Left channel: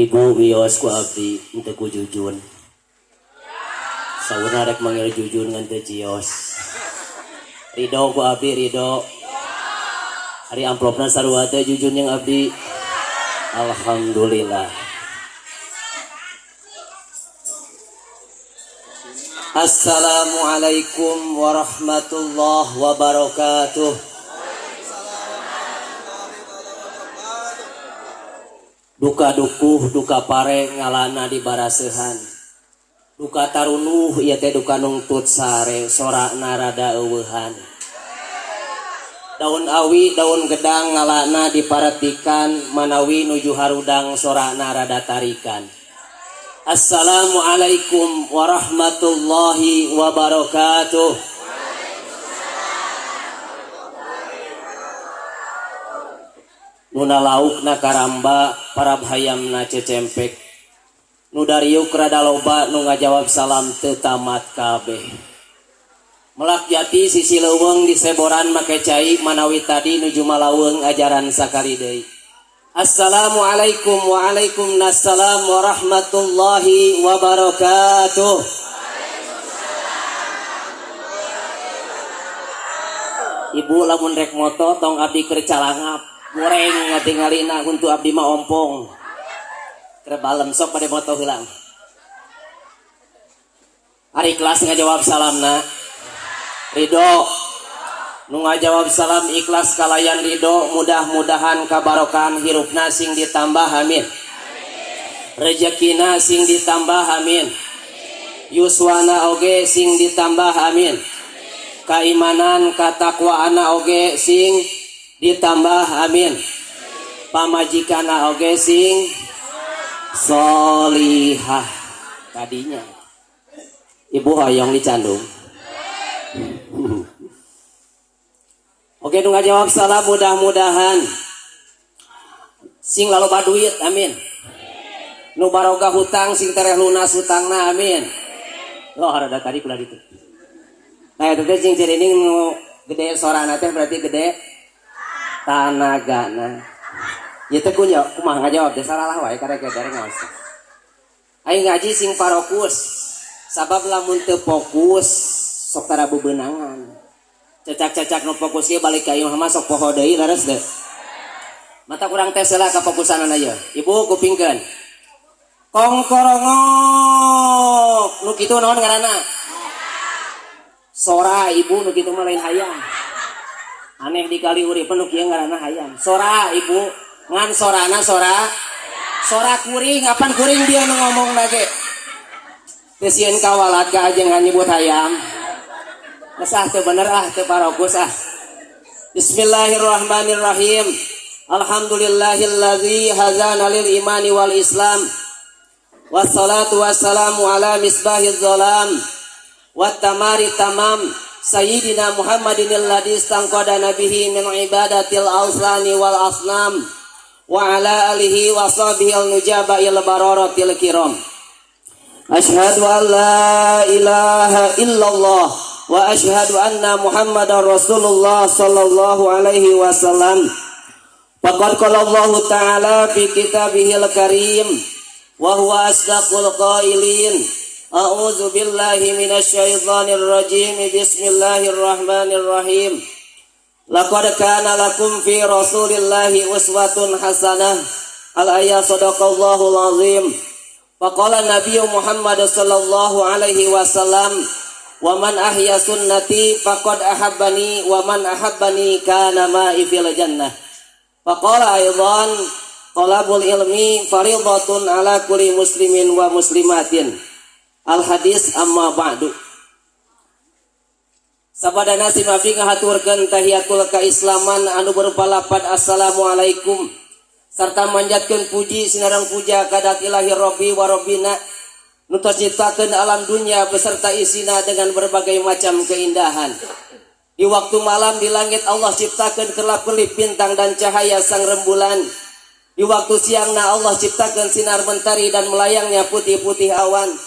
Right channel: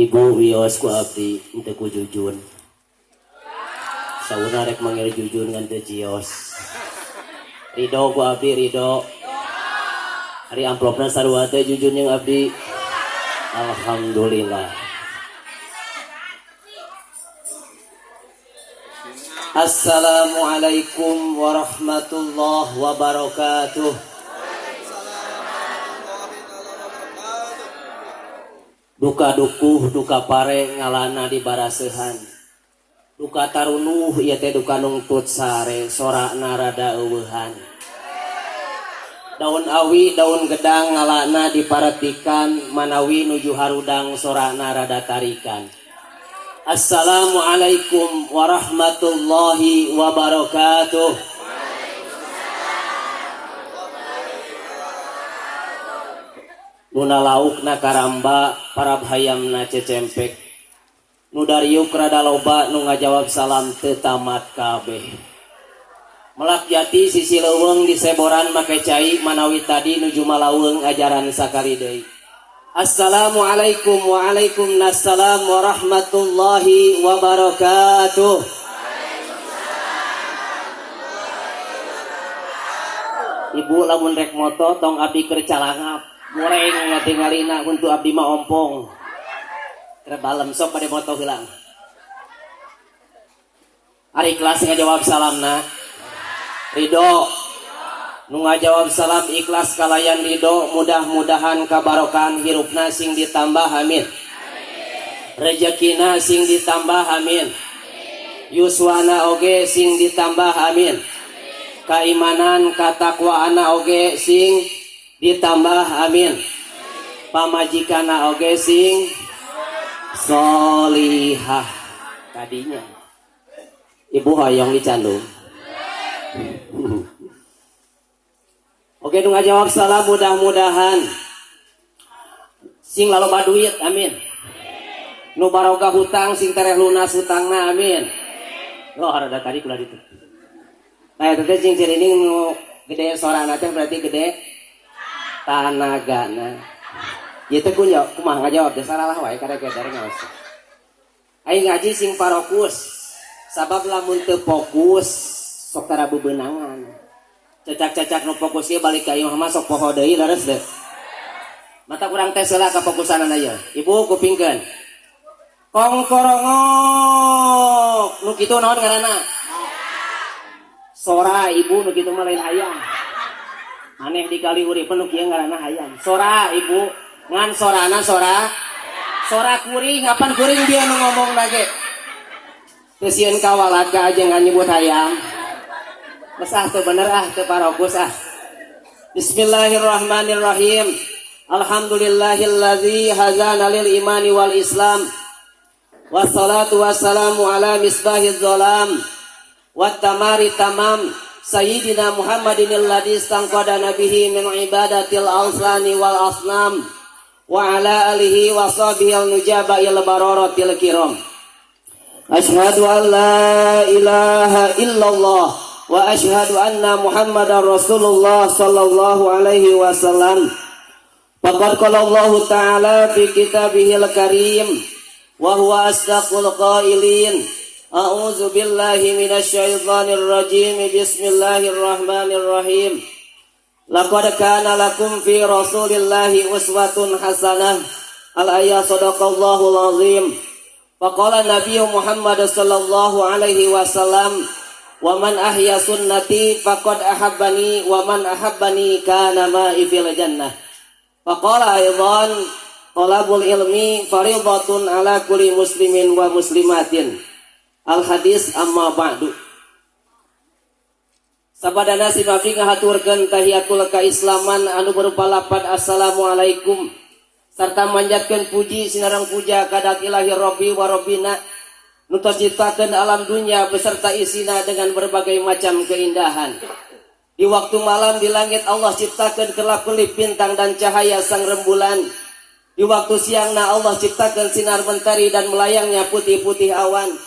Ibu wios ku abdi henteu ku jujun. Saurna rek manggil jujun ngan teu cios. Ridho ku abdi ridho. Hari amplopna sarua teh jujun yang abdi. Alhamdulillah. Assalamualaikum warahmatullahi wabarakatuh. Duka dukuh duka pare ngalana di barasehan. Duka tarunuh ieu teh duka nungtut sare sorakna rada eueuhan. Daun awi daun gedang ngalana diparatikan manawi nuju harudang sorakna rada tarikan. Assalamualaikum warahmatullahi wabarakatuh. Nuna laukna karamba parabhayamna cecempek. Nu dariuk rada loba nu ngajawab salam teu tamat kabeh. Melak jati sisi leuweung di seboran make cai manawi tadi nuju malaweung ajaran sakali deui. Assalamualaikum waalaikumsalam warahmatullahi wabarakatuh. Ibu lamun rek moto tong abdi keur calangap. Goreng ngatingalina untuk abdi mah ompong. Kebalem sok pada moto hilang. Ari kelas ngajawab salamna. Ridho. Nu ngajawab salam ikhlas kalayan ridho, mudah-mudahan kabarokan hirupna sing ditambah amin. Rezekina sing ditambah amin. Yuswana oge sing ditambah amin. Kaimanan katakwaana oge sing ditambah amin. Pamajikana oge sing solihah tadinya. Ibu hoyong dicandung. Oke nu ngajawab salam mudah-mudahan sing laloba duit amin. Nu barokah hutang sing tereh lunas hutangna amin. Loh rada tadi kula ditu. Nah itu teh sing cirining nu gede sorana teh berarti gede tanagana. Ieu teh kunya kumaha ngajawab teh salah wae karek dari ngaos. Aing ngaji sing parokus. Sabab lamun teu fokus sok tara bebeunangan. Cacak-cacak nu fokus ieu balik ka imah mah sok poho deui leres teh. Mata kurang tes heula ka fokusanana ieu. Ibu kupingkeun. Kongkorongok nu kitu naon ngaranna? Sora ibu nu kitu mah lain hayam. Aneh dikali urip nu kieu ngaranna hayam. Sora ibu ngan sorana sora kuring kapan kuring dia nu ngomong lagi. Teu sieun kawalat ka ajeung nyebut hayam. Kesah teu bener teu parokus Bismillahirrahmanirrahim. Alhamdulillahilladzi hadzana lil imani wal islam. Wassalatu wassalamu ala misbahiz zalam. Wat tamari tamam. Sayyidina Muhammadin alladzi istangqada nabihi min ibadatil awsani wal asnam. Wa ala alihi wa sahbihi al-nujaba il bararatil kiram. Asyhadu an la ilaha illallah wa asyhadu anna Muhammadar Rasulullah sallallahu alaihi wasallam. Faqad qala Allah ta'ala fi kitabihil karim wa huwa asdaqul qailin. A'udzu billahi minasy syaithanir rajim. Bismillahirrahmanirrahim. Laqad kana lakum fi Rasulillahi uswatun hasanah. Al-ayat sadaqallahul azim. Faqala Nabi Muhammad sallallahu alaihi wasallam, "Wa man ahya sunnati faqad ahabbani wa man ahabbani kana ma'i fil jannah." Faqala aidan, "Talabul ilmi fardhatun ala kulli muslimin wa muslimatin." Al-hadis amma ba'du. Sabadana si Nabi ngahaturkeun tahiyatul kaislaman anu berupa lapad assalamualaikum sarta manjatkeun puji sinareng puja kadak ilahi rabbi wa rabbina nu ciptakeun alam dunya beserta isina dengan berbagai macam keindahan. Di waktu malam di langit Allah ciptakeun kelap-kelip bintang dan cahaya sang rembulan. Di waktu siangna Allah ciptakeun sinar mentari dan melayangnya putih-putih awan.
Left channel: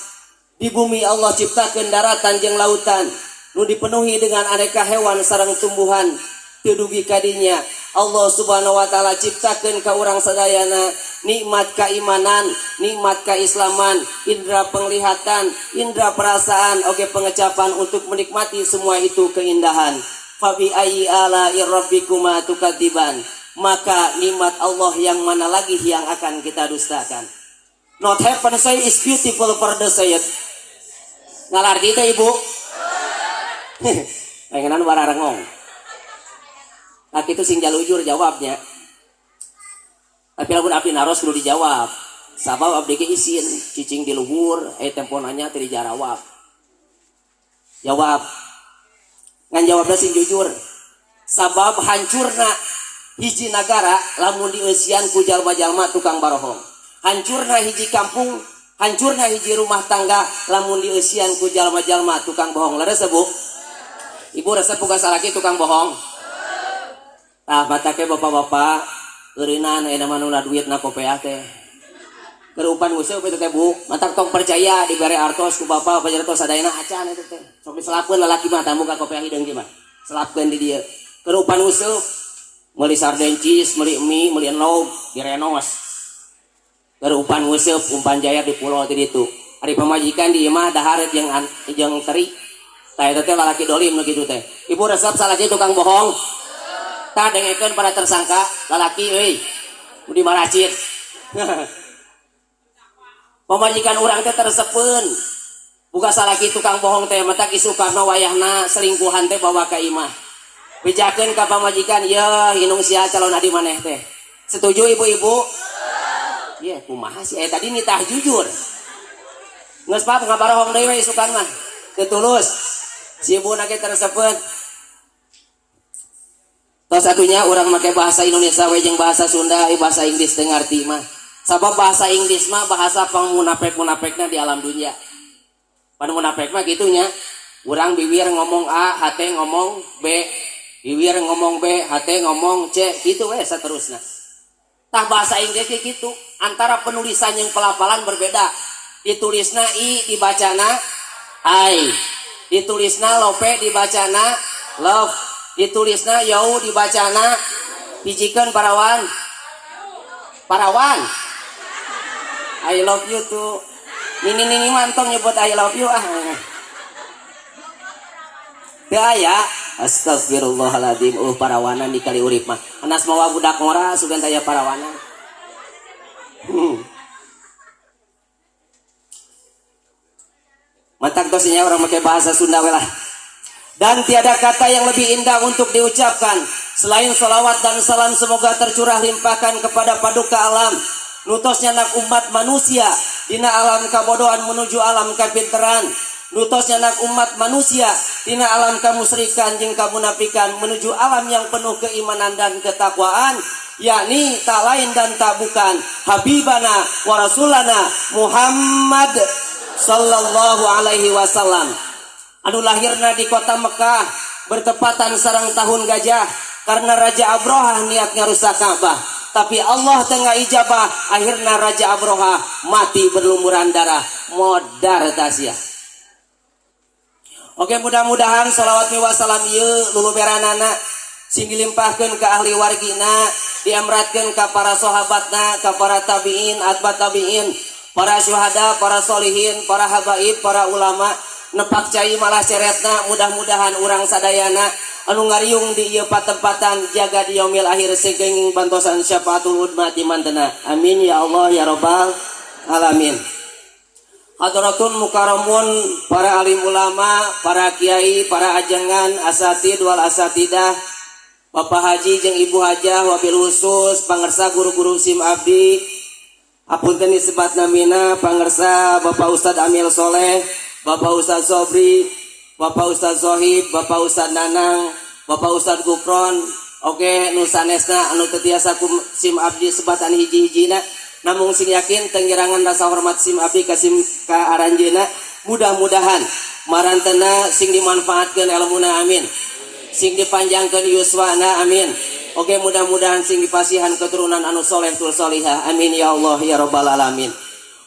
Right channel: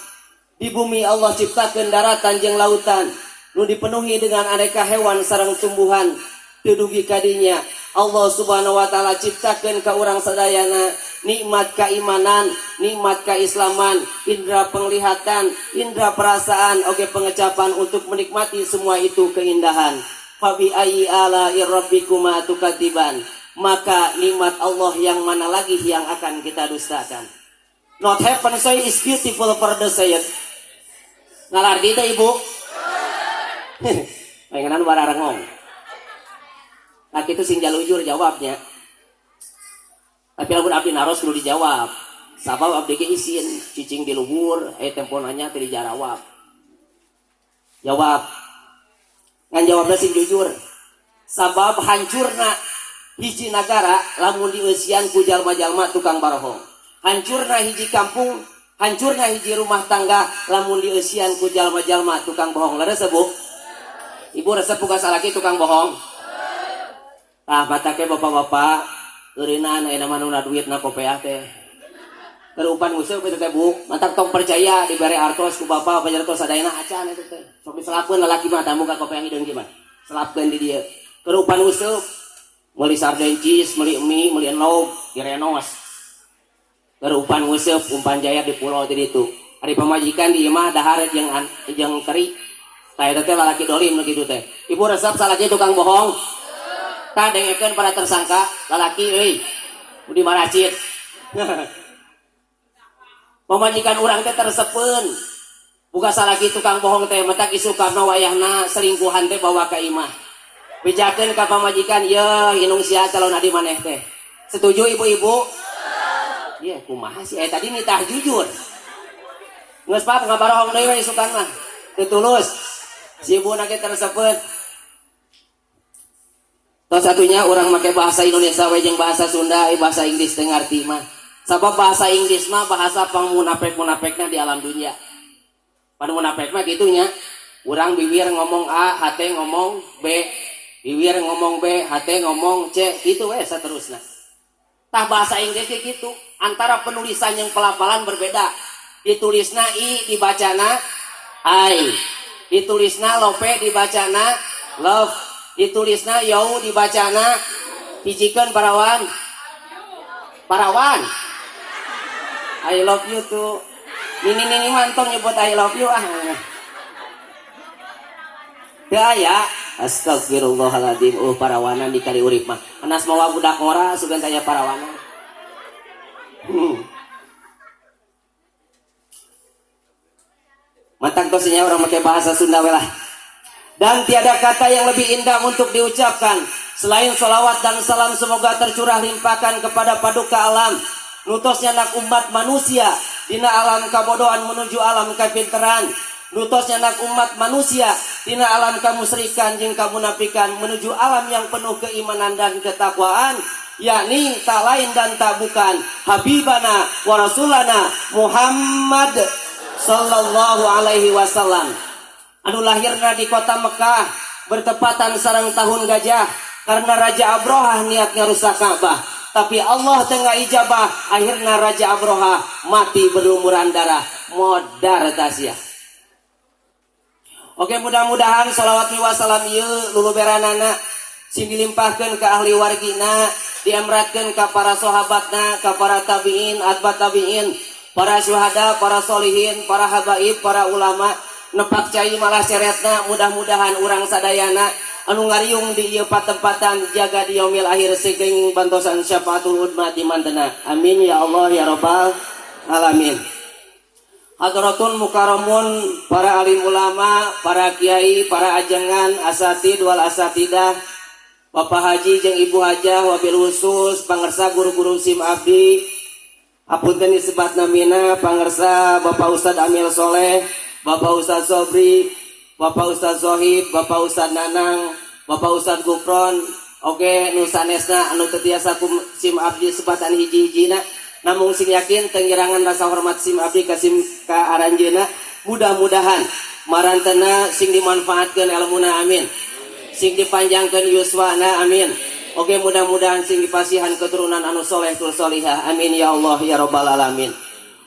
Di bumi Allah ciptakeun daratan jeung lautan nu dipenuhi dengan aneka hewan sareng tumbuhan. Teu dugi kadinya Allah Subhanahu wa taala ciptakeun ka urang sadayana nikmat keimanan, nikmat keislaman, indera penglihatan, indera perasaan, oge pengecapan untuk menikmati semua itu keindahan. Fa bi ayyi ala'i rabbikuma tukadziban. Maka nikmat Allah yang mana lagi yang akan kita dustakan? Not heaven say is beautiful for the saint. Ngalarti teh Ibu? Pengenan bararengong. Nah itu sing jalujur jawabnya. Tapi lamun abdi naros kudu dijawab. Sabab abdi ge isin cicing di luhur, temponanya teu dijarawab. Jawab. Ngan jawabna sing jujur. Sabab hancurna hiji nagara lamun dieusian ku jalma-jalma tukang barohong. Hancurna hiji kampung, hancurna hiji rumah tangga lamun dieusian ku jalma-jalma tukang bohong. Leres Bu? Ibu resep buka salaki tukang bohong. Tah mata ke bapak-bapak eurinan aya manuna duitna kopeah teh. Kerupan nguseup kitu teh Bu. Mantap tong percaya dibere artos ku bapak pajartos sadayana acan eta teh. Sok diselakeun lalaki mah tamu ka kopeah hideung kieu mah. Selapkeun di dieu. Kerupan nguseup meuli sarden cheese, meuli mie, meuli enog, direnos. Kerupan nguseup umpan jaya di pulau teh ditu. Ari pamajikan di imah dahar jeung teri. Tah eta teh lalaki dolim kitu teh. Ibu resep salaki tukang bohong. Tak dengekeun para tersangka lalaki euy nu dimaracit. Pamajikan urang teh terseupeun buka salaki tukang bohong teh matak isukapna wayahna selingkuhan teh bawa ka imah. Bejakeun ka pamajikan ye inung sia calon adi maneh teh. Setuju ibu-ibu? Iya kumaha sih tadi nitah jujur. Geus pap ngabarohong deui we isukan mah. Teu tulus. Si ibuna ge terseupeun. Salah satunya orang pakai bahasa Indonesia jeung bahasa Sunda, bahasa Inggris teh ngarti mah. Sabab bahasa Inggris mah bahasa pangmunafik-munafekna di alam dunia. Pan munafik mah gitunya. Urang bibir ngomong A, hate ngomong B. Bibir ngomong B, hate ngomong C. Gitu we saterusna. Tah bahasa Inggris ge kitu. Antara penulisan yang pelafalan berbeda. Ditulisna I, dibacana I. Ditulisna lope, dibacana love. Ditulisna yau dibacana hijikeun parawan I love you tuh nini mantong nyebut I love you teu aya astagfirullahaladzim parawanan di kali urip mah menas mawa budak ngora sugan taya parawanan matak dosnya orang pakai bahasa Sunda lah. Dan tiada kata yang lebih indah untuk diucapkan selain salawat dan salam semoga tercurah limpahkan kepada paduka alam nutosnya nak umat manusia dina alam kabodohan menuju alam kapinteran, nutosnya nak umat manusia dina alam kamusyrikan jeung kamunafikan menuju alam yang penuh keimanan dan ketakwaan, yakni tak lain dan tak bukan habibana wa rasulana Muhammad sallallahu alaihi wasallam. Anu lahirna di kota Mekah bertepatan sareng tahun gajah karena Raja Abraha niat ngarusak Ka'bah, tapi Allah tengah ijabah akhirnya Raja Abraha mati berlumuran darah modar tasya. Oke, mudah-mudahan salawat wa salam ieu luluberanana sing dilimpahkeun ka ahli wargina, diamratkeun ka para sahabatna, ka para tabiin, atba tabiin, para syuhada, para solihin, para habaib, para ulama nepak cai malah ceretna. Mudah-mudahan urang sadayana anu ngariung di ieu patempatan jaga di yaumil akhir segeng bantosan syafaatul udma di mantena. Amin ya Allah ya rabbal alamin. Hadratun mukarramun, para alim ulama, para kiai, para ajangan, asatid wal asatidah, Bapak Haji jeung Ibu Hajah, wabil khusus pangersa guru-guru SIM abdi, apunten disebatna mina pangersa Bapak Ustad Amil Soleh, Bapak Ustad Sobri, Bapak Ustad Zohib, Bapak Ustad Nanang, Bapak Ustad Gufron, oke nu sanesna anu teu tiasa ku SIM abdi sebatan hiji-hijina, namun sing yakin tengirangan rasa hormat SIM abdi ka SIM ka aranjeuna. Mudah-mudahan marantena sing dimanfaatkeun ilmuna amin, sing dipanjangkeun yuswana amin. Oke, mudah-mudahan sing dipasihan keturunan anu soleh tul solihah amin ya Allah ya rabbal alamin.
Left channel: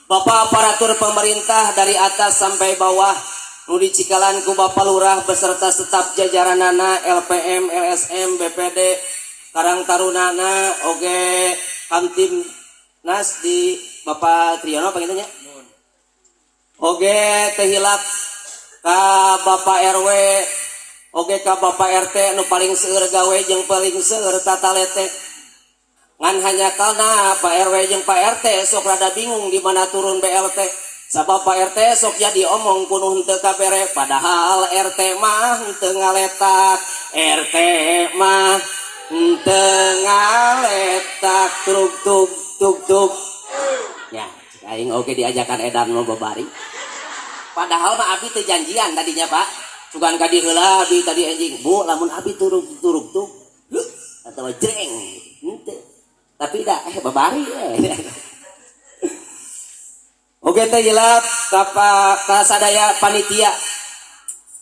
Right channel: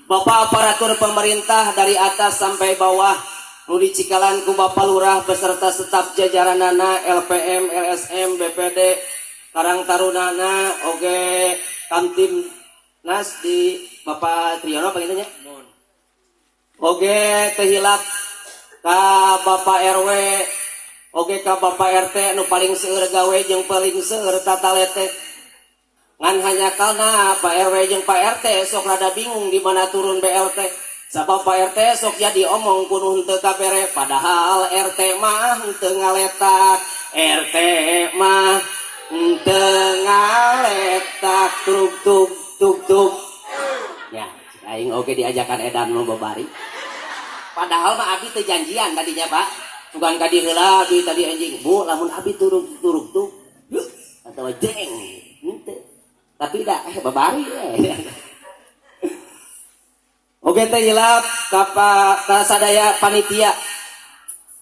Bapak aparatur pemerintah dari atas sampai bawah nu dicikalan ku Bapak Lurah beserta staf jajaranana, LPM, LSM, BPD, Karang Tarunana oge Kamtim Nas di Bapak Triyono pengennya oge tehilap ka Bapak RW oge ka Bapak RT nu paling seueur gawe jeung paling seueur tatalete ngan hanya karena Pak RW jeung Pak RT sok rada bingung di mana turun BLT sabab Pak RT sok jadi omong kuno henteu kabere padahal RT mah henteu ngaletak RT mah henteu ngaletak truk tuk tuk tuk nya aing oge diajakan edan nu babari padahal mah abi teu janjian tadinya Pak sugan ka dieu heula abi tadi anjing Bu lamun abi turuk tuh atau jreng henteu tapi dah babari oge teh hilap ka sadaya panitia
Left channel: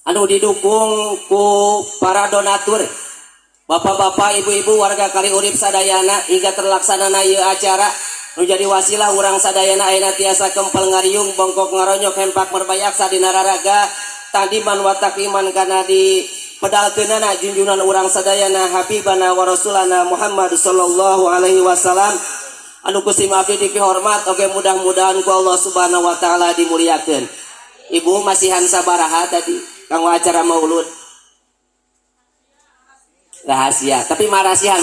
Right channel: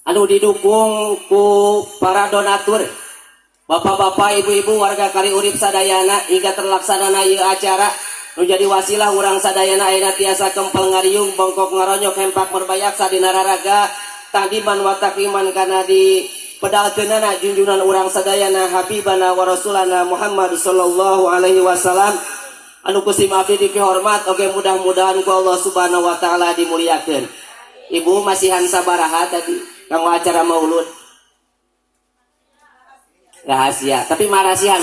anu didukung ku para donatur bapak-bapak ibu-ibu warga Kaliurip sadayana hingga terlaksanana ieu acara nu jadi wasilah urang sadayana ayeuna tiasa kempel ngariung bongkok ngaronyok hempak merbayak sadina raraga tadiman wa takriman kana di pedalkeunana junjungan urang sadayana habibana wa rasulana Muhammad sallallahu alaihi wasallam anu kusim abdi dipihormat oge mudah-mudahan ku Allah subhanahu wa ta'ala dimuliakeun. Ibu masihan sabaraha tadi kanggo acara maulud rahasia tapi marasihan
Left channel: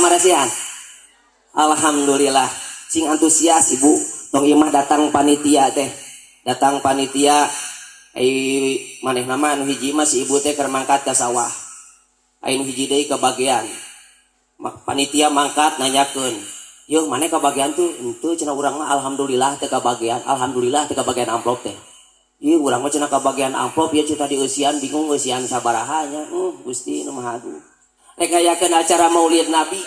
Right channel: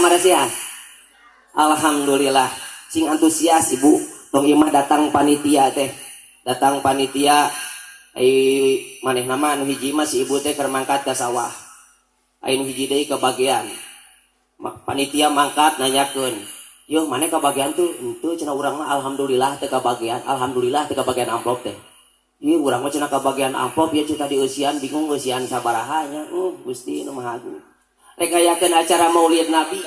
alhamdulillah sing antusias ibu tong imah datang panitia maneh nama anu hiji mah si ibu teh keur mangkat ka sawah anu hiji deui ke bagian panitia mangkat nanyakeun yuk mana kebagian tuh itu cina urang mah alhamdulillah teu kabagian amplop teh ieu urang mah cina kabagian amplop ya cita di usian bingung usian sabaraha nya Gusti nu Maha Agung rek ngayakeun acara Maulid Nabi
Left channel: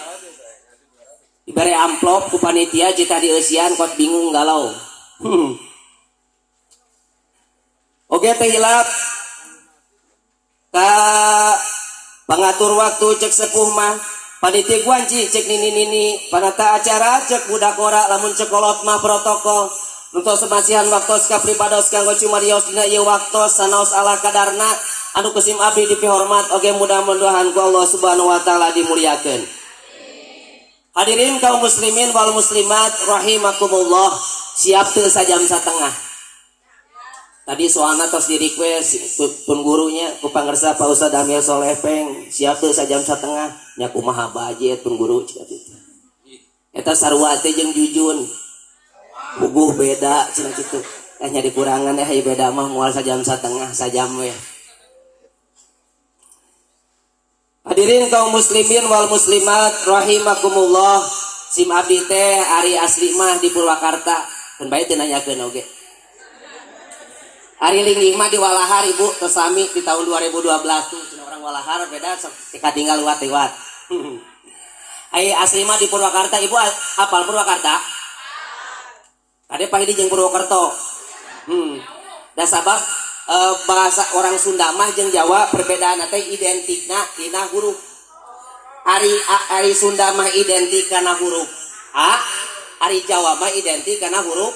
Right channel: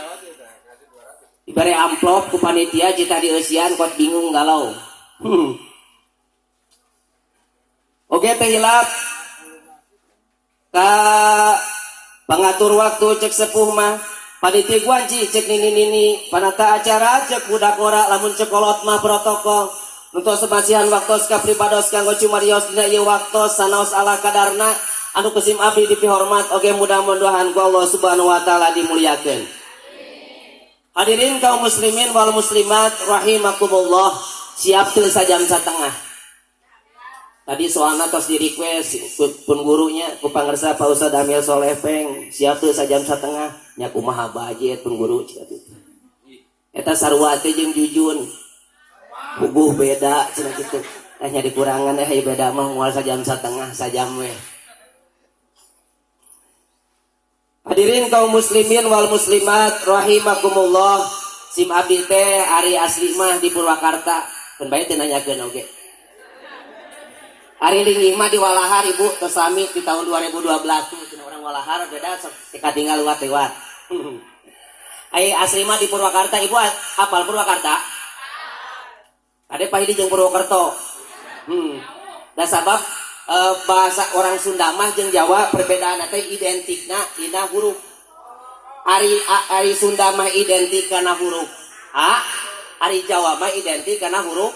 dibere amplop ku panitia cita di usian kok bingung galau oge teh hilap ka pangatur waktu cek sepuh mah panitia guanci cek nini panata acara cek budak ngora lamun cekolot mah protokol untuk semasihan waktos ka pribados kanggo cumarios dina ieu waktos sanaos ala kadarna anu kusim abdi dipihormat oge mudah-mudahan ku Allah subhanahu wa ta'ala dimuliakeun. Hadirin kaum muslimin wal muslimat rahimakumullah siap teu sajam satengah tadi soalna tos di request pun gurunya ku pangersa Pak Ustaz Amir Soleh siap teu sajam satengah nya kumaha budget pun guru cenah kitu eta sarua teh jeung jujun bubuh beda cenah kitu nya dikurangan beda mah moal sajam satengah sajam we. Hadirin kaum muslimin wal muslimat rahimakumullah sim abdi teh ari asli mah di Purwakarta pun bae teh nanyakeun oge Ari linggih mah di Walahar ibu keslami di tahun 2012 tuh cina orang Walahar beda ketika tinggal lewat asli mah di Purwakarta ibu apal Purwakarta ada pahidi jeung Purwokerto dan sabab bahasa orang Sunda mah jeung Jawa perbedaan teh identikna dina huruf ari Sunda mah identik kana huruf A ari Jawa mah identik kana huruf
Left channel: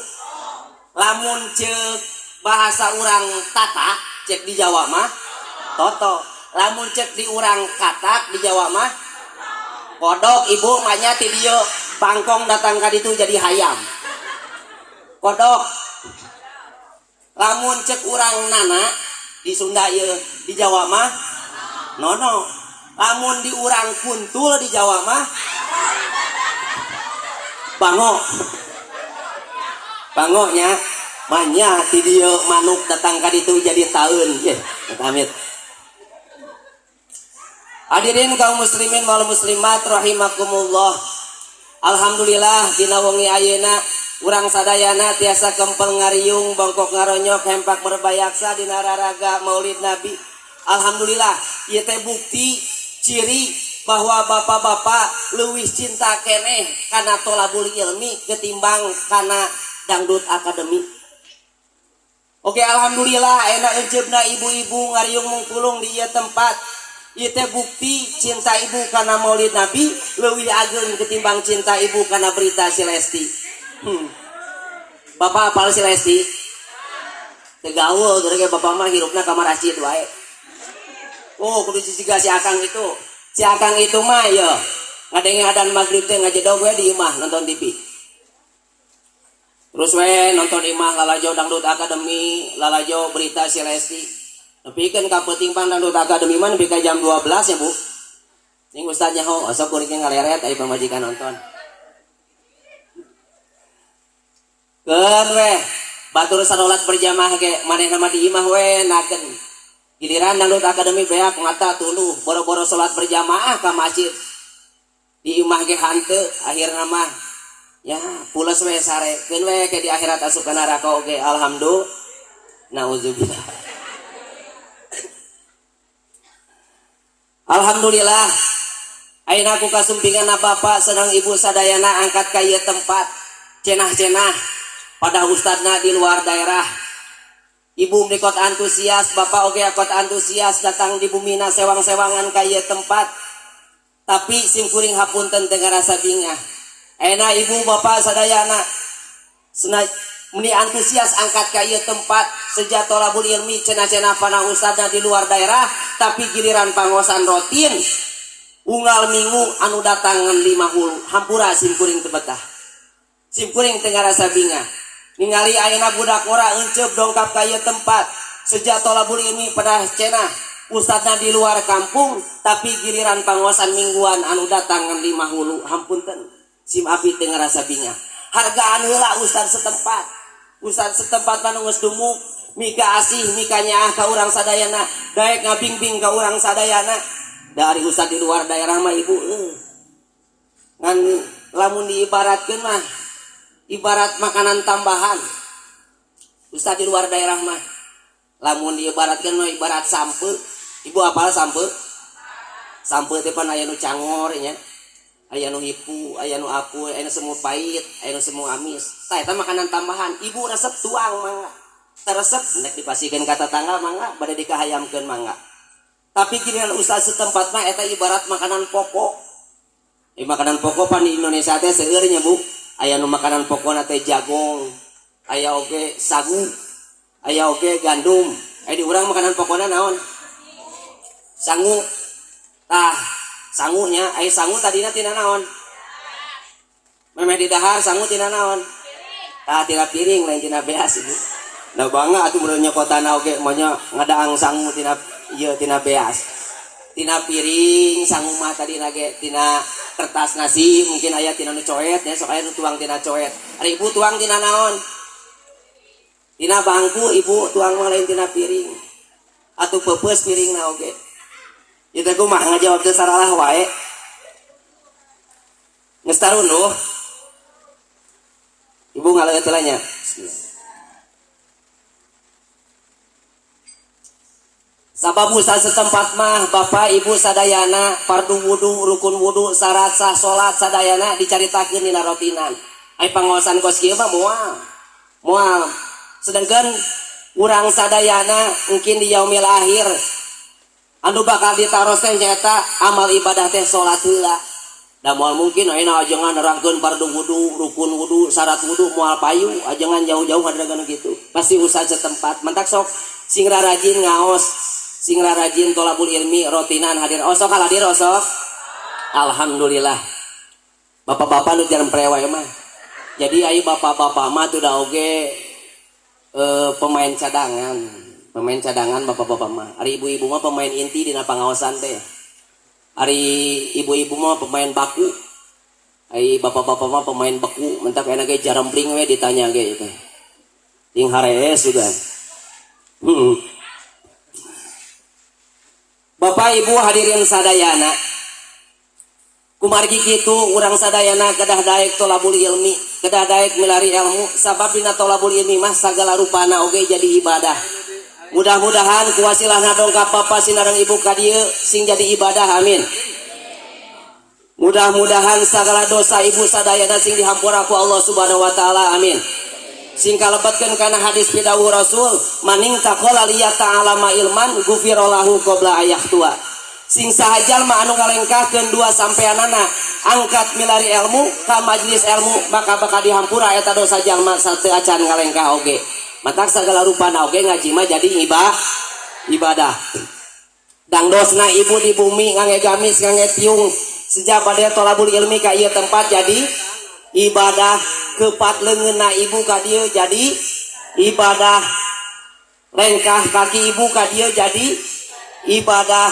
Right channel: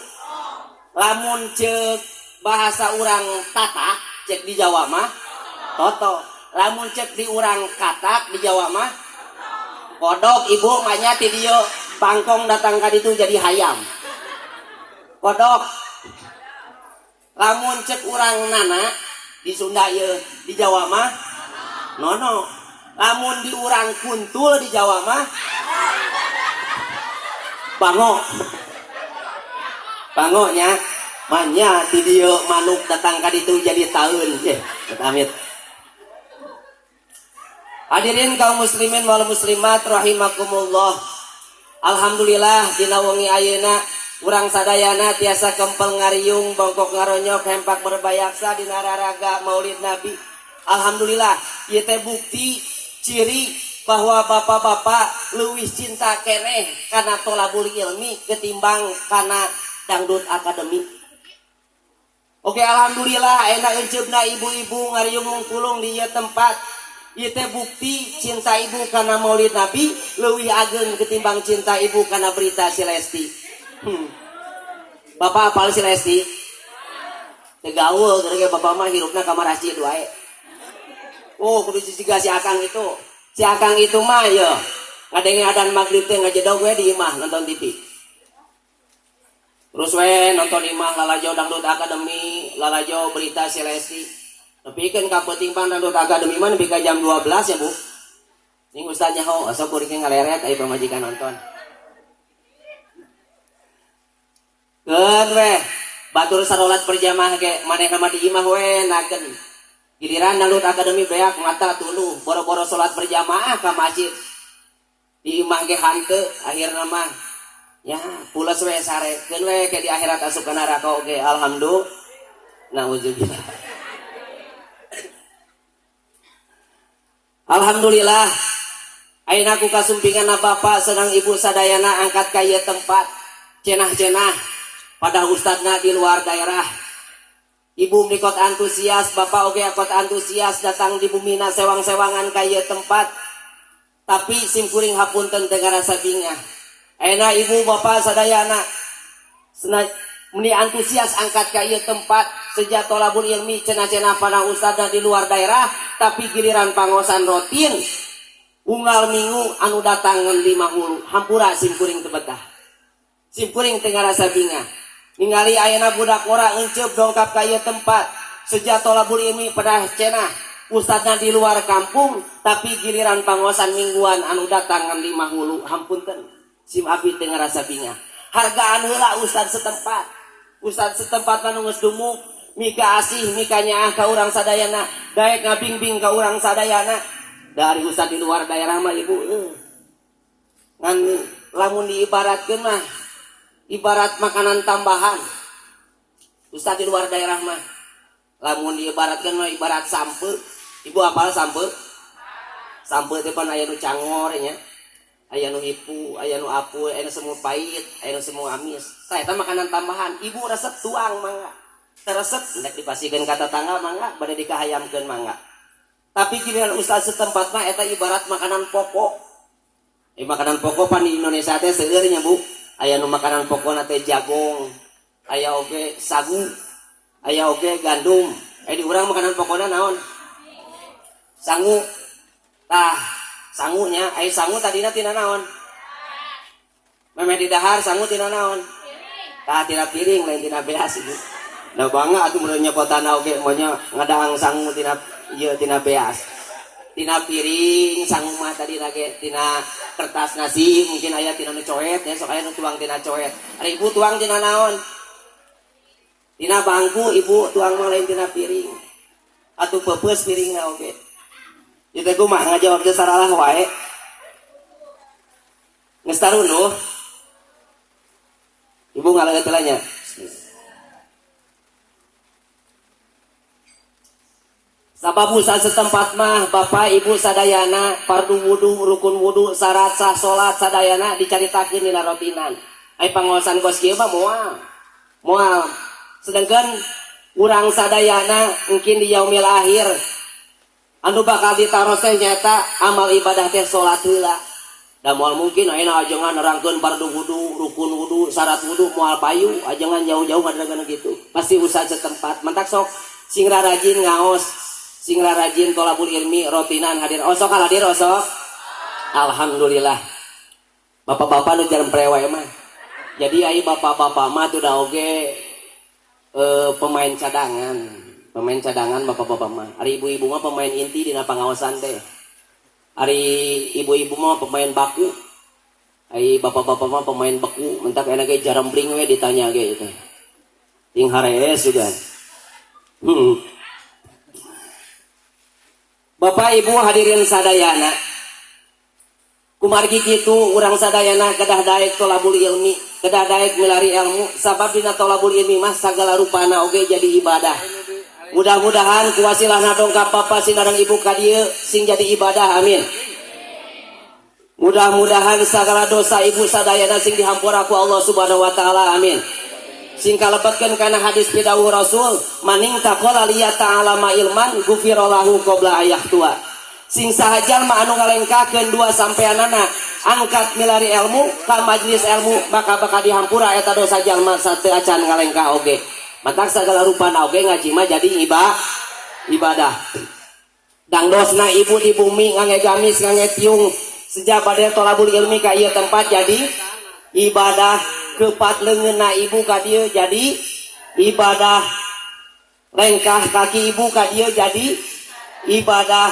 lamun ceuk bahasa orang tata cek di Jawa mah toto lamun cek di orang katak di Jawa mah kodok ibu mahnya ti dieu pangkong datang ka ditu jadi hayam kodok lamun cek orang nana di Sunda ye di Jawa mah nono lamun di orang kuntul di Jawa mah bango nya banyak ti dieu manuk datang ka ditu jadi taeun amit. Hadirin kaum muslimin wal muslimat rahimakumullah. Alhamdulillah dina wengi ayeuna urang sadayana tiasa kempel ngariung bongkok ngaronyok hempak berbayaksa dina raraga Maulid Nabi. Alhamdulillah ieu teh bukti ciri bahwa bapak-bapak leuwih cinta keneh kana tolabul ilmi ketimbang kana dangdut akademik. Oke alhamdulillah ayeuna enceupna ibu-ibu ngariung mungkulung di ieu tempat. Ieu teh bukti cinta ibu kana Maulid Nabi leuwih ageun ketimbang cinta ibu kana berita si Lesti. Bapak apal si Lesti? Teu gaul teh bapak mah hirupna ka masjid wae. Oh kudu ciga si Akang itu. Si Akang itu mah ya ngadenge adan maghrib teh ngajedog we di imah nonton TV. Terus we nonton imah lalajo dangdut akademi, lalajo berita si Lesti. Tapi kan kapeting pan dangdut akademi mah nepi ka jam 12 ya Bu. Ning ustaz nyaho asa kuring ngaleret aya pamajikan nonton. Keur we batur salat berjamaah ge manehna mah di imah we nakeun. Giliran dangdut akademi beak ngata tuluh boro-boro salat berjamaah ka masjid. Di imah ge hanteu akhirna mah ya pulas we sarekeun we ke di akhirat asup ka neraka oge alhamdulillah. Nauzubillah. Alhamdulillah. Ayeuna ku kasumpingan Bapak sedang Ibu sadayana angkat ka ieu tempat cenah-cenah pada ustadna di luar daerah. Ibu mnikot antusias, Bapak oge akot antusias datang di bumina sewang-sewangan ka ieu tempat. Tapi simkuring hapunten teu ngarasa bingah. Ayeuna Ibu Bapak sadayana meni antusias angkat ka ieu tempat sejak tolabul ilmi cenah-cenah para ustadna di luar daerah, tapi giliran pangosan rutin unggal minggu anu datangan 50 hampura simkuring teu betah. Simkuring teu ngarasa bingah. Ningali ayeuna budak ora enceup dongkap ka ieu tempat sejak tolabul ilmi pada cenah ustadna di luar kampung, tapi giliran pangosan mingguan anu datang 50 hampunten sim api teu ngarasa bingah. Hargaan heula ustad setempat. Ustad setempat anu geus dumuk mika asih mika nyaah ka urang sadayana, daek ngabingbing ka urang sadayana. Dari ustad di luar daerah mah Ibu ngan lamun diibaratkeun mah ibarat makanan tambahan. Ustad di luar daerah mah lamun diibaratkeun mah ibarat sampeu. Ibu apal sampeu? Sampeu teh pan aya nu cangor nya. Aya nu hipu, aya nu apu, aya nu semu pait, aya nu semu amis. Tah eta makanan tambahan. Ibu resep tuang mangga. Teresep nek dipasikeun ka tetangga mangga, bade dikahayamkeun mangga. Tapi giliran ustaz setempat mah eta ibarat makanan pokok. Makanan pokok pan di Indonesia teh seueur nya Bu. Aya nu makanan pokona teh jagung, aya oge sagu, aya oge gandum. Aya di urang makanan pokona naon? Sangu. Tah, sangunya aya sangu tadina tina naon? Memeh di dahar sangu tina naon? Tah tina piring lain tina beas ieu. Da bangga atuh mun nyokotana oge mah nya ngadaang sangu tina ieu tina beas. Tina piring sangu mah tadina ge tina kertas nasi, mungkin aya tina nu coet ya, sok aya nu tuang tina coet. Ari Ibu tuang tina naon? Tina bangku Ibu tuang mah lain tina piring. Atuh peupeus piringna oge. Ieu teh kumaha ngajawab teu salah wae. Geus taruluh. Ibu ngaleut heula nya. Sabab ustaz setempat mah Bapak Ibu sadayana fardu wudu, rukun wudu, syarat sah salat sadayana dicaritakeun dina rotinan. Ai pangaosan kos kieu mah moal. Sedangkan urang sadayana mungkin di yaumil akhir anu bakal ditaros teh nyaeta amal ibadah teh salat heula. Da moal mungkin ayeuna ajengan nerangkeun fardu wudu, rukun wudu, syarat wudu moal payu, ajengan jauh-jauh kadang-kadang kitu. Pasti ustaz setempat mentak sok sing rajin ngaos, sing rajin tolabul ilmi rotinan hadir. Osok hadir osok. Alhamdulillah. Bapak-bapak nu jarang prewe mah. Jadi ayo bapak-bapak mah tuh da oge pemain cadangan. Pemain cadangan bapak-bapak mah. Ari ibu-ibu mah pemain inti dina pangaosan teh. Ari ibu-ibu mah pemain baku. Ari bapak-bapak mah pemain beku. Mentak enak ge jarambling we ditanya ge itu. Ting harees juga. Bapak Ibu hadirin sadayana, kumargi kitu urang sadayana kedah daek tolabul ilmi, kedah daek milari ilmu, sabab dina tolabul ilmi mah sagala rupana oge jadi ibadah. Mudah-mudahan kuasilahna dongkap Bapak sinareng Ibu ka dieu sing jadi ibadah, amin. Mudah-mudahan segala dosa Ibu sadayana sing dihampura ku Allah Subhanahu wa taala, amin. Sing kalebetkeun kana hadis pidawuh Rasul, maning taqala liyata alama ilman gufirallahu qabla ayah tua. Sing sahajal mah anu ngalengkahkeun dua sampeanana angkat milari ilmu ka majelis ilmu maka bakal dihampura eta dosa jalma sateu acan ngalengkah oge. Matak sagala rupana oge ngaji mah jadi ibadah. Dangdosna Ibu di bumi ngangge gamis ngangge tiung sejak pada tolabul ilmi ka ieu tempat jadi ibadah, kepat leungeunna ibu ka dieu jadi ibadah, lengkah kaki ibu ka dieu jadi ibadah,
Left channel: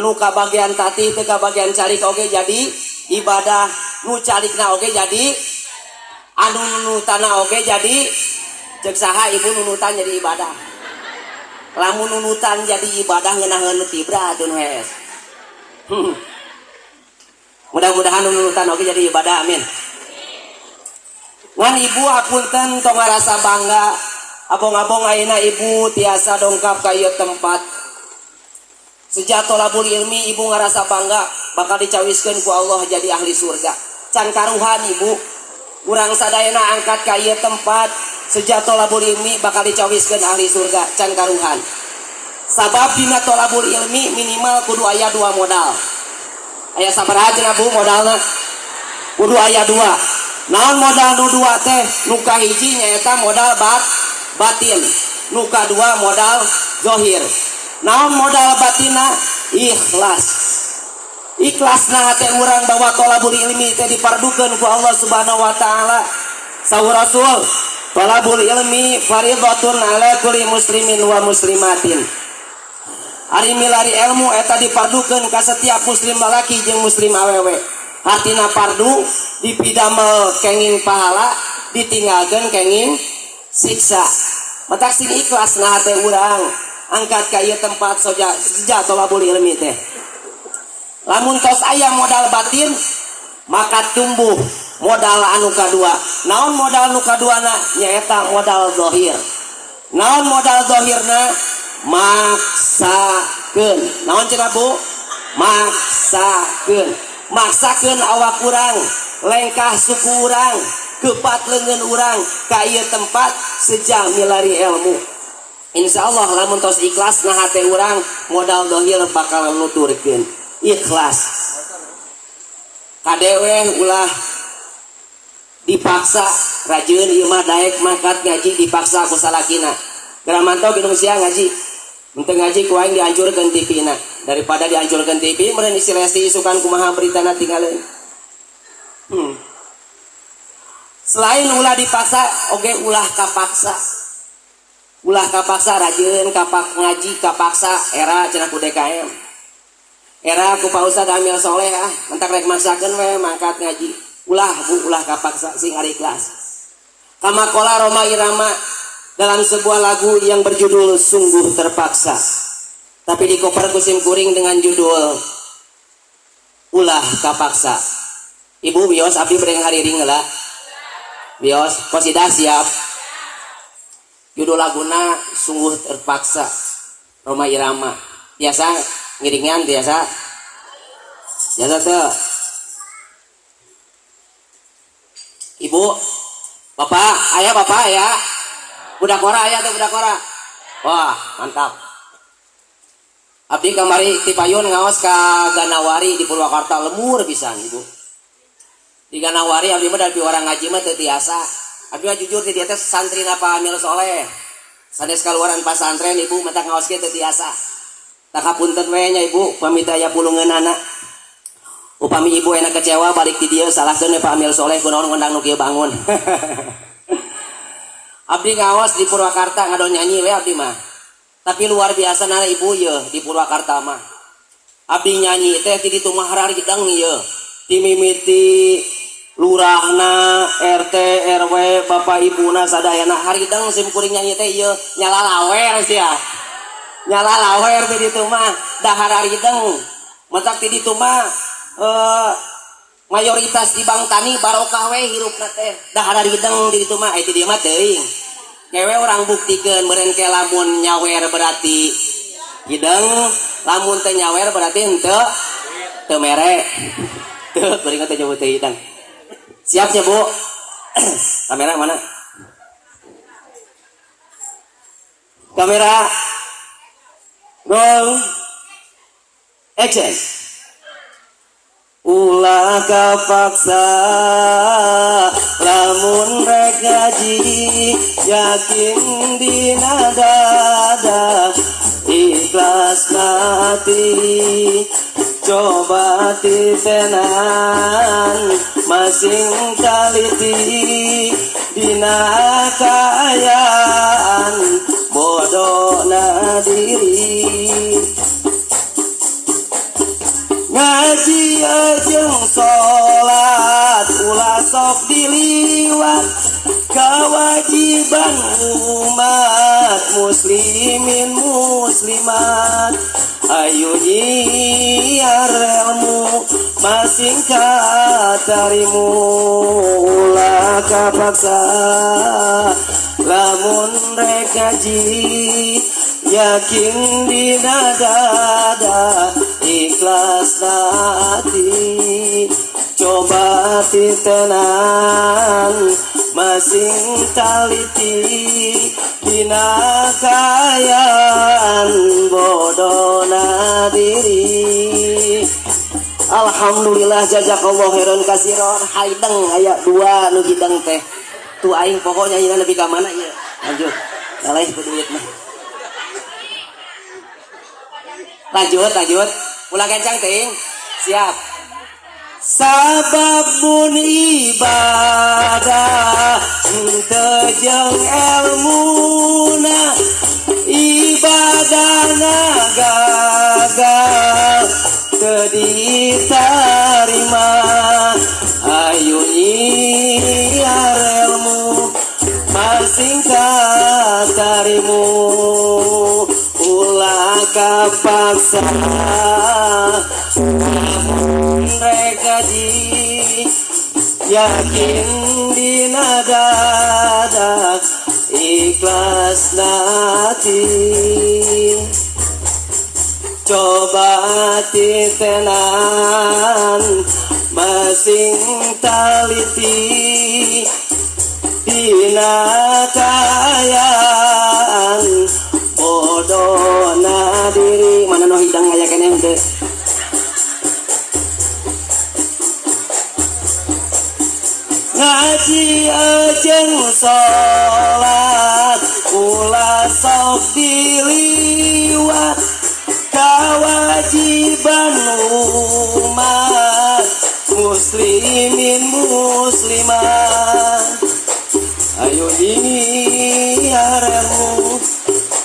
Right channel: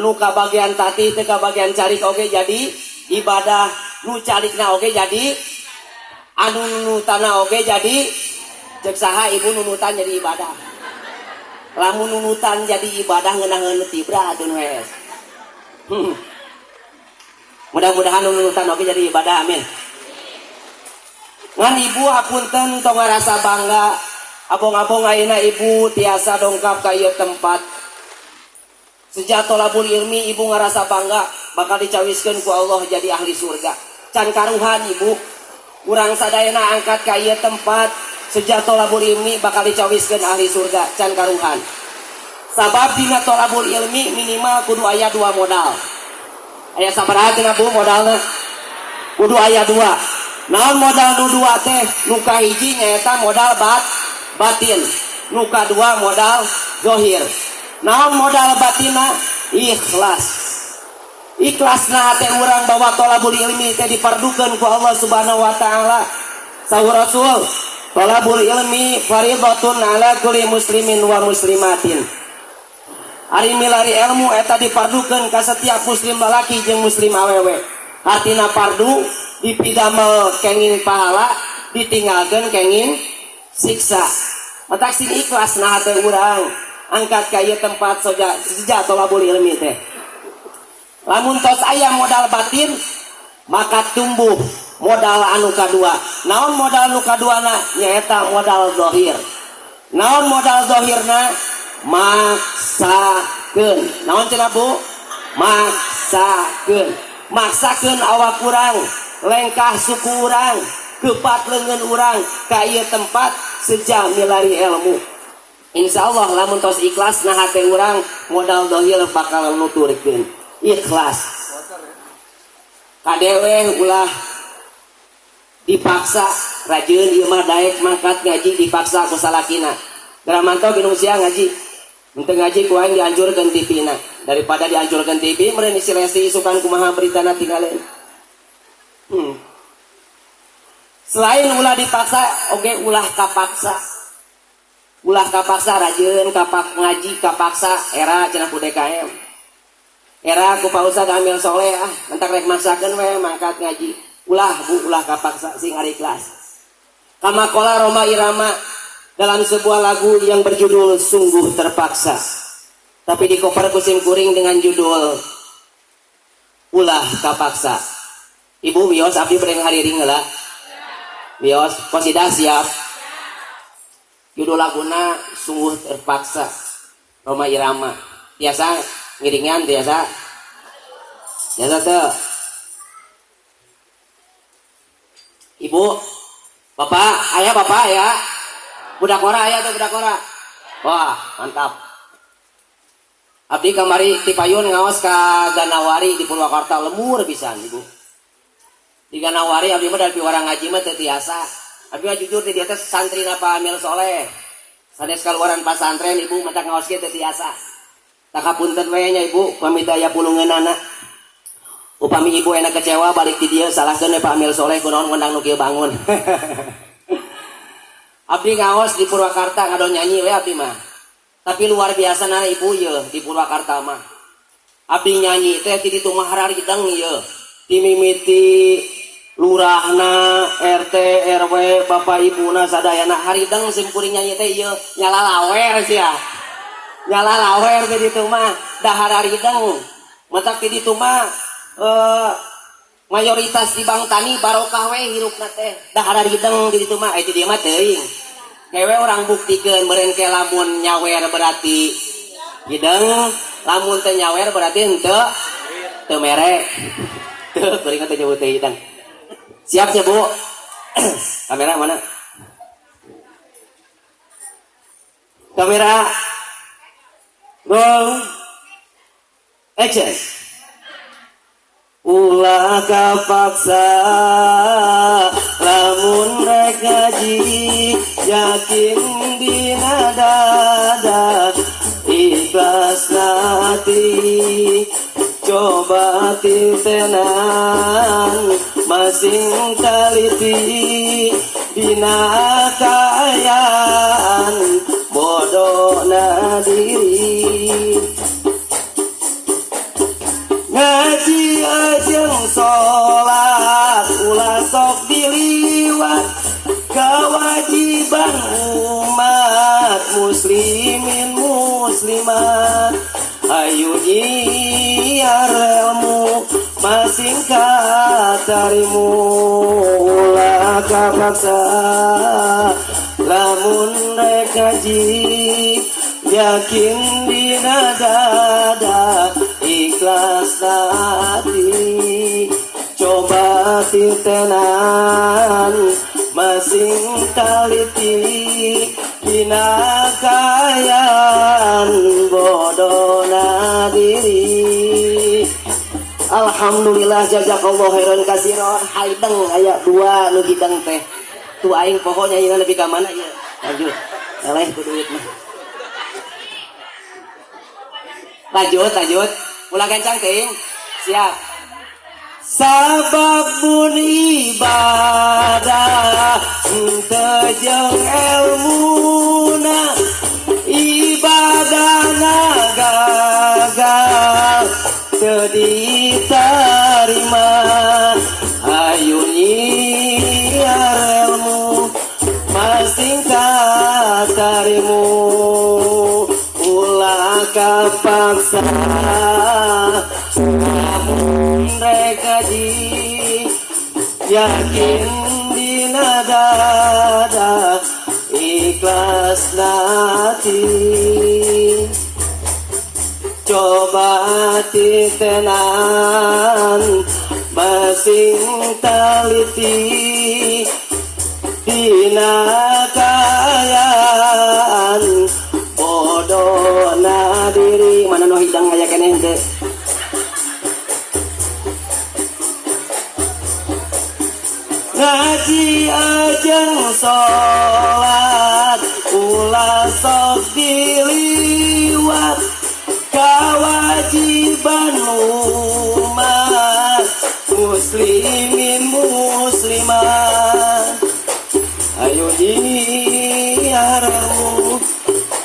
anu ka bagian tati teu ka bagian carik oge jadi ibadah, nu carikna oge jadi, anu nunutana oge jadi, cek saha ibu nunutan jadi ibadah. Lamun nunutan jadi ibadah ngeunaheun tibra atuh wes. Mudah-mudahan nunutan oge jadi ibadah, amin. Ngan ibu apunten tong ngarasa bangga, abong-abong ayeuna ibu tiasa dongkap ka ieu tempat. Sejak tolabul ilmi ibu ngarasa bangga bakal dicawiskeun ku Allah jadi ahli surga. Can karuhan ibu, urang sadayana angkat ka ieu tempat sejak tolabul ilmi bakal dicawiskeun ahli surga, can karuhan. Sabab dina tolabul ilmi minimal kudu aya 2 modal. Aya sabaraha cenah Bu modalna? Kudu aya 2. Naon modal nu 2 teh? Nu kahiji nyaeta modal batin, nu kadua modal zahir. Naon modal batina? Ikhlas. Ikhlasna hate urang bahwa tolabul ilmi teh dipardukeun ku Allah Subhanahu wa taala. Saur Rasul, tolabul ilmi fardhatun ala kulli muslimin wa muslimatin. Ari milari ilmu eta dipardukeun ka setiap muslim lalaki jeung muslim awewe. Artina fardu dipidamel kenging pahala, ditinggalkeun kenging siksa. Mata sing ikhlasna hate urang angkat ka ieu tempat sejak tolabul ilmi teh. Lamun tos aya modal batin maka tumbuh modal anu kadua. Naon modal anu kaduana? Nyaeta modal zahir. Naon modal zahirna? Maksakeun. Naon cenah Bu? Maksakeun. Maksakeun awak urang, lengkah suku urang, kepat leungeun urang ka ieu tempat sejak milari ilmu. Insyaallah lamun tos ikhlas nah hate urang modal zahir bakal nuturkeun. Ikhlas. Kadewe ulah dipaksa rajin ieu mah daek mangkat ngaji dipaksa ku salakina. Garamanto ginung sia ngaji. Untuk ngaji ku aing dianjurkeun TV-na daripada dianjurkeun TV meureun isi resti isukan kumaha beritana tinggalin. Selain ulah dipaksa oge ulah kapaksa. Ulah kapaksa rajin kapak ngaji kapaksa era cenah ku DKM. Era ku Pak Ustad Amil Soleh entak rek maksakeun we mangkat ngaji. Ulah Bu ulah kapaksa sing ari ikhlas. Kama qala Roma Irama dalam sebuah lagu yang berjudul Sungguh Terpaksa, tapi dikoper kusim kuring dengan judul Ulah Kapaksa. Ibu bios abdi bereng hariring heula. Bios kosidah siap. Judul laguna Sungguh Terpaksa. Roma Irama. Biasa ngiringan biasa. Biasa teh. Ibu, Bapak, ayah Bapak ya. Budak kora aya tuh budak kora. Wah, mantap. Abdi kamari ti payun ngaos ka Ganawari di Purwakarta lemur pisan Ibu. Di Ganawari abdi mah dari orang ngaji mah teu tiasa. Abdi mah jujur di dieu teh santrina Pak Amil Soleh. Sanes kaluaran pasantren Ibu mata ngaos ge teu tiasa. Takapunten we nya Ibu pamit aya pulungeunana. Upami Ibu enak kecewa balik di dieu salahkeun Pak Amil Soleh kunaon ngundang nu kieu bangun. Abdi ngawas di Purwakarta ngado nyanyi we abdi mah. Tapi luar biasa nana Ibu ye di Purwakarta mah. Abdi nyanyi teh ti ditu mah haridang ye. Timimiti lurahna, RT, RW, bapak ibuna sadayana haridang sim kuring nyanyi teh ye nyala lawer sia. Nyala lawer ti ditu mah dahar haridang. Matak ti ditu mah mayoritas di Bang Tani barokah we hirupna teh dahar haridang di ditu mah aya di dieu mah teuing. Kewe orang buktikeun meureun ke lamun nyawer berarti hideng, lamun teu nyawer berarti henteu teu mere. Teu beuring teh nyebut teh hideng. Siap ya Bu? Kamera mana? Kamera roll action. Ulah kapaksa lamun rek ngaji yakin dina dada ikhlas hati coba titenan masing taliti dina kaayaan bodona diri ngaji ajeng sholat ulah sok diliwat kewajiban umat muslimin muslimat ayo nyiarmu masing katarimu ulah kapaksa lamun rek kaji yakin dina dada ikhlas hati coba titenan masing taliti dina kayan bodona diri. Alhamdulillah jazakallahu khairan katsiran. Haideng aya 2 nu hideng teh tu aing pokoknya ieu lebih ka mana ieu lanjut ngalih ku duit mah lanjut ulah kencang teuing siap sababun ibadah teu jeung elmuna ibadahna gagal teu ditarima ayo nyiar elmu masing katarimu ulah kapaksa lamun rek kaji yakin dina dada ikhlas hati coba titenan masing taliti dina kaayaan bodona diri mana no hidang aya keneh teh ngaji ajeng sholat ulah sok diliwat kewajiban umat muslimin muslimat ayo diharapmu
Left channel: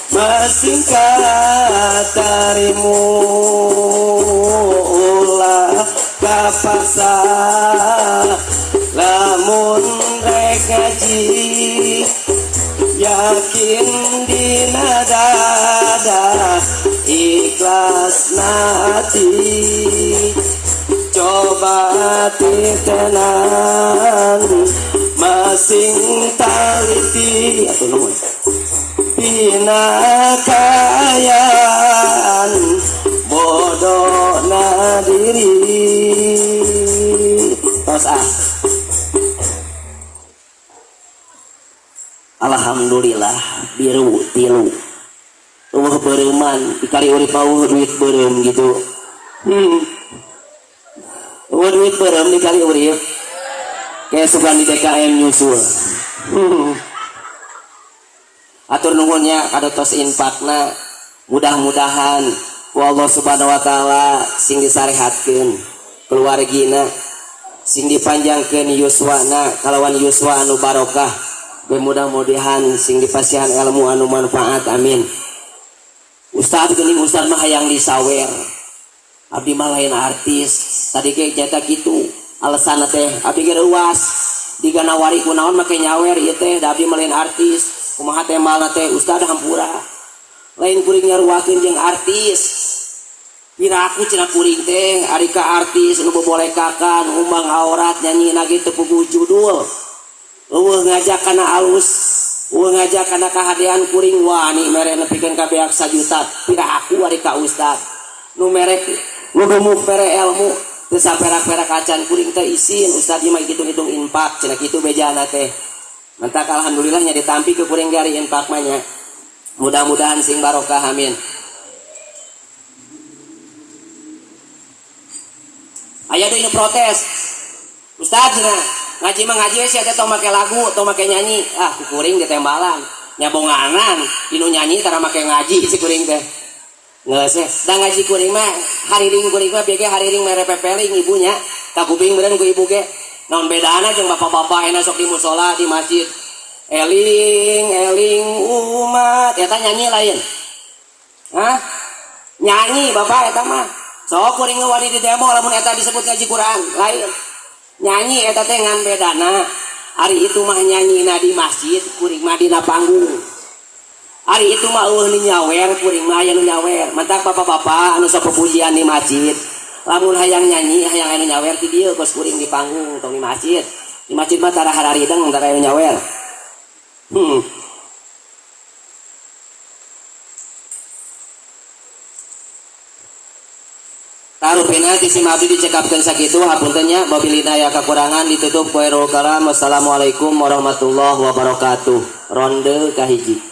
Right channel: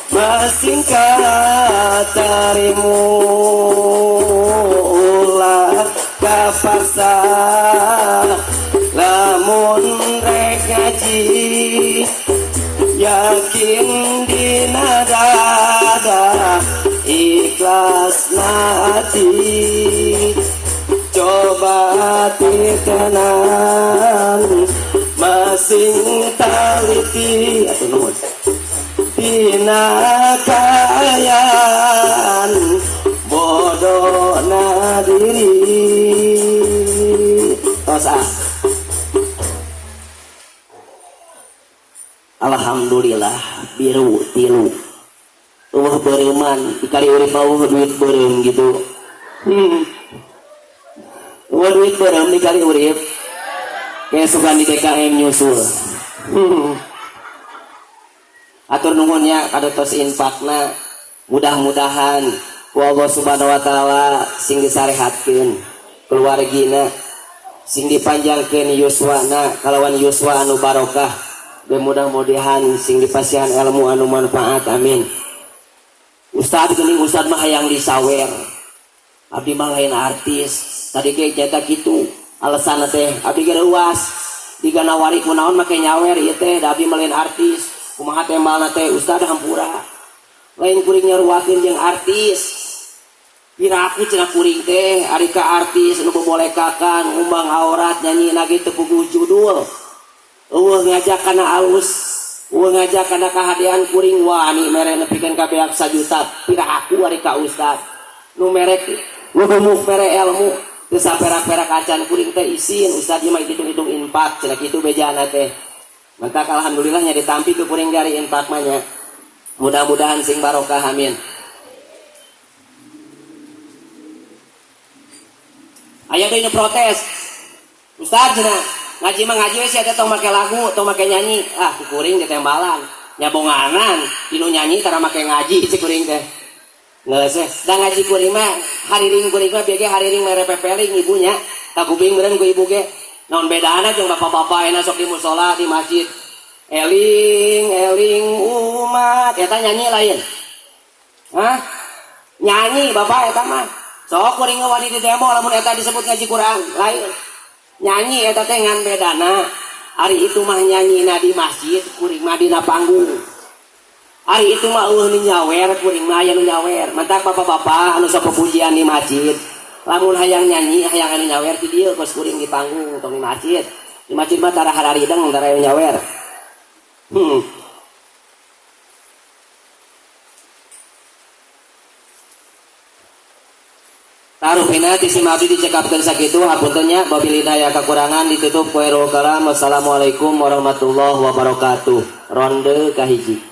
masing katarimu ulah kapaksa lamun rek kaji yakin dina dada ikhlas hati coba titenan masing taliti dina kaayaan bodona diri tosa. Alhamdulillah biru tilu bereuman dikali urip mau duit bereum gitu duit bereum dikali urip kayak suka di DKM nyusul atur nuhunnya kadotos infakna mudah-mudahan ku Allah subhanahu wa ta'ala sing disarehatkeun keluargina sing dipanjangkeun yuswana kalawan yuswa anu barokah mudah-mudahan sing dipasihan ilmu anu manfaat amin. Ustad geuning ustad mah hayang disawer abdi mah lain artis tadi ge cetak kitu alasanna teh abdi ge ruas diganawari kunaon make nyawer ieu teh da abdi mah lain artis kumaha teh malna teh ustad hampura lain kuring nyaruakeun jeung artis piraku cenah kuring teh ari ka artis nu bobolekakan umbang aurat nyanyina gitu puguh judul ngajak kana alus ngajak kana kahadian kuring wani mere nepikeun ka beak 1 juta piraku ari ka ustad nu merek nu gemuk mere ilmu teu saperak-perak acan kuring teh isin ustad mah hitung-hitung infak cenah kitu bejana teh mantak alhamdulillah nya ditampi ke kuring gari infak mah nya mudah-mudahan sing barokah amin. Aya deui nu protes ustad cenah ngaji mah ngaji we sia teh tong make lagu tong make nyanyi kuring ditembalan nyabonganan dinu nyanyi tara make ngaji si kuring teh Ngeus da ngaji kuring mah hariring kuring mah bege hariring mere pepeling ibunya kakubing meureun ku ibu ge naon bedana jeung bapak-bapak ena sok di mushola di masjid eling eling umat eta nyanyi lain hah nyanyi bapak eta mah sok kuring wani di demo lamun eta disebut ngaji Quran lain nyanyi eta teh ngan bedana hari itu mah nyanyina di masjid kuring mah dina panggung hari itu mah nu nyawer kuring mah aya nu nyawer mantap bapak-bapak anu sok pujian di masjid lamun hayang nyanyi hayang anu nyawer ti dieu kos kuring di panggung tong di masjid mah tara hararideng tara anu nyawer Tarupina ti si Mabdi dicekapkeun sakitu hapuntennya wabil hidayah kakurangan ditutup ku hairul kalam. Wassalamualaikum warahmatullahi wabarakatuh. Ronde kahiji.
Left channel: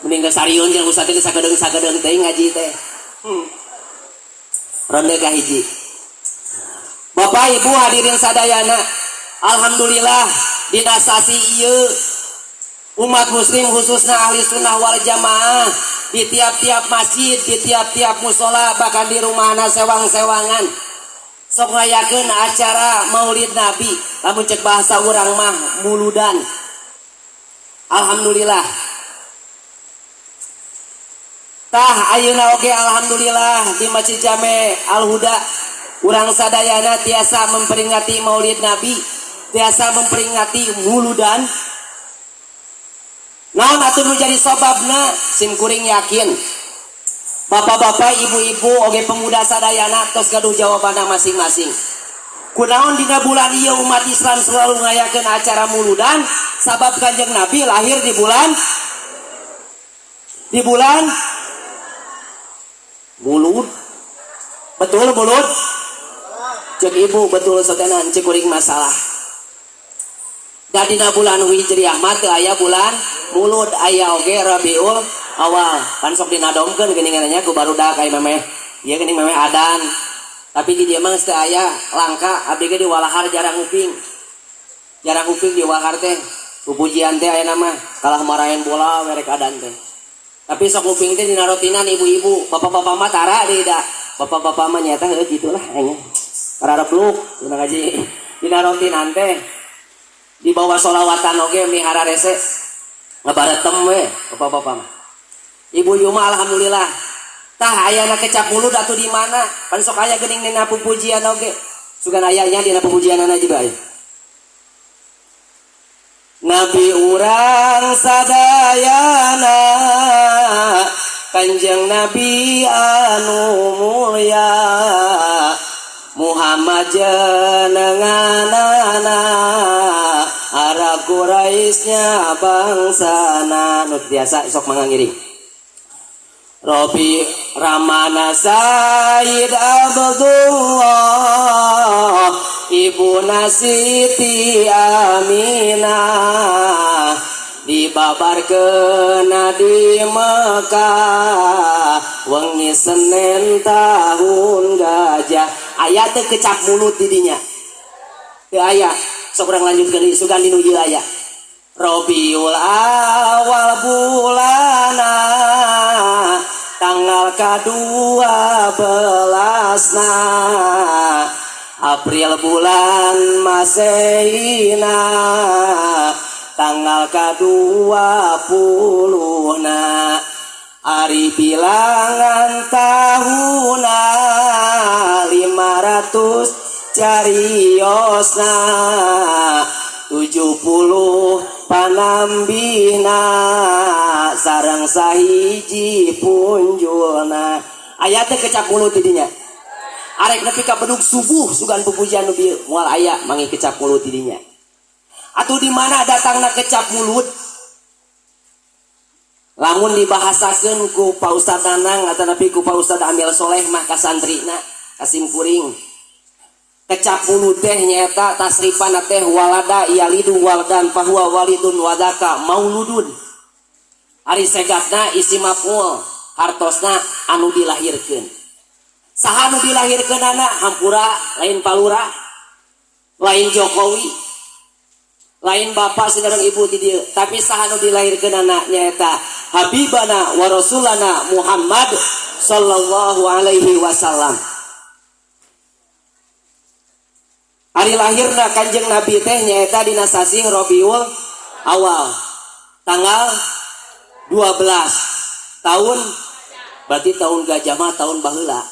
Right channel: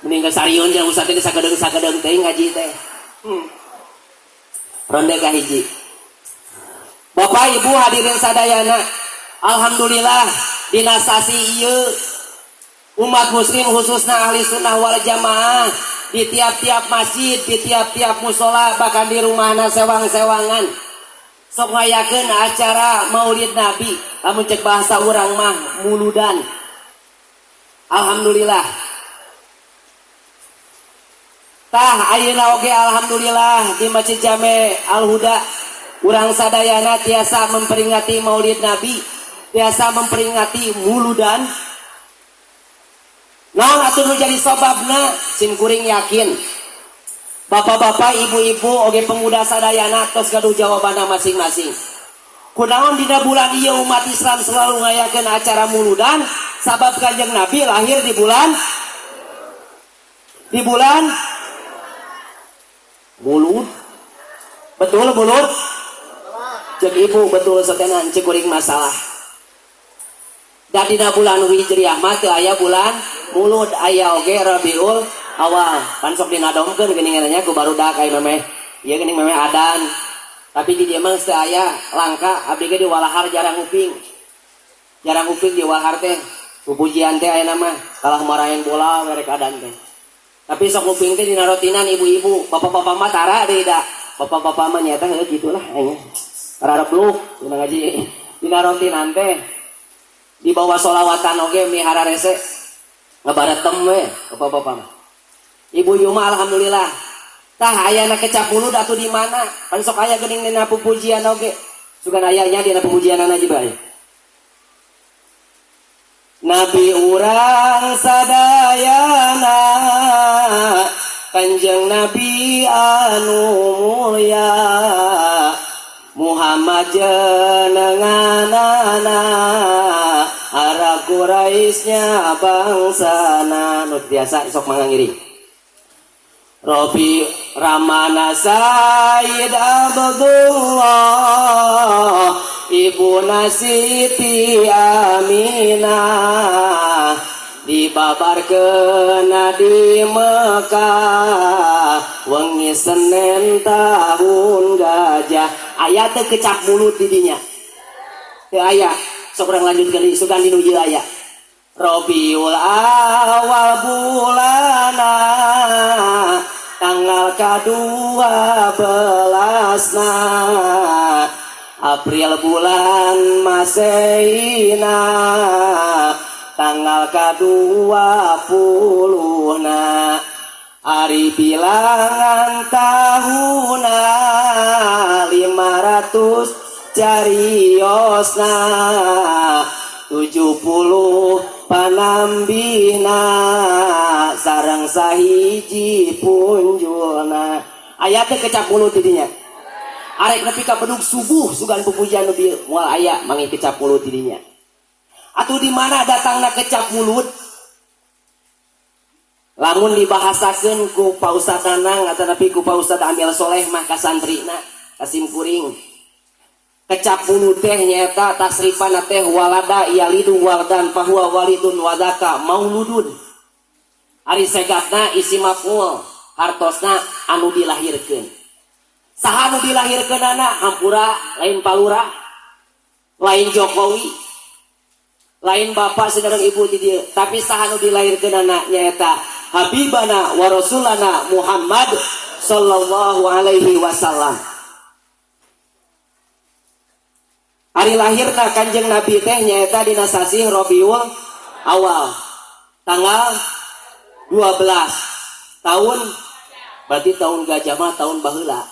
Mending sariun jeung ustaz teh sagedeung teh ngaji teh. Ronde kahiji. Bapak Ibu hadirin sadayana, alhamdulillah dina sasi ieu umat muslim khususna ahli sunnah wal jamaah di tiap-tiap masjid, di tiap-tiap musola, bahkan di rumahna sewang-sewangan sok ngayakeun acara maulid nabi lamun cek bahasa urang mah muludan. Alhamdulillah tah ayeuna oge alhamdulillah di Masjid Jame Al Huda urang sadayana tiasa memperingati maulid nabi, tiasa memperingati muludan. Naon atuh nu jadi sababna sim kuring yakin bapak-bapak ibu-ibu oge pemuda sadayana tos gaduh jawabanna masing-masing. Kunaon dina bulan ieu umat Islam selalu ngayakeun acara muludan sabab Kanjeng Nabi lahir di bulan mulud. Betul mulud? Cek ibu betul satenan cek kuring masalah. Da dina bulan Hijriah mah teu aya bulan mulud, aya oge Rabiul Awal. Kan sok dinadomkeun geuningan nya ku barudak ai memeh. Ieu geuning memeh adan. Tapi di dieu mah teu aya langka abdi ge di walahar jarang uping. Jarang uping di walahar teh. Pupujian teh aya mah kalah marahin bola merek adan teh. Tapi sok uping teh dina rotinan ibu-ibu, bapak-bapak mah tara deui da. Bapak-bapak mah nyata heuh gitulah aya. Rarep lu dina ngaji. Dina rotinan teh di bawah solawatan oge mihara rese ngabaretem we bapak-bapak mah. Ibu-ibu mah alhamdulillah tah ayana kecap mulud atuh di mana kan sok aya geuning dina pupujian oge sugan ayanya dina pupujianana juga aya. Nabi urang sadayana Kanjeng Nabi anu mulya Muhammad jenenganana Arab Quraisnya bangsana nu biasa sok mangga ngiring. Robi Ramana Sayyid Abdullah Ibu Siti Aminah dibabarkeun di Mekah wengi Senin tahun gajah. Aya teu kecap mulut di dinya teu aya. Sok urang lanjutkeun sugan di nuju aya. Rabiul Awal bulana tanggal ka-12 April bulan Maseina tanggal ka-20 hari bilangan tahuna 500 cariosna 70 panambina sareng sahiji punjulna. Aya teh kecap mulut didinya. Arek nepi ka bedug subuh sugan pupujian nu dieu moal aya mangi kecap mulut didinya. Atuh di mana datangna kecap mulut? Lamun dibahasakeun ku Pak Ustaz Danang atau napi ku Pak Ustaz Amil Soleh mah ka santrina kasim kuring. Kecap mulut teh nyaeta tasrifana teh walada yalidu waldan fahuwa walidun wadaka mauludun. Ari segatna isi maf'ul hartosna anu dilahirkeun. Saha anu dilahirkeunana hampura lain palura lain Jokowi lain bapak sedang ibu di dia, tapi sahanu dilahirkan anaknya eta Habibana wa Rasulana Muhammad sallallahu alaihi wasallam. Hari lahirna Kanjeng Nabi teh nyaeta dina sasi Rabiul Awal tanggal 12 tahun, berarti tahun gajah mah tahun baheula.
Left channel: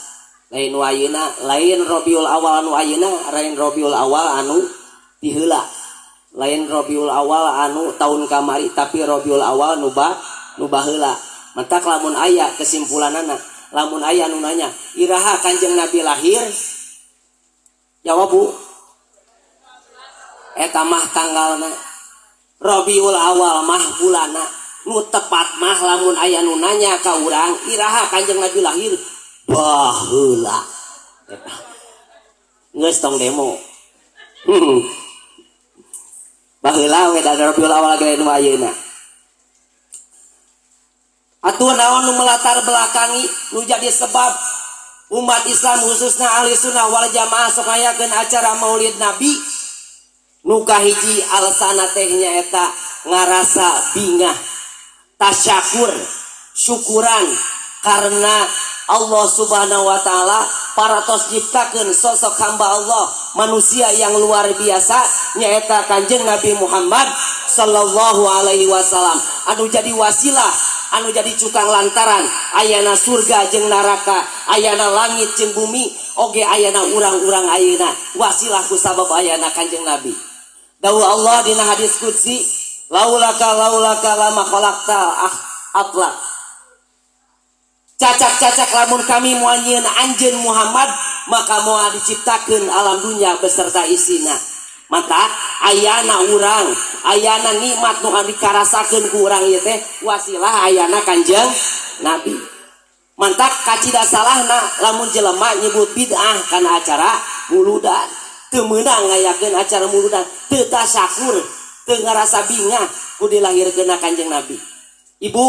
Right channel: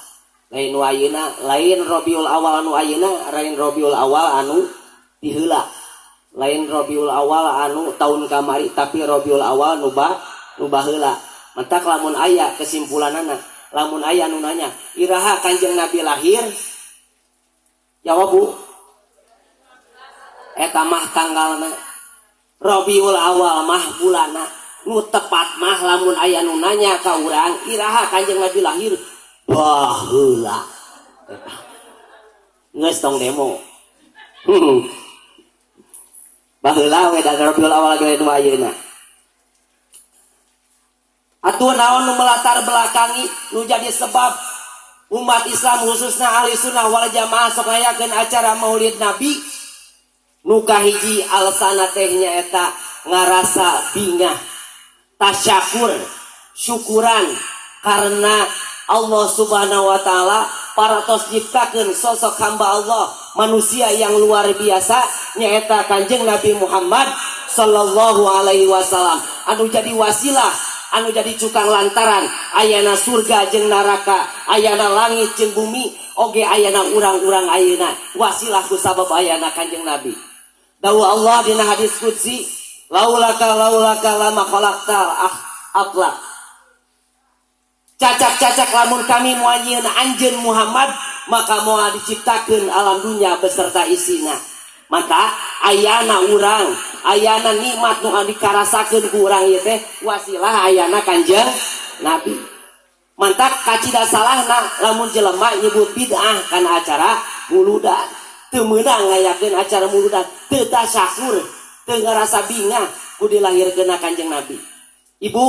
Lain ayeuna, lain Rabiul Awal anu ayeuna, lain Rabiul Awal anu diheula. Lain Rabiul Awal anu tahun kamari, tapi Rabiul Awal nu baheula. Mantak lamun aya kesimpulanana, lamun aya nu nanya, iraha Kanjeng Nabi lahir? Jawab Bu. Eta mah tanggalna. Rabiul Awal mah bulana. Nu tepat mah lamun aya nu nanya ka urang, iraha Kanjeng Nabi lahir? Baheula. Geus tong demo. Baheula we da Rabiul Awal ge nu ayeuna. Atuh naon nu melatar belakangi nu jadi sebab umat Islam khususnya ahli sunnah wal jamaah sok ngayakeun acara Maulid Nabi? Nu kahiji alsana teh nyaeta ngarasa bingah, tasyakur, syukuran karena Allah Subhanahu wa taala paratos nyiptakeun sosok hamba Allah manusia yang luar biasa nyaeta Kanjeng Nabi Muhammad sallallahu alaihi wasallam anu jadi wasilah, anu jadi cukang lantaran ayana surga jeung neraka, ayana langit jeung bumi, oge ayana urang-urang ayeuna wasilah ku sabab ayana Kanjeng Nabi. Dawuh Allah dina hadis qudsi, laulaka lama khalaqta aflak. Cacak-cacak lamun kami moal nyieun anjeun Muhammad, maka moal diciptakeun alam dunya beserta isina. Maka ayana urang, ayana nikmat nu dikarasakeun ku urang ieu teh wasilah ayana Kanjeng Nabi. Mantak kacida salahna lamun jelema nyebut bid'ah kana acara muludan. Teu meunang ngayakeun acara muludan, teu tasyakur, teu ngarasa bingah ku dilahirkeun Kanjeng Nabi. Ibu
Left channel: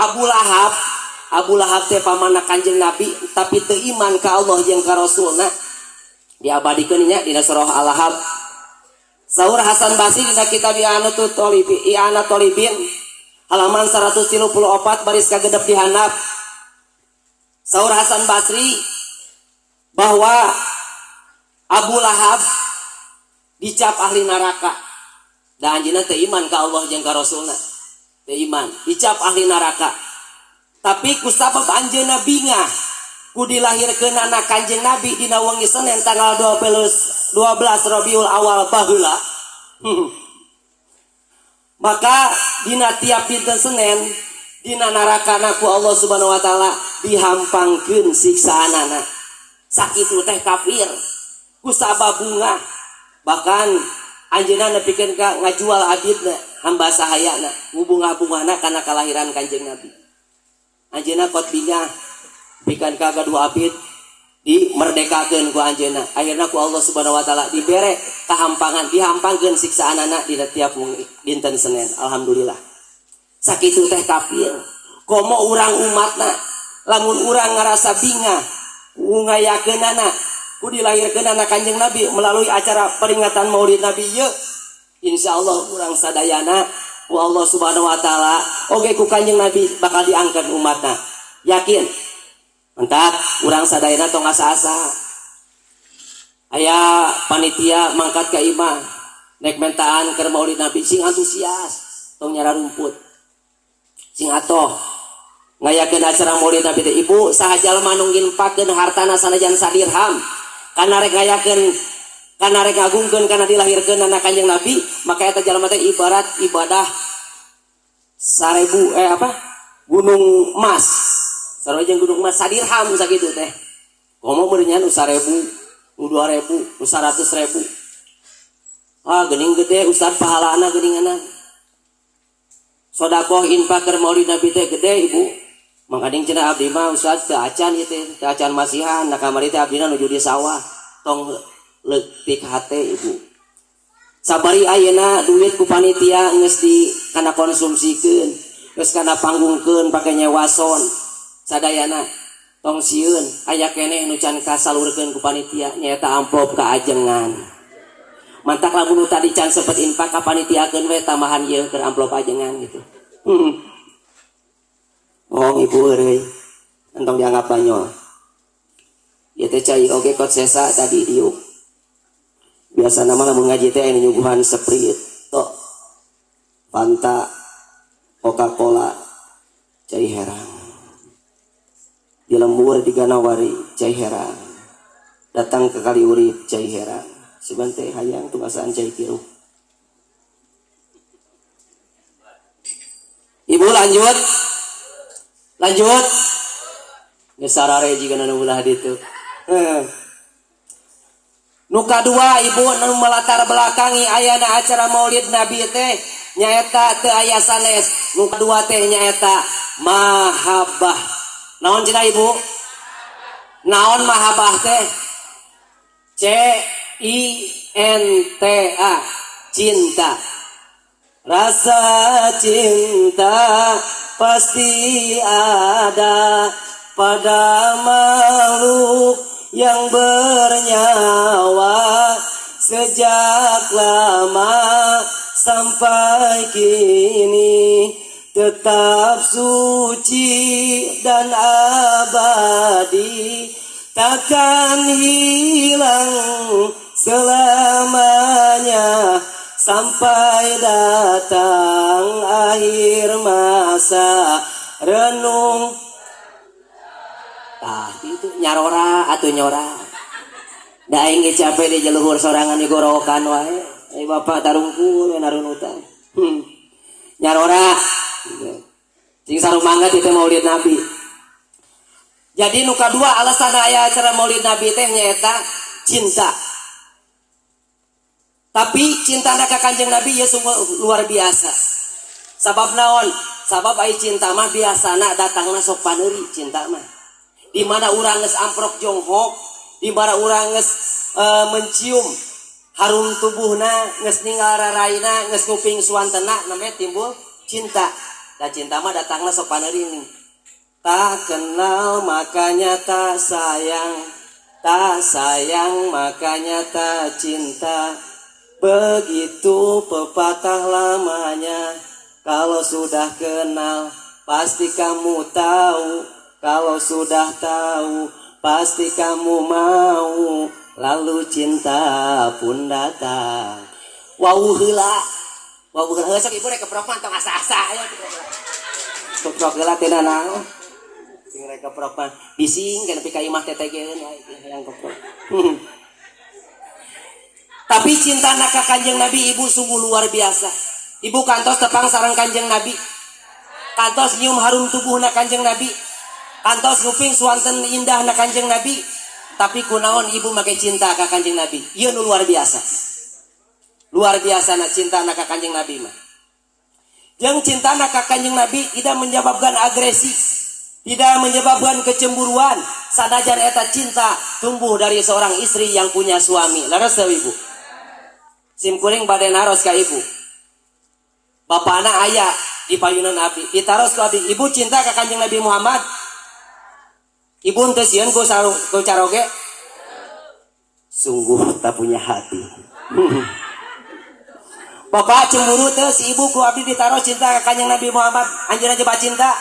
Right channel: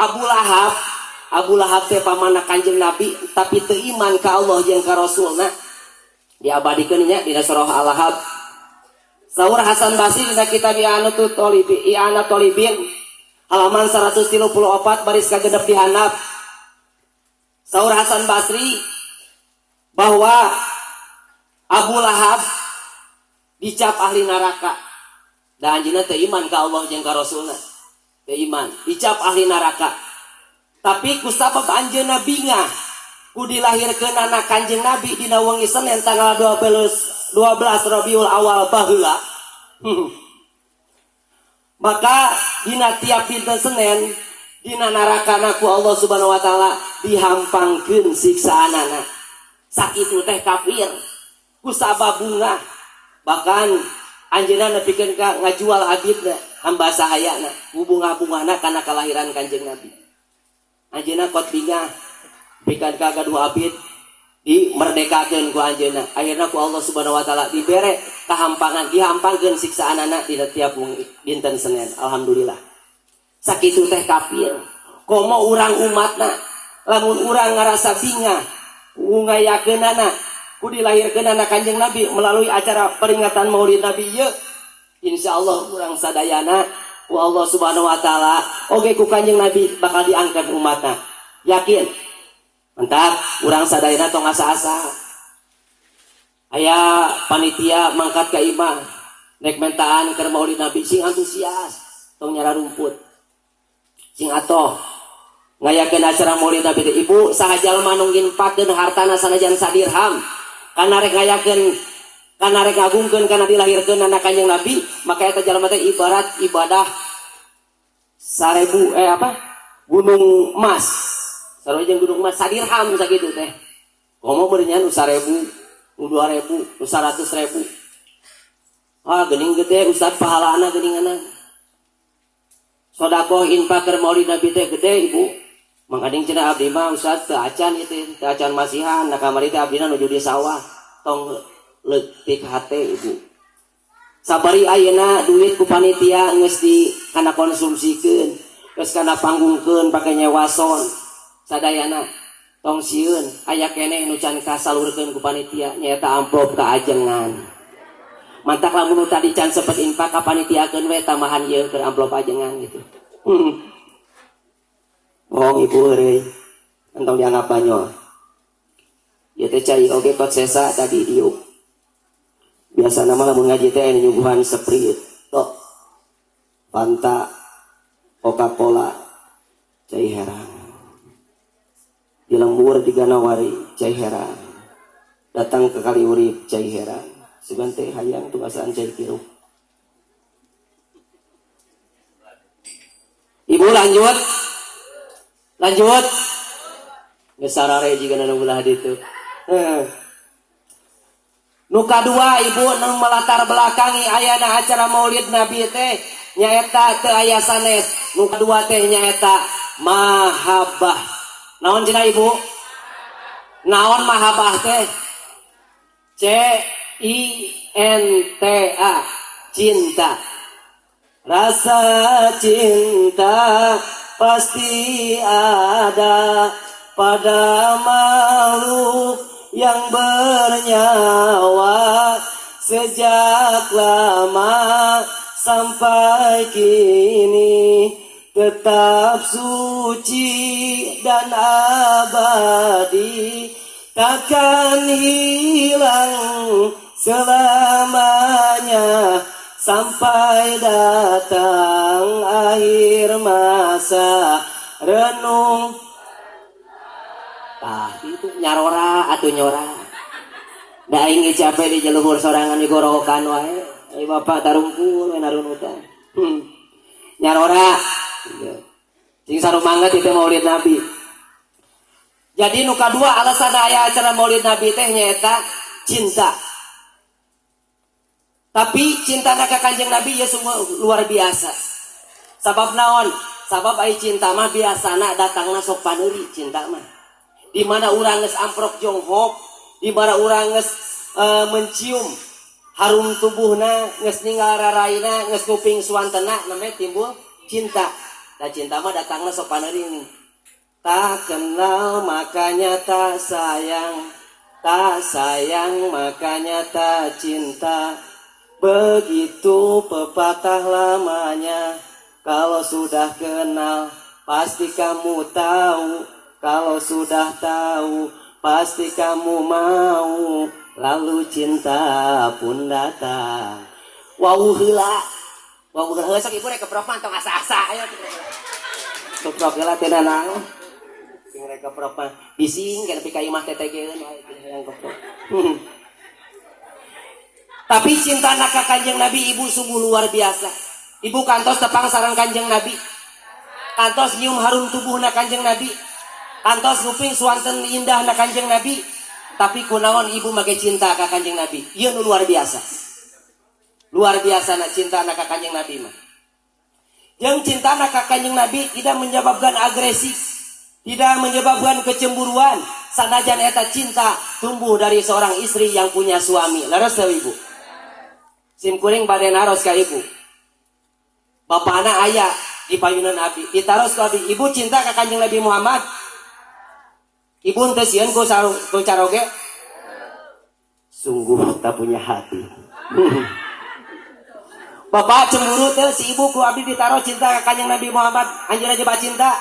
Abu Lahab teh pamanna Kanjeng Nabi tapi teu iman ka Allah jeung ka Rasulna. Diabadikeun nya dina surah Al-Lahab. Saur Hasan Basri dina kitab I'anatul Talibin halaman 134 baris kagenep di handap. Saur Hasan Basri bahwa Abu Lahab dicap ahli neraka. Da anjeunna teu iman ka Allah jeung ka Rasulna. Teu iman, dicap ahli neraka. Tapi kusabab anjeunna bingah ku dilahirkeun anak Kanjeng Nabi dina wengi Senin tanggal 12 Rabiul Awal baheula. Maka dina tiap dinten Senin dina narakana ku Allah Subhanahu wa taala dihampangkeun siksaanana. Sakitu teh kafir kusabab bunga. Bahkan anjeunna nepikeun ka ngajual abidna hamba sahayana bunga-bungana kana kelahiran Kanjeng Nabi. Anjeunna kot bingah bikan ka gadua abid dimerdekakeun ku anjeunna. Akhirna ku Allah Subhanahu wa taala dibere kahampangan, dihampangkeun siksaanana di tiap dinten Senin. Alhamdulillah. Sakitu teh kafir. Komo urang umatna lamun urang ngarasa bingah ngayakeunana ku dilahirkeun anak Kanjeng Nabi melalui acara peringatan Maulid Nabi ieu, insyaallah urang sadayana ku Allah Subhanahu wa taala oge ku Kanjeng Nabi bakal diangkat umatna. Yakin? Mantap, urang sadayana tong asa-asa. Aya panitia mangkat ka imah, nek mentaan keur Maulid Nabi sing antusias, tong nyara rumput. Sing atoh ngayakeun acara Maulid Nabi teh ibu saha jalma nu nginpakeun hartana sanajan sadirham kana rek ngayakeun kana rek ngagungkeun kana dilahirkeun anak Kanjeng Nabi, maka eta jalma teh ibarat ibadah 1000 gunung emas. Sareng gunung emas sadirham sakitu teh. Komo beurnya nu 1000, nu 2000, nu 100.000. Ah geuning gede ustad pahalana geuninganna. Sedekah infak keur Maulid Nabi teh gede ibu. Mangkading cenah abdi mah ustad teu acan ieu teh, teu acan masihan, da kamari teh abdina nuju di sawah. Tong leutik hate ibu. Sabari ayeuna duit ku panitia geus di kana konsumsikeun, geus kana panggungkeun pake nyewa son. Sadayana tong sieun aya keneh nu can kasalurkeun ku panitia nyaeta amplop kaajengan. mantak lamun tadi can sepet infak ka panitiakeun we tamahan ieu keur amplop ajengan gitu. Oh ibu euy entong dianggap banyol. Ieu teh cai oge kot sesa tadi diuk. Biasa nama lamun ngaji teh anu nyuguhan Sprite, tok. Fanta, Coca-Cola, cai heran. Di lembur di Ganawari, cai heran. Datang ke Kaliurip, cai heran. Sugan teh hayang tugasaan cai kieu. Ibu lanjut. Lanjut. Geus sarare jiga nu ulah ditu. Nu kadua ibu nu melatar belakangi ayana acara Maulid Nabi teh nyaeta teu aya sanes. Nu kadua teh nyaeta mahabbah. Naon cenah ibu? Naon mahabbah teh? C-I-N-T-A, cinta. Rasa cinta pasti ada pada makhluk yang bernyawa sejak lama sampai kini, tetap suci dan abadi, takkan hilang selamanya sampai datang akhir masa renung. Itu nyarora atau nyora. Da aing capek di jeluhur sorangan di gorokan wae. Ai bapak tarungkul narun utang. Nyarora. Sing sarumangga teh Maulid Nabi. Jadi nu kadua alasan aya acara Maulid Nabi teh nyaeta cinta. Tapi cinta ka Kanjeng Nabi ya sungguh luar biasa. Sabab naon? Sabab ai cinta mah biasana datangna sok paneuri cinta mah. Di mana urang geus amprok jonghok, di mana urang geus mencium harum tubuhna, geus ningal raraina, geus nguping suantena, namanya timbul cinta. Da cinta mah datangna sok paneuri. Tak kenal makanya tak sayang, tak sayang makanya tak cinta. Begitu pepatah lamanya, kalau sudah kenal pasti kamu tahu. Kalau sudah tahu pasti kamu mau, lalu cinta pun datang. Wau heula. Wau heula sok ibu rek kepropan tong asa-asa ayo keprok heula teh nanang. Sing rek kepropan bising kana pika imah tetegeun yang keprok. Tapi cinta ka Kanjeng Nabi ibu sungguh luar biasa. Ibu kantos tepang sareng Kanjeng Nabi. Kantos nyium harum tubuhna Kanjeng Nabi. Kantos nguping suanten indah na Kanjeng Nabi, tapi kunaon ibu make cinta ka Kanjeng Nabi. Ieu nu luar biasa. Luar biasa na cinta na ka Kanjeng Nabi mah. Jeung cinta na ka Kanjeng Nabi tidak menyebabkan agresi, tidak menyebabkan kecemburuan. Sanajan eta cinta tumbuh dari seorang istri yang punya suami. Laras ibu. Sim kuring bade naros ka ibu. Bapana aya di payunan abdi, ditaros ka abdi. Ibu cinta ka Kanjeng Nabi Muhammad. Ibu teh sieun ku caroge. Sungguh tak punya hati. Bapak cemburu teh si ibu ku abdi ditaruh cinta ka Kanjeng Nabi Muhammad, anjeunna aja cinta.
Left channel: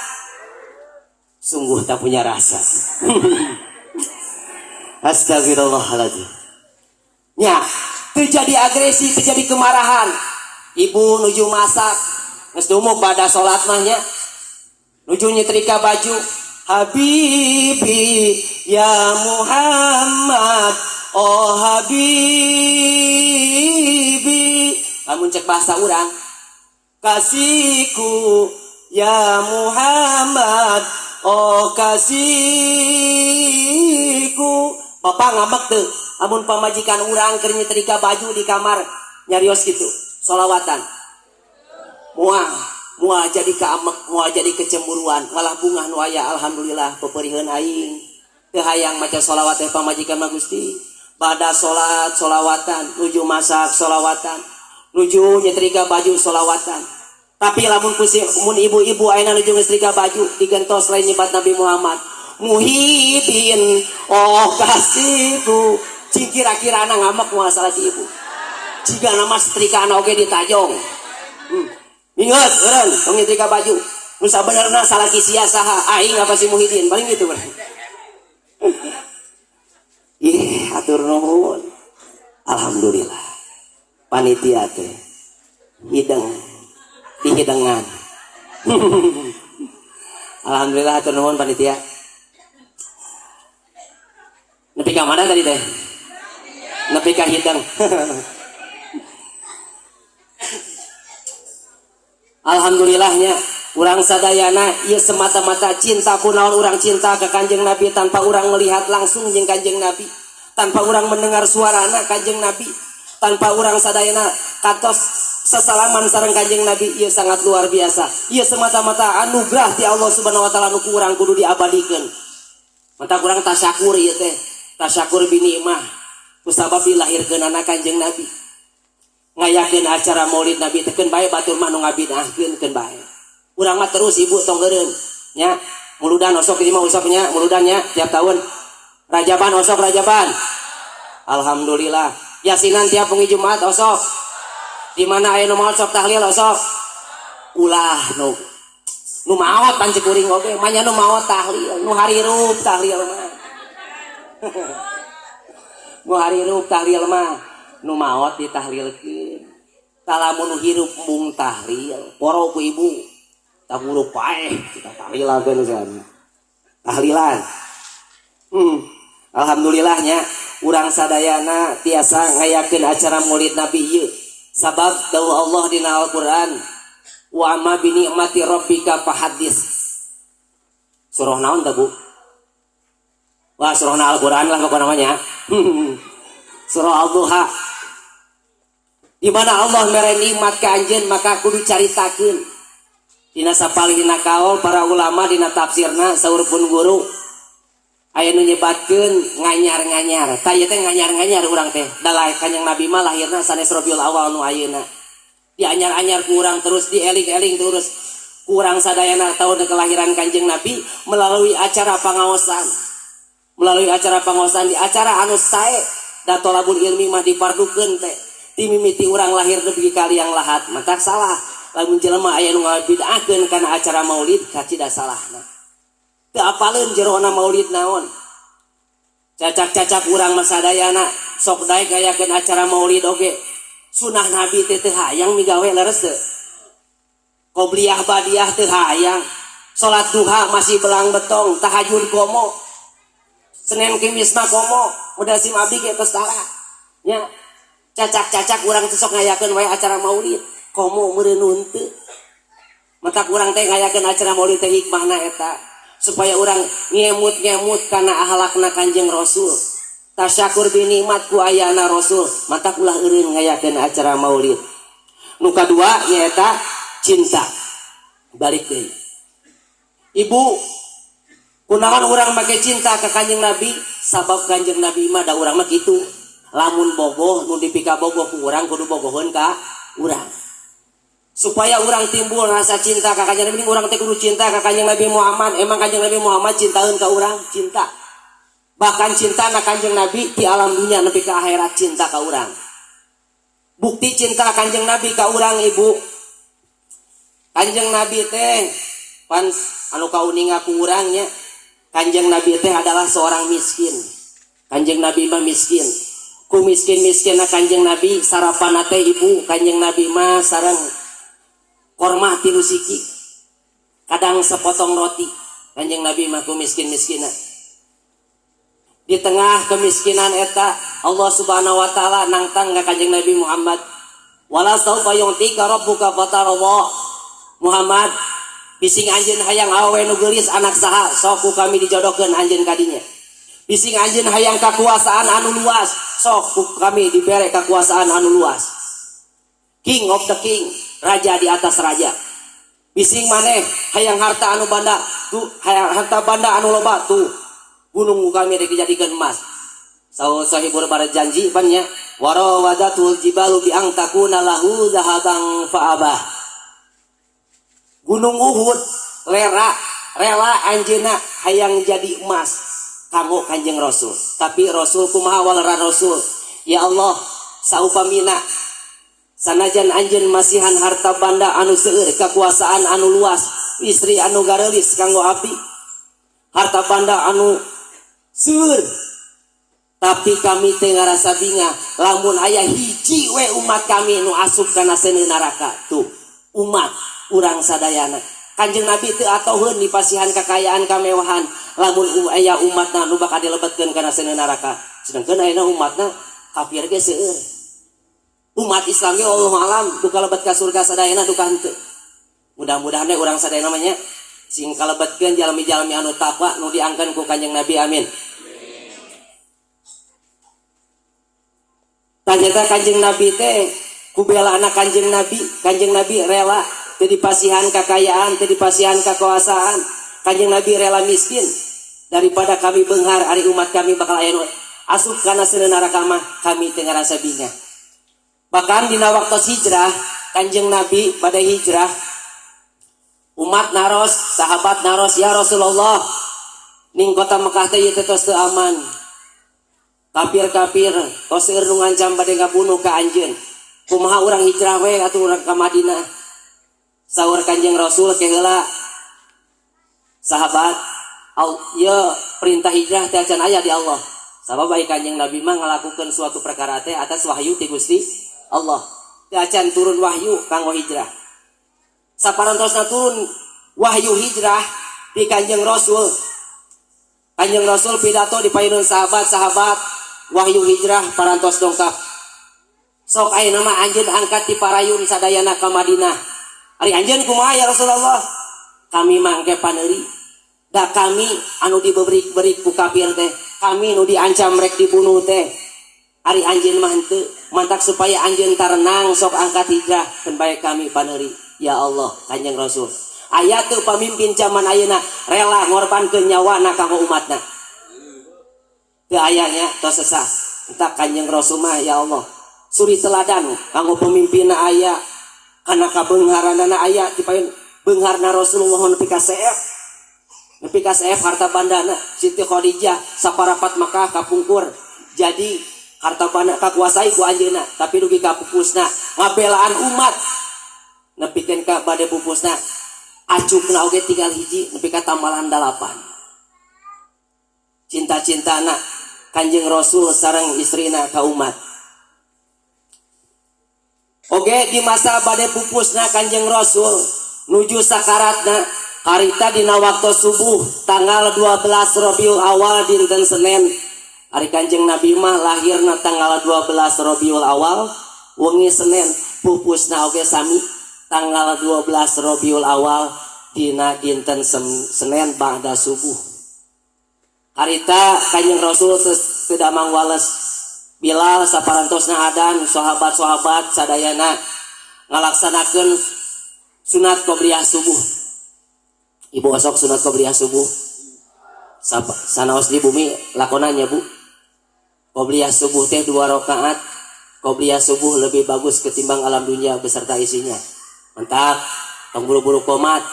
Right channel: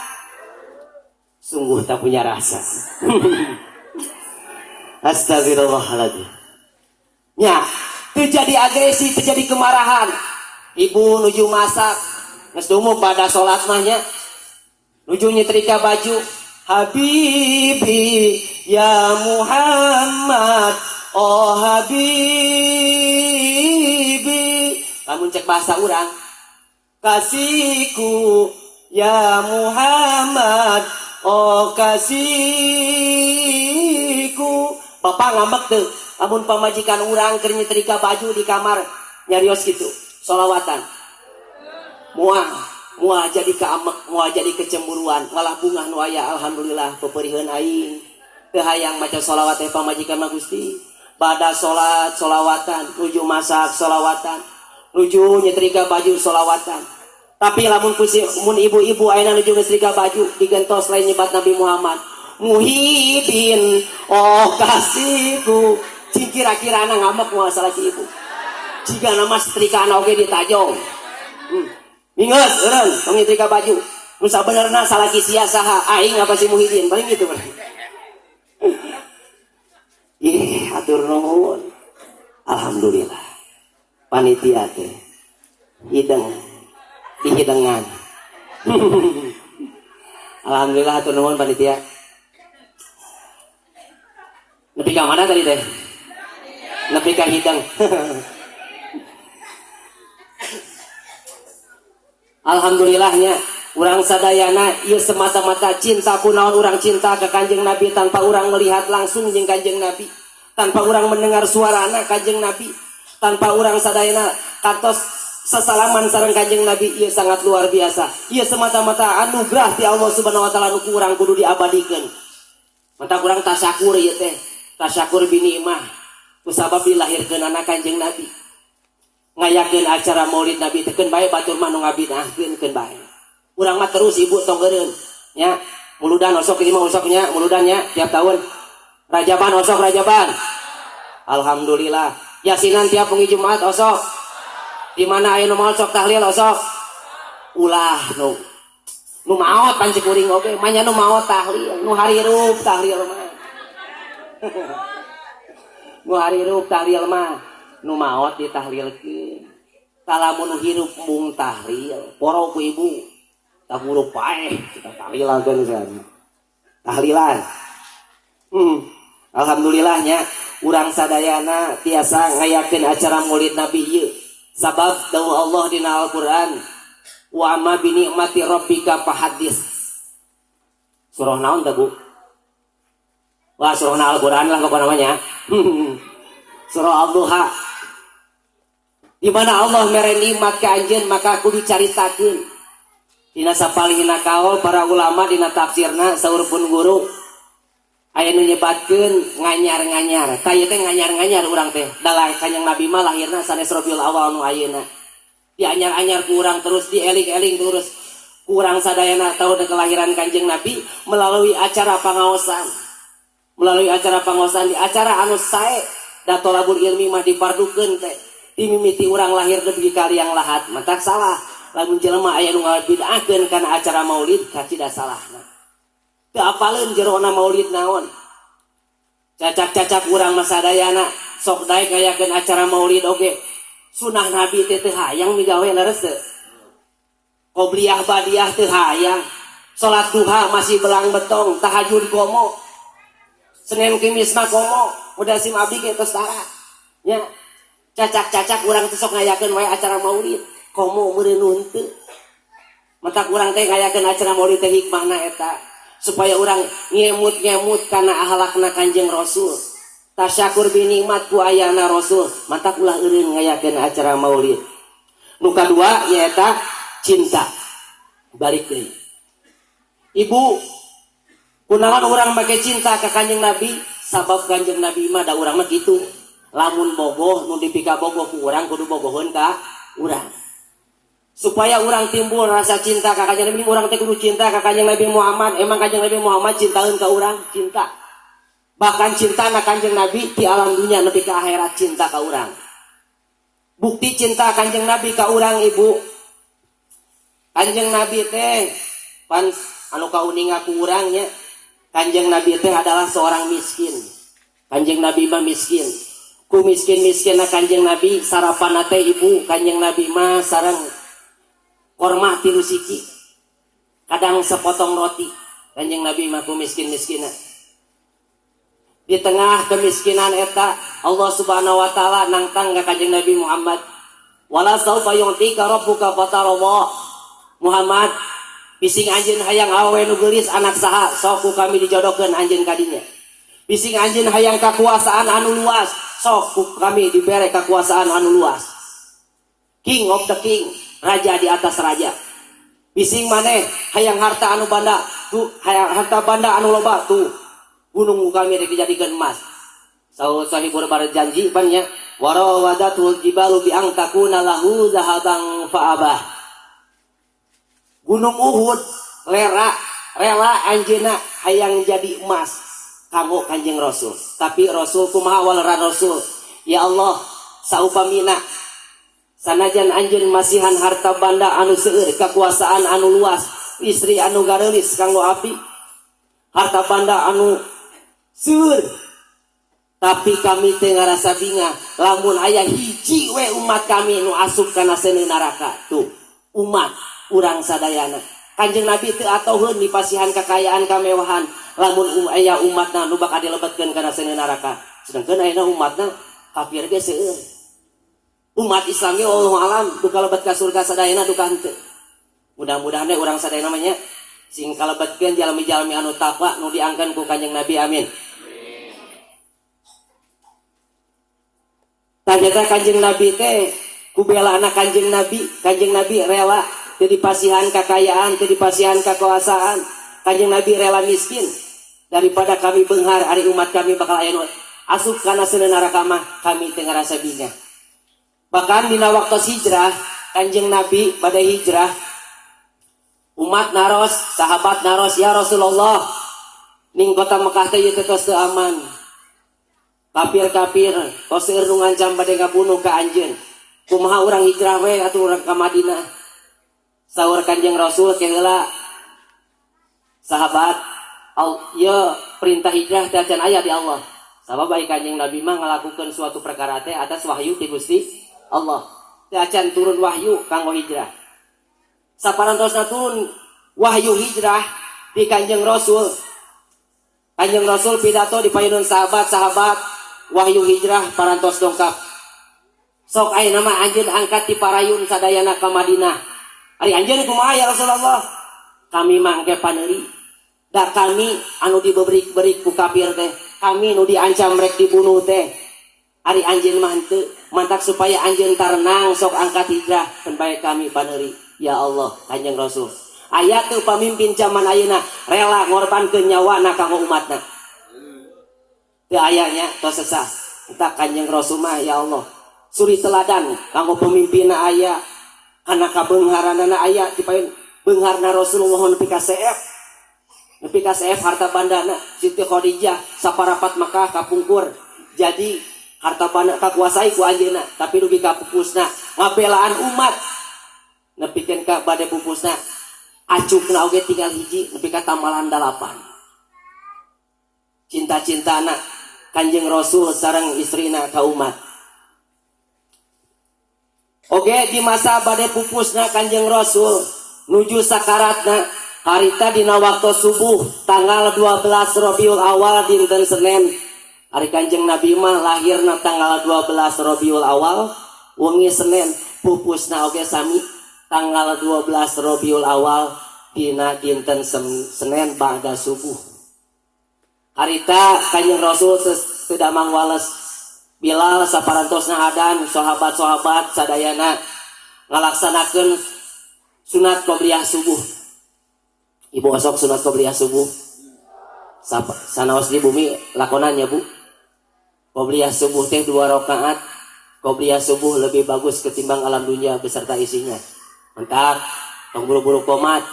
Sungguh tak punya rasa. Astagfirullahaladzim. Ya, terjadi agresi, terjadi kemarahan. Ibu nuju masak, geus dumuk pada salat mah nya. Nuju nyetrika baju. Habibi ya Muhammad, oh Habibi. Lamun cek bahasa urang, kasihku ya Muhammad, oh kasihku. Bapak ngambek tuh, lamun pamajikan urang keur nyetrika baju di kamar nyarios gitu, solawatan. Mual jadi keamek, mual jadi kecemburuan, ngalah bungah nu aya alhamdulillah peperieun aing. Teu hayang maca sholawat teh pamajikan mah Gusti. Bada salat sholawatan, nuju masak sholawatan, nuju nyetrika baju sholawatan. Tapi lamun mun ibu-ibu ayeuna nuju nyetrika baju digentos lain nyebat Nabi Muhammad. Muhyiddin, oh kasihku. Cing kira-kirana ngamak moal salah si ibu. jika nama setrika anak oke ditajong ingat orang pengitrika baju nusa benerna salah kisia saha aing apa si Muhyiddin paling gitu kan ih atur nuhun alhamdulillah panitia teh hidang dihidangan alhamdulillah atur nuhun panitia nepi ka mana tadi teh nepi ka hidang alhamdulillahnya urang sadayana ieu semata-mata cinta kunaon urang cinta ke Kanjeng Nabi tanpa urang melihat langsung jeung Kanjeng Nabi tanpa urang mendengar suarana Kanjeng Nabi tanpa urang sadayana kantos sesalaman sareng Kanjeng Nabi ieu sangat luar biasa ieu semata-mata anugerah ti Allah Subhanahu wa taala nu urang kudu diabadikeun mata urang tasyakur ieu teh tasyakur binikmah kusabab dilahirkeun anak Kanjeng Nabi ngayakeun acara Maulid Nabi teh keun bae batur mah nu ngabidahkeun keun bae urang mah terus ibu tong geureun nya muludan osok ini mah osoknya muludannya tiap tahun Rajaban osok Rajaban alhamdulillah yasinan tiap pengi Jumat osok di mana aya nu maot sok tahlil osok ulah nu maot pan cikuring oge manya nu maot tahlil nu harirup tahlil mah nu harirup tahlil mah nu maot ditahlilkeun talamun hirup mung tahlil poro ku ibu tak huruf paeh kita tahlilakeun sana tahlilan alhamdulillahnya urang sadayana tiasa ngayakeun acara Maulid Nabi ieu sabab dawuh Allah dina Al-Qur'an wa amma bi ni'mati rabbika fahadits surah naon teh Bu wah surah Al-Qur'an lah pokoknya namanya surah Al-Duha di mana Allah mere nikmat ka anjeun maka kudu caritakeun dina sapalihna kaul para ulama dina tafsirna saur pun guru aya nu nyebatkeun nganyar-nganyar ta ieu teh nganyar-nganyar urang teh dalah Kanjeng Nabi mah lahirna sanes Rabiul Awal nu ayeuna dianyar-anyar ku urang terus dieling-eling terus ku urang sadayana tahu kelahiran Kanjeng Nabi melalui acara pangaosan di acara anu sae da tolabul ilmi mah dipardukeun teh timimiti urang lahir dugi ka liang lahat mata salah lamun jelema aya nu ngabidahkeun kana acara Maulid kacida salahna teu apaleun jerona Maulid naon cacak-cacak urang mah sadayana sok daek ngayakeun acara Maulid oge sunah Nabi teh teu hayang migawe leres teu qobliyah badiah teu hayang salat duha masih belang betong tahajud komo Senin Kamis mah komo udah sim abdi ge tos tara nya cacak-cacak urang teh sok ngayakeun wae acara Maulid komo meureun teu maka urang teh ngayakeun acara Maulid teh hikmahna eta supaya urang ngemut-ngemut kana akhlakna Kanjeng Rasul tasyakur bi nikmat ku ayana Rasul mata ulah eureun ngayakeun acara Maulid nu kadua nyaeta cinta balik deui ibu kunaon urang make cinta ka Kanjeng Nabi sabab Kanjeng Nabi mah da urang mah kitu lamun bogoh nu dipika bogoh ku urang kudu bogoheun ka urang supaya urang timbul rasa cinta ka Kanjeng Nabi urang teh kudu cinta ka Kanjeng Nabi Muhammad emang Kanjeng Nabi Muhammad cintaeun ka urang cinta bahkan cinta na Kanjeng Nabi di alam dunia nepi ka akhirat cinta ka urang bukti cinta Kanjeng Nabi ka urang ibu Kanjeng Nabi teh pan anu kauninga ku urang nya Kanjeng Nabi teh adalah seorang miskin Kanjeng Nabi mah miskin ku miskin-miskin na Kanjeng Nabi sarapan teh ibu Kanjeng Nabi mah sareng korma tilu siki kadang sepotong roti Kanjeng Nabi mah ku miskin-miskina di tengah kemiskinan eta Allah Subhanahu wa taala nangtang ka Kanjeng Nabi Muhammad wala saufa yu'tika rabbuka fatarallah Muhammad bising anjeun hayang awewe nu geulis anak saha sok ku kami dijodohkeun anjeun ka dinya bising anjeun hayang kakuasaan anu luas sok ku kami dibere kakuasaan anu luas king of the king raja di atas raja bising maneh hayang harta anu banda tuh hayang harta banda anu loba tuh gunung kami dijadikan emas sahibur berjanji banyak warawadatul jibalu bi ang takuna lahu zahabang fa'abah gunung Uhud rela anjeuna hayang jadi emas kamu Kanjeng Rasul tapi Rasul kumaha walera Rasul ya Allah saupamina sanajan anjeun masihan harta banda anu seueur, kekuasaan anu luas, istri anu gareulis kanggo abdi, harta banda anu seueur, tapi kami teu ngarasa binga lamun aya hiji we umat kami nu asup kana seuneu neraka. Tuh umat urang sadayana Kanjeng Nabi teu atoheun dipasihan kekayaan kamewahan lamun aya umatna nu bakal dilebetkeun kana seuneu neraka, sedengkeun ayeuna umatna kafir ge seueur. Umat Islam ge wallahu alam duka lebet ka surga sadayana duka henteu. Mudah-mudahan urang sadayana mah nya sing kalebetkeun jalmi-jalmi anu takwa nu diangkeun ku Kanjeng Nabi, amin. Tanyakan Kanjeng Nabi teh kubela anak Kanjeng Nabi rela teu dipasihan kekayaan, teu dipasihan kekuasaan. Kanjeng Nabi rela miskin daripada kami beunghar ari umat kami bakal aya nu asup kana seuneu neraka mah kami teu ngarasa binga. Bahkan dina waktu hijrah Kanjeng Nabi pada hijrah umat naros, sahabat naros, ya Rasulullah ning kota Mekah teh ieu tos teu aman. Kafir-kafir tos seueur nu ngancam bade ngabunuh ka anjeun. Kumaha urang hijrah we atuh urang ka Madinah. Saur Kanjeng Rasul ke heula sahabat, ya perintah hijrah teh can aya di Allah. Sabab baik Kanjeng Nabi mah ngalakukeun suatu perkara teh atas wahyu ti Gusti Allah. Teu acan turun wahyu kanggo hijrah. Saparantosna turun wahyu hijrah di Kanjeng Rasul. Kanjeng Rasul pidato di payunan sahabat-sahabat wahyu hijrah parantos dongkap. Sok ayeuna mah anjeun angkat ti parayun sadayana ka Madinah. Ari anjeun kumaha ya Rasulullah? Kami mangke paneuri. Da kami anu diberi ku kafir teh, kami nu diancam rek dibunuh teh. Ari anjeun mah henteu, mantak supaya anjeun tarenang sok angkat hijrah keun bae kami paneuri. Ya Allah, Kanjeng Rasul. Aya teu pamimpin zaman ayeuna rela ngorbankeun nyawana kanggo umatna. Teu aya nya tos sesah. Entah Kanjeng Rasul mah ya Allah. Suri teladan kanggo pemimpinna aya, kana kabeungharanana aya ti paeun beungharna Rasulullah nepi ka seef. Nepi ka seef harta bandana Siti Khadijah saparapat Makkah kapungkur. Jadi harta banda kakuasai ku anjeunna, tapi dugi ka pupusna ngabelaan umat. Nepikeun ka bade pupusna acukna oge tinggal hiji nepi ka tambalan 8. Cinta-cintana Kanjeng Rasul sareng istrina ka umat. Oge di masa bade pupusna Kanjeng Rasul nuju sakaratna harita dina waktu subuh tanggal 12 Rabiul Awal dinten Senin. Ari Kanjeng Nabi mah lahirna tanggal 12 Rabiul Awal, wengi Senin pupusna oge sami tanggal 12 Rabiul Awal dina dinten Senin ba'da subuh. Harita Kanjeng Rasul teu damang wales Bilal saparantosna adan sahabat-sahabat sadayana ngalaksanakeun sunat qobliyah subuh. Ibu osok sunat qobliyah subuh. Sanaos di bumi lakonannya Bu. Qobliyah subuh teh 2 rakaat. Qobliyah subuh lebih bagus ketimbang alam dunia beserta isinya. Mantap. Tong buru-buru komat.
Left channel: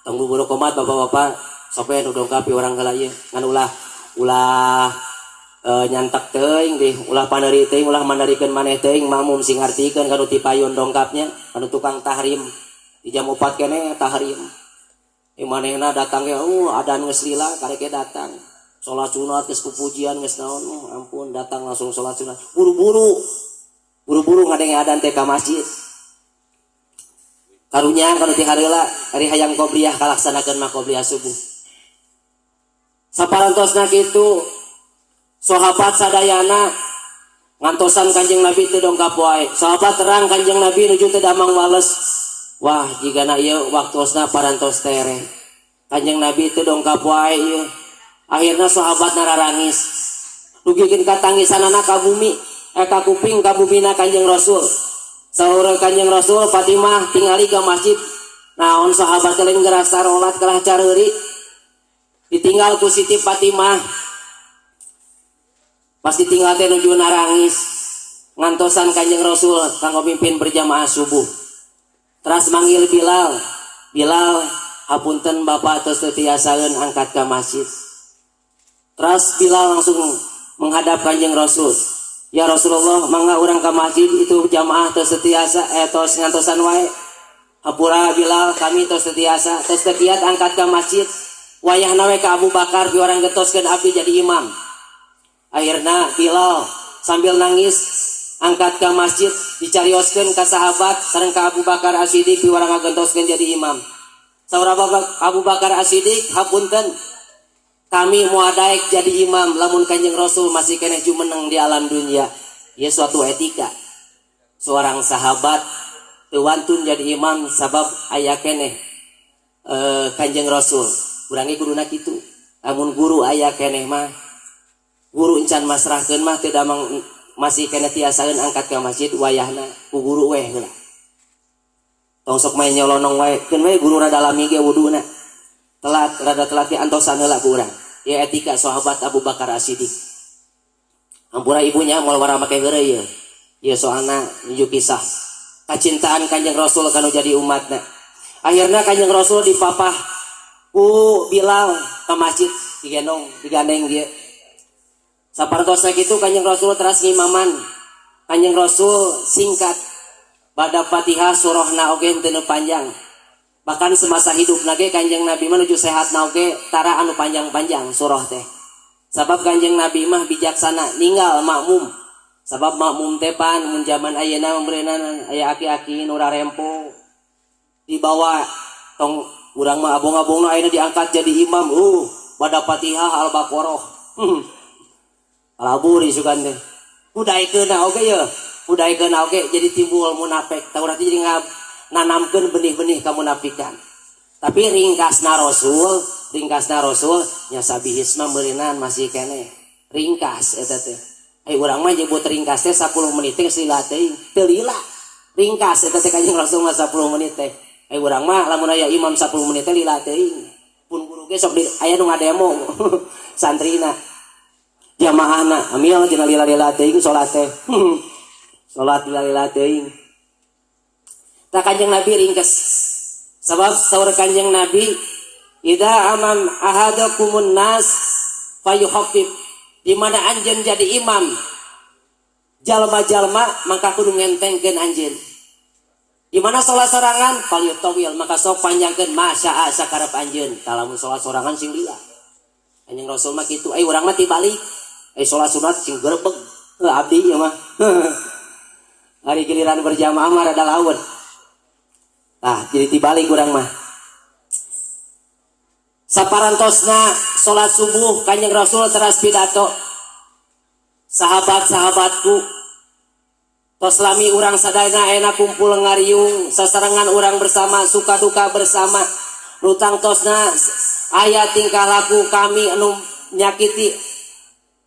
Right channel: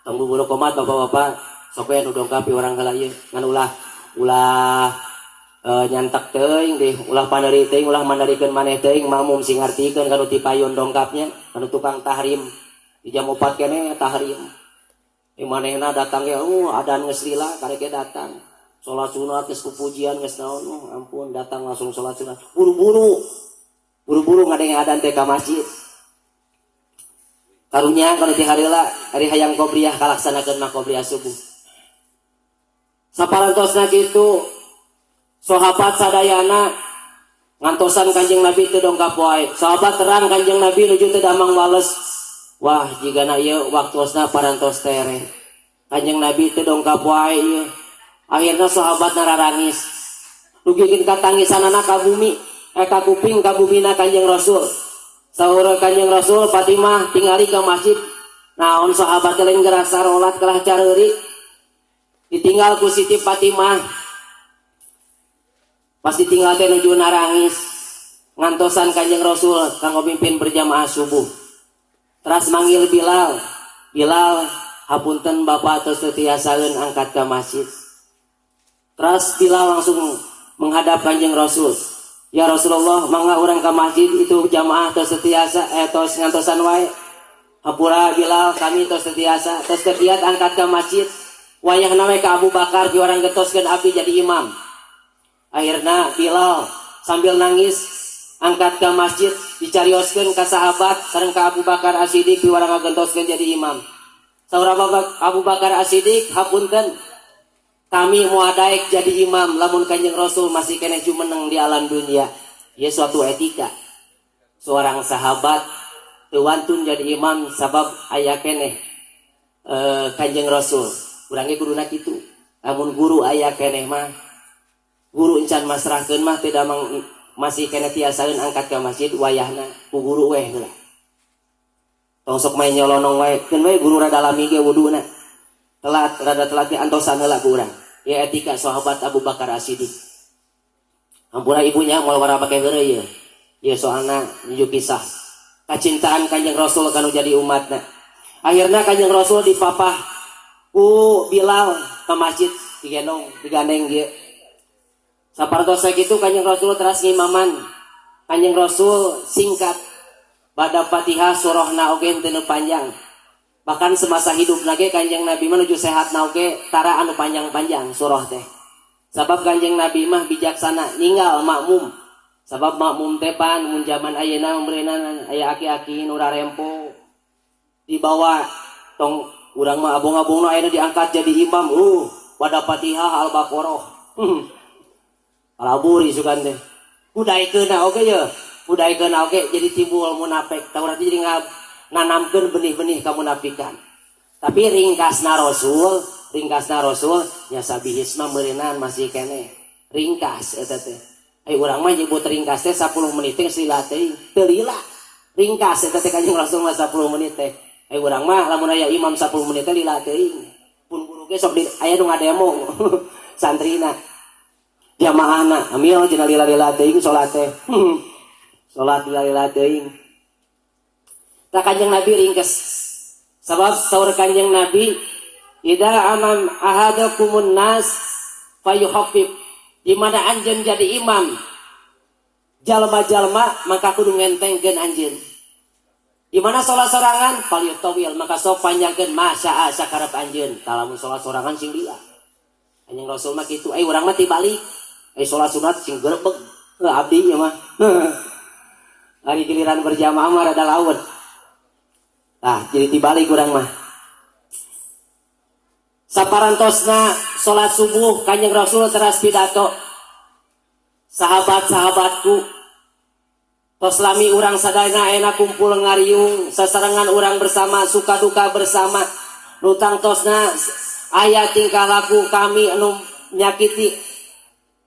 Tong buru-buru komat bapak-bapak. Sampai nu dongkapi orang heula ieu ngan ulah nyantak teuing deh, ulah paneri teuing, ulah manarikeun maneh teuing, mamum sing ngartikeun kanu ti payun dongkapnya, kanu tukang tahrim. Di jam 4 keneh tahrim. Manehna datang ge, adan geus lila kareke datang. Salat sunat geus pupujian geus naon, ampun datang langsung salat sunat. Buru-buru ngadenge adan teh ka masjid. Karunya kanu ti hareula ari hayang qobliyah kalaksanakeun mah qobliyah subuh. Saparantosna kitu sahabat sadayana ngantosan Kanjeng Nabi teu dongkap wae. Sahabat terang Kanjeng Nabi nuju teu damang wales. Wah, jigana ieu waktosna parantos tere. Kanjeng Nabi teu dongkap wae ieu. Akhirna sahabat nararangis. Dugikeun katangisanana ka bumi, ka kuping ka bumina Kanjeng Rasul. Saluruh Kanjeng Rasul Fatimah tingali ka masjid. Naon sahabat teh lain gerak sarolat kalah careurik. Ditinggal ku Siti Fatimah. Pasti tinggal teh nuju narangis ngantosan Kanjeng Rasul kanggo mimpin berjamaah subuh. Teras manggil Bilal. Bilal, hapunten Bapak tos teu tiasaeun angkat ka masjid. Teras Bilal langsung menghadap Kanjeng Rasul. Ya Rasulullah, mangga urang ka masjid itu jamaah tos setiasa tos ngantosan wae. Hampura Bilal kami tos setiasa tos tekiat angkat ke masjid. Wayahna we ka Abu Bakar di orang getoskeun abdi jadi imam. Akhirna Bilal sambil nangis angkat ke masjid dicarioskeun ka sahabat sareng ka Abu Bakar As-Siddiq di orang ngagentoskeun jadi imam. Saur Abu Bakar As-Siddiq, hapunten kami muadaek jadi imam lamun Kanjeng Rasul masih kena jumeneng di alam dunia. Ya suatu etika. Seorang sahabat tewantun jadi imam sabab aya keneh Kanjeng Rasul. Urangi guruna kitu. Lamun guru aya keneh mah guru encan masrahkeun mah teu damang masih kena tiasaeun angkat ka masjid wayahna ku guru weh geula. Tong sok main nyolonong wae. Keun we guru rada lami ge wuduna. Rada telat antosan heula ku urang. Ya etika sahabat Abu Bakar As-Siddiq. Ampura ibunya moal wara make heureuy ye. Ya soalna nuju kisah kacintaan Kanjeng Rasul kanu jadi umatna. Akhirnya Kanjeng Rasul dipapah ku Bilal ka masjid digandeng dia. Sapartos sakitu Kanjeng Rasul teras ngimaman. Kanjeng Rasul singkat bada Fatihah surahna oge teu panjang. Bahkan semasa hidup nage Kanjeng Nabi menuju sehat oge tara anu panjang-panjang surah teh. Sabab Kanjeng Nabi mah bijaksana ninggal makmum. Sabab makmum teh pan mun zaman ayeuna umurna aya aki-aki nu rarempo dibawa tong urang mah abong-abongna ayeuna diangkat jadi imam bada Fatihah Al-Baqarah. Alaburi sugan teh. Budaikeun oge ye. Budaikeun oge jadi timbul munafik. Taurat jadi nanamkeun benih-benih kamunafikan. Tapi ringkasna Rasul nya sabihisna meurinan masih kene. Ringkas eta teh. Urang mah nyebut ringkas teh 10 menit teh lila teuing. Teu lila. Ringkas eta teh Kanjeng Rasul mah 10 menit teh. Urang mah lamun aya imam 10 menit teh lila teuing. Pun guru ge sok aya nu ngademo santrina. Jamaahna amil cenah lila-lila teuing salat teh. Salat lila-lila teuing. Tak Kanjeng Nabi ringkes. Sebab saur Kanjeng Nabi, idza amam ahadakumun nas fayukhaffif. Di mana anjeun jadi imam jalma-jalma maka kudu ngentengkeun anjeun. Di mana salat sorangan falyutawil maka sok panjangkeun masya sakarep anjeun. Talamun salat sorangan sing lila. Kanjeng Rasul mah kitu, urang mah tibalik. Salat sunat sing grebeg. Abdi ya mah. Hari giliran berjamaah mah rada laut. Jadi tibalik urang mah. Saparantosna salat subuh Kanjeng Rasul teras pidato. Sahabat-sahabatku, tos lami urang sadayana ayeuna kumpul ngariung, sasarengan urang bersama, suka duka bersama. Nu tangtosna aya tingkah laku kami anu nyakiti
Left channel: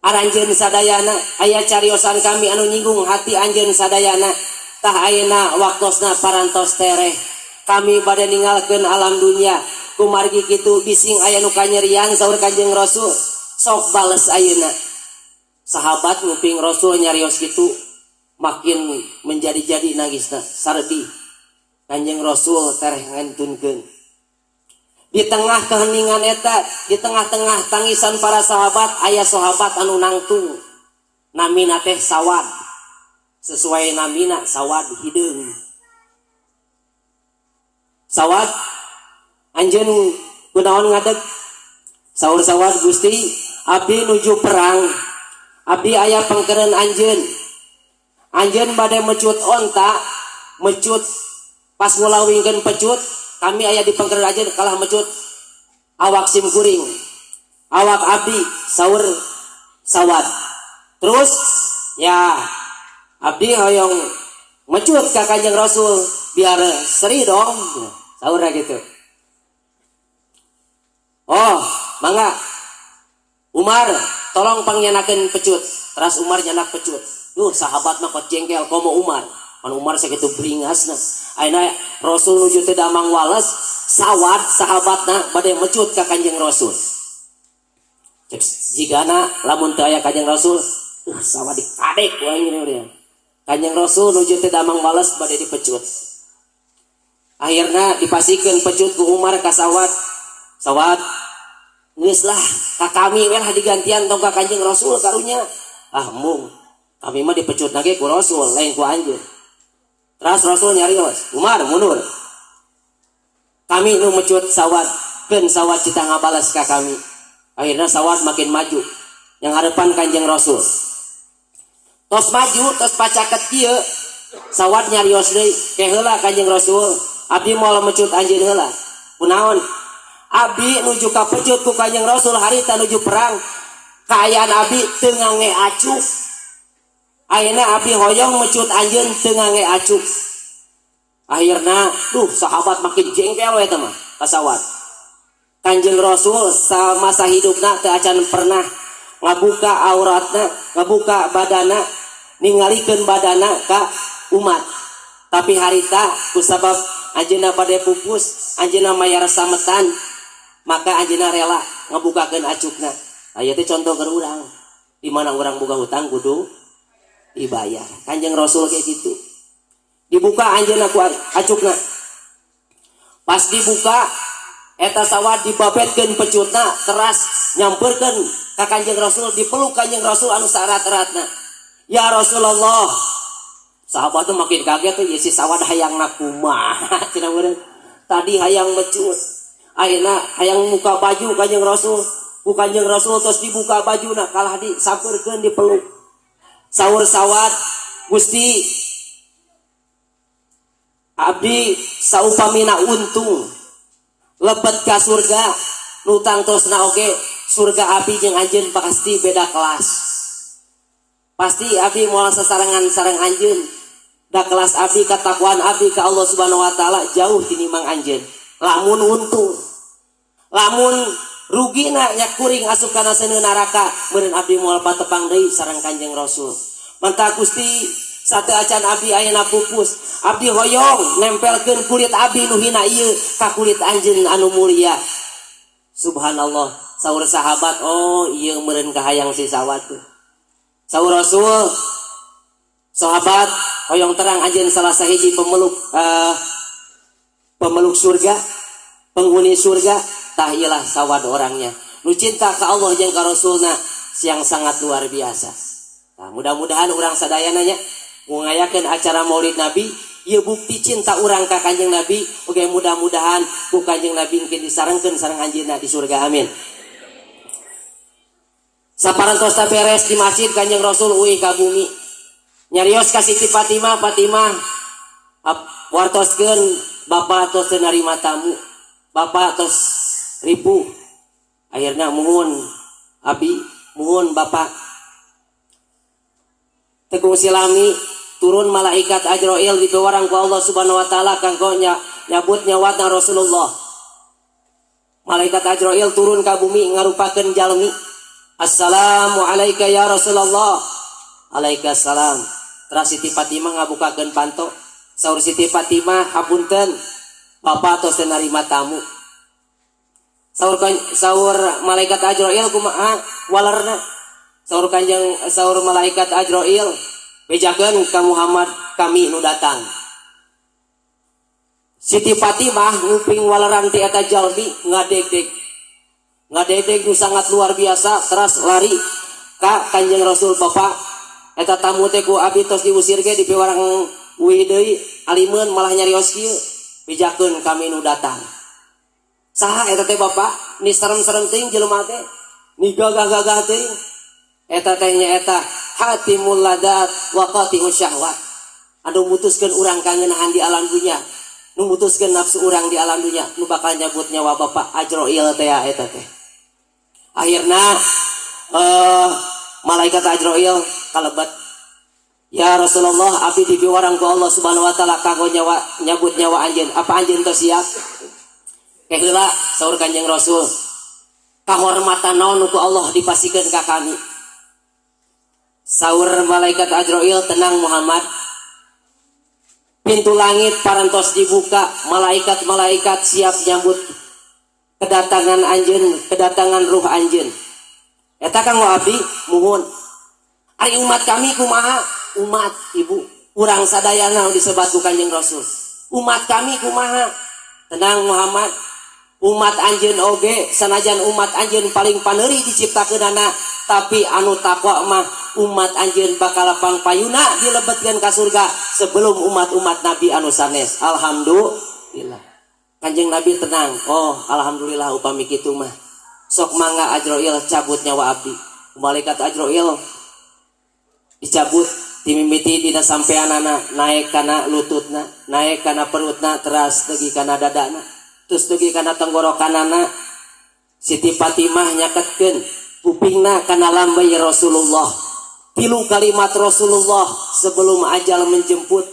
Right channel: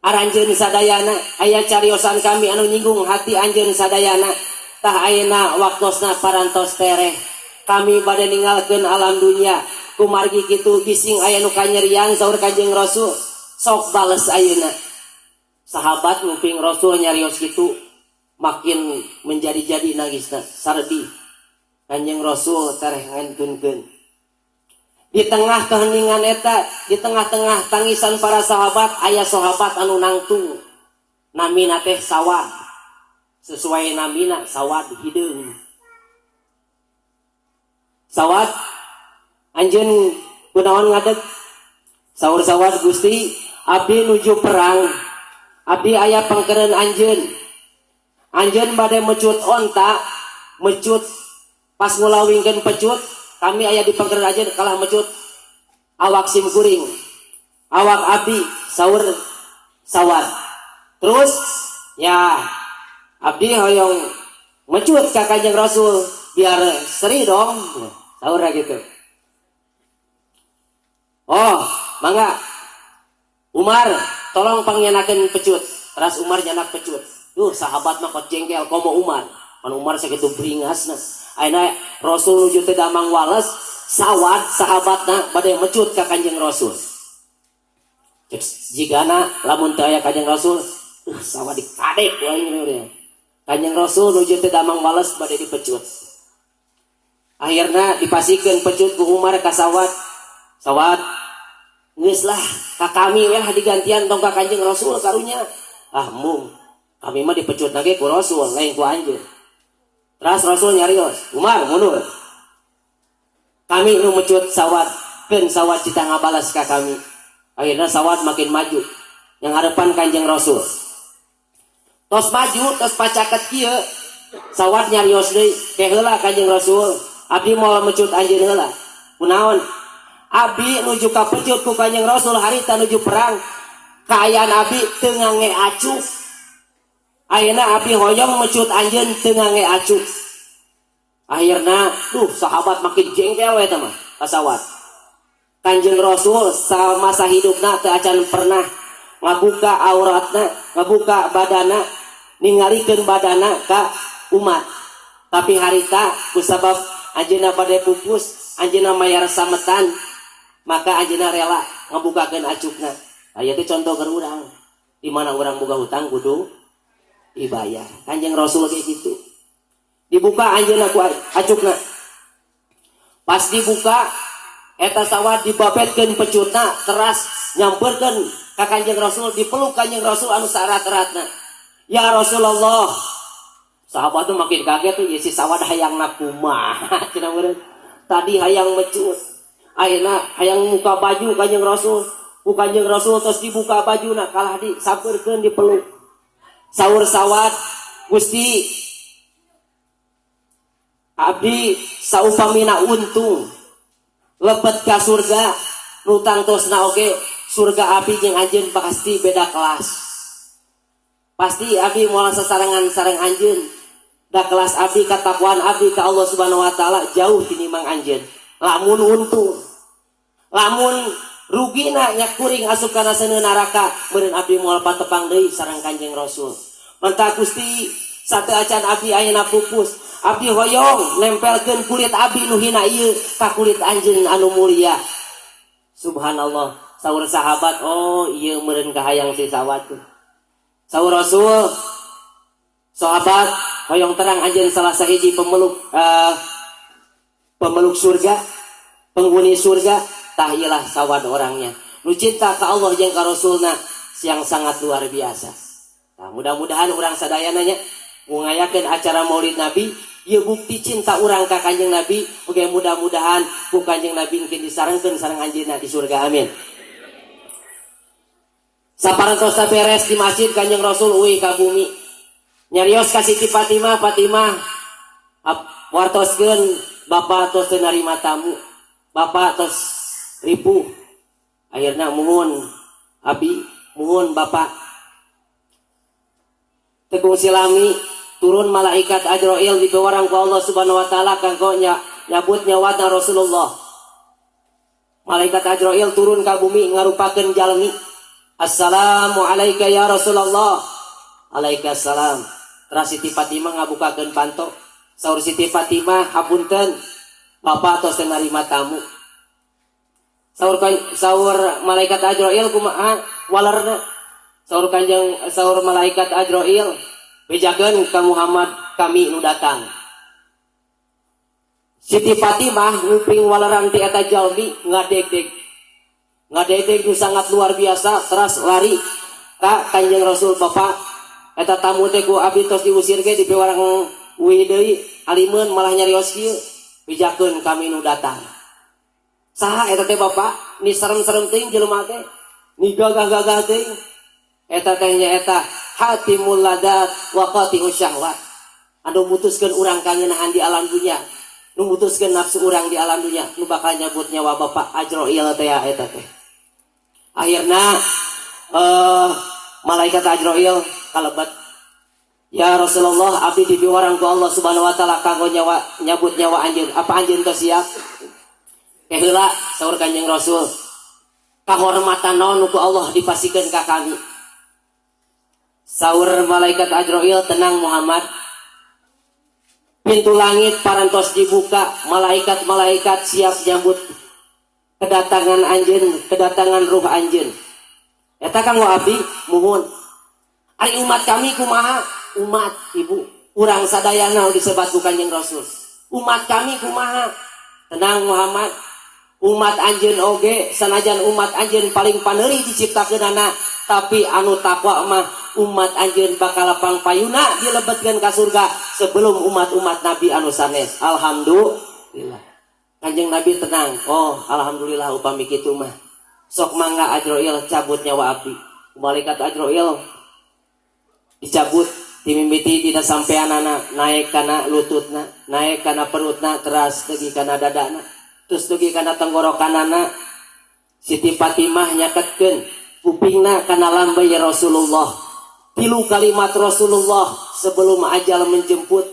aranjeun sadayana, aya cariosan kami anu nyinggung hati anjeun sadayana. Tah ayeuna waktosna parantos tereh. Kami bade ninggalkeun alam dunia kumargi kitu bising aya nu kanyeriang saur Kanjeng Rasul sok bales ayeuna. Sahabat nguping Rasul nyarios kitu makin menjadi-jadi nagisna sardi. Kanjeng Rasul tereh ngantunkeun. Di tengah keheningan eta, di tengah-tengah tangisan para sahabat aya sahabat anu nangtung. Namina teh Sawad. Sesuai namina Sawad hideung. Sawad anjeun kunaon ngadeg saur Sawad Gusti abdi nuju perang abdi aya pangkeureun anjeun bade mecut onta mecut pas ngulawingkeun pecut kami aya di pangkeureun anjeun kalah mecut awak sim kuring awak abdi saur Sawad terus ya abdi hoyong mecut ka Kanjeng Rasul biar seri dong saura gitu. Oh, mangga Umar tolong pangyanakeun pecut. Teras Umar nyanak pecut. Sahabat mah kot jengkel komo Umar. Pan Umar sakitu bringasna. Ayeuna Rasul nuju teh damang wales, Sawad sahabatna bade mecut ka Kanjeng Rasul. Cek jigana lamun teu aya Kanjeng Rasul, Sawad dikadek wae. Kanjeng Rasul nuju teh damang wales bade dipecut. Akhirnya dipasikeun pecut ku Umar ka Sawad. Sawad, geus lah ka kami we lah digantian tong ka Kanjeng Rasul karunya. Mung Kami mah dipecut lagi ku Rasul lain ku anjeun. Terus Rasul nyarios, Umar mundur. Kami nu mecut sawat, keun sawat cita ngabalas ka kami. Akhirnya sawat makin maju. Yang harapan Kanjeng Rasul. Tos maju, tos pacaket kieu, sawat nyarios deui, ke heula Kanjeng Rasul. Abdi moal mecut anjeun heula. Kunaon? Abdi nuju ka pecut ku Kanjeng Rasul harita nuju perang. Kaayaan abdi teu ngange acuh. Ayeuna abdi hoyong mecut anjeun teu ngange acuh. Akhirna sahabat makin jengkel we teh mah kasawat. Kanjeng Rasul samasa hidupna teu acan pernah ngabuka auratna, ngabuka badana, ningalikeun badana ka umat. Tapi harita kusabab anjeunna bade pupus, anjeunna mayar sametan, maka anjeunna rela ngabukakeun acukna. Aya teh contoh keur urang. Di mana urang boga hutang kudu dibayar. Kanjeng Rasul kayak gitu. Dibuka anjeunna ku acukna. Pas dibuka eta sawat dibabetkeun pecutna keras nyamperkeun ka Kanjeng Rasul, dipeluk Kanjeng Rasul anu sarat-eratna. Ya Rasulullah. Sahabat tuh makin kaget tuh si sawat hayangna kumaha cenah meureun. Tadi hayang mecut. Ayeuna hayang muka baju Kanjeng Rasul. Ku Kanjeng Rasul terus dibuka bajuna kalah disampeurkeun dipeluk. Saur sawat, Gusti abdi saupamina untung lebet ka surga nutang terusna oge surga api jeung anjeun pasti beda kelas. Pasti abdi moal sasarangan sareng anjeun. Da kelas abdi katakwaan abdi ka Allah Subhanahu wa taala jauh tinimbang anjeun. Lamun untung. Lamun rugina nya kuring asup kana seuneu neraka meureun abdi moal patepang deui sareng Kanjeng Rasul. Mantap Gusti sate acan abdi ayeuna pupus. Abdi hoyong nempelkeun kulit abdi nu hina ieu ka kulit anjeun anu mulia. Subhanallah, saur sahabat, oh ieu meureun kahayang si sawat tuh. Saur Rasul, sahabat hoyong terang anjeun salah sahiji pemeluk surga, penghuni surga, tah iyalah sawat orangnya. Nu cinta ka Allah jeung ka Rasulna yang sangat luar biasa. Nah, mudah-mudahan urang sadayana nya ngayakeun acara Maulid Nabi, ieu bukti cinta urang ka Kanjeng Nabi. Oke, mudah-mudahan ku Kanjeng Nabi mungkin disarengkeun sareng anjeunna di surga. Amin. Saparantos beres di masjid Kanjeng Rasul uwi ka bumi. Nyarios ka Siti Fatimah, wartoskeun Bapak tos teu narima tamu. Bapak tos ripuh. Akhirna muhun abi, muhun Bapak. Teguh silami turun malaikat Ajrail dibewarang ku Allah Subhanahu wa taala kanggo nyabut nyawatna Rasulullah. Malaikat Ajrail turun ka bumi ngarupakeun jalmi. Assalamu alayka ya Rasulullah. Alaikassalam. Terus Siti Fatimah ngabukakeun panto. Saur Siti Fatimah, hapunten Bapak tos teu narima tamu. Saur malaikat Ajrail kumaha walerna. Saur malaikat Ajrail, bejakeun ka Muhammad kami nu datang. Siti Fatimah nguping walaran ti eta jalmi ngadeg-deg nu sangat luar biasa, terus lari ka Kanjeng Rasul. Bapak eta tamu teh ku abdi tos diusir ge dipewarang uwi deui alimeun malah nyarios kieu, bejakeun kami nu datang. Saha eta teh Bapak? Ni serem-serem teuing jelema teh, ni gagah-gagah teuing. Eta tehnya eta hatimul ladat wa qati'us syahwat. Anu mutuskeun urang kangeunaan di alam dunya, nu mutuskeun nafsu urang di alam dunya, nu bakal nyebut nyawa Bapak Ajrail teh eta teh. Akhirna malaikat Ajrail kalebet. Ya Rasulullah, abdi dibiwarang ku Allah Subhanahu wa taala kanggo nyabut nyawa anjeun. Apa anjeun teh siap? Keheula saur Kanjeng Rasul. Kahormatan naon ku Allah dipasikeun ka kami. Saur malaikat Ajrail, tenang Muhammad. Pintu langit parantos dibuka, malaikat-malaikat siap nyambut kedatangan anjeun, kedatangan ruh anjeun. Eta kanggo abdi muhun. Ari umat kami kumaha? Umat ibu, urang sadayana disebat ku Kanjeng Rasul. Umat kami kumaha? Tenang Muhammad. Umat anjeun oge sanajan umat anjeun paling paneuri diciptakeunana tapi anu takwa mah umat anjeun bakal pangpayuna dilebetkeun ka surga sebelum umat-umat Nabi anu sanes. Alhamdulillah. Kanjeng Nabi tenang. Oh, alhamdulillah upami kitu mah. Sok mangga Ajroil cabut nyawa abdi. Malaikat Ajroil dicabut timimiti dina sampeanana naik kana lututna, naik kana perutna, teras teugi kana dadana, terus teugi kana tenggorokanana. Siti Fatimah nyaketkeun kupingna kana lambay Rasulullah. 3 kalimat Rasulullah sebelum ajal menjemput,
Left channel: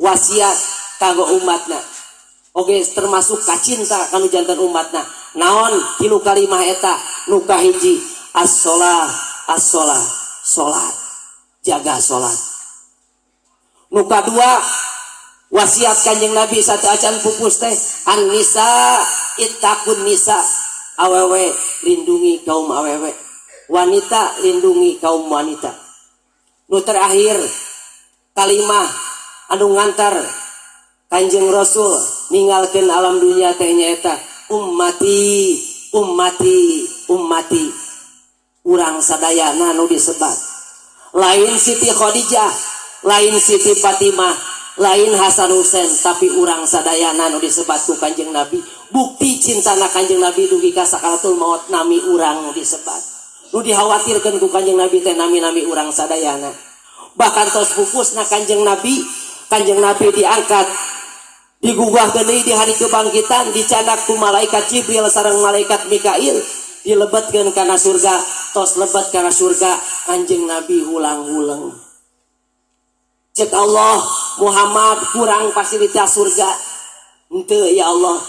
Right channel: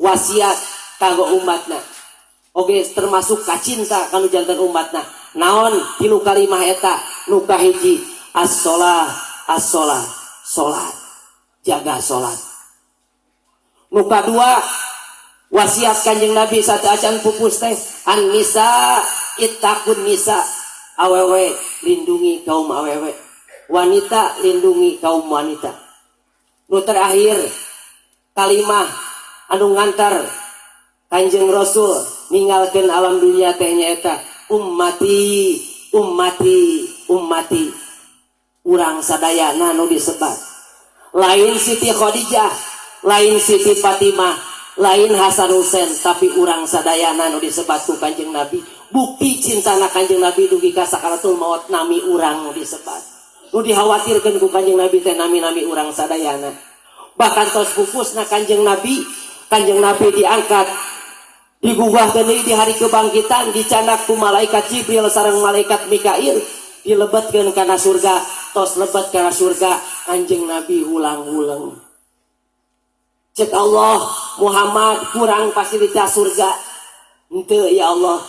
wasiat kanggo umatna. Oge termasuk kacinta kanu janten umatna. Naon 3 kalimat eta? Nu kahiji as-shalah, as-shalah, salat. Jaga salat. Nu kadua wasiat Kanjeng Nabi satu acan pupus teh an-nisa ittaqun nisa. Awewe lindungi kaum awewe, wanita lindungi kaum wanita. Nu terakhir kalimah anu ngantar Kanjeng Rasul ninggalkeun alam dunia teh nyaeta ummati ummati ummati. Urang sadayana nu disebat lain Siti Khadijah, lain Siti Fatimah, lain Hasan Husain, tapi urang sadayana nu disebat ku Kanjeng Nabi. Bukti cintana Kanjeng Nabi dugi ka sakaratul maut nami urang nu disebat. Nu dikhawatirkeun ku Kanjeng Nabi teh nami-nami urang sadayana. Bahkan tos pupusna Kanjeng Nabi diangkat digugah deui di hari kebangkitan, dicandak ku malaikat Jibril sareng malaikat Mikail, dilebetkeun kana surga. Tos lebet kana surga Kanjeng Nabi hulang-hulang. Cek Allah Muhammad kurang fasilitas surga. Henteu ya Allah.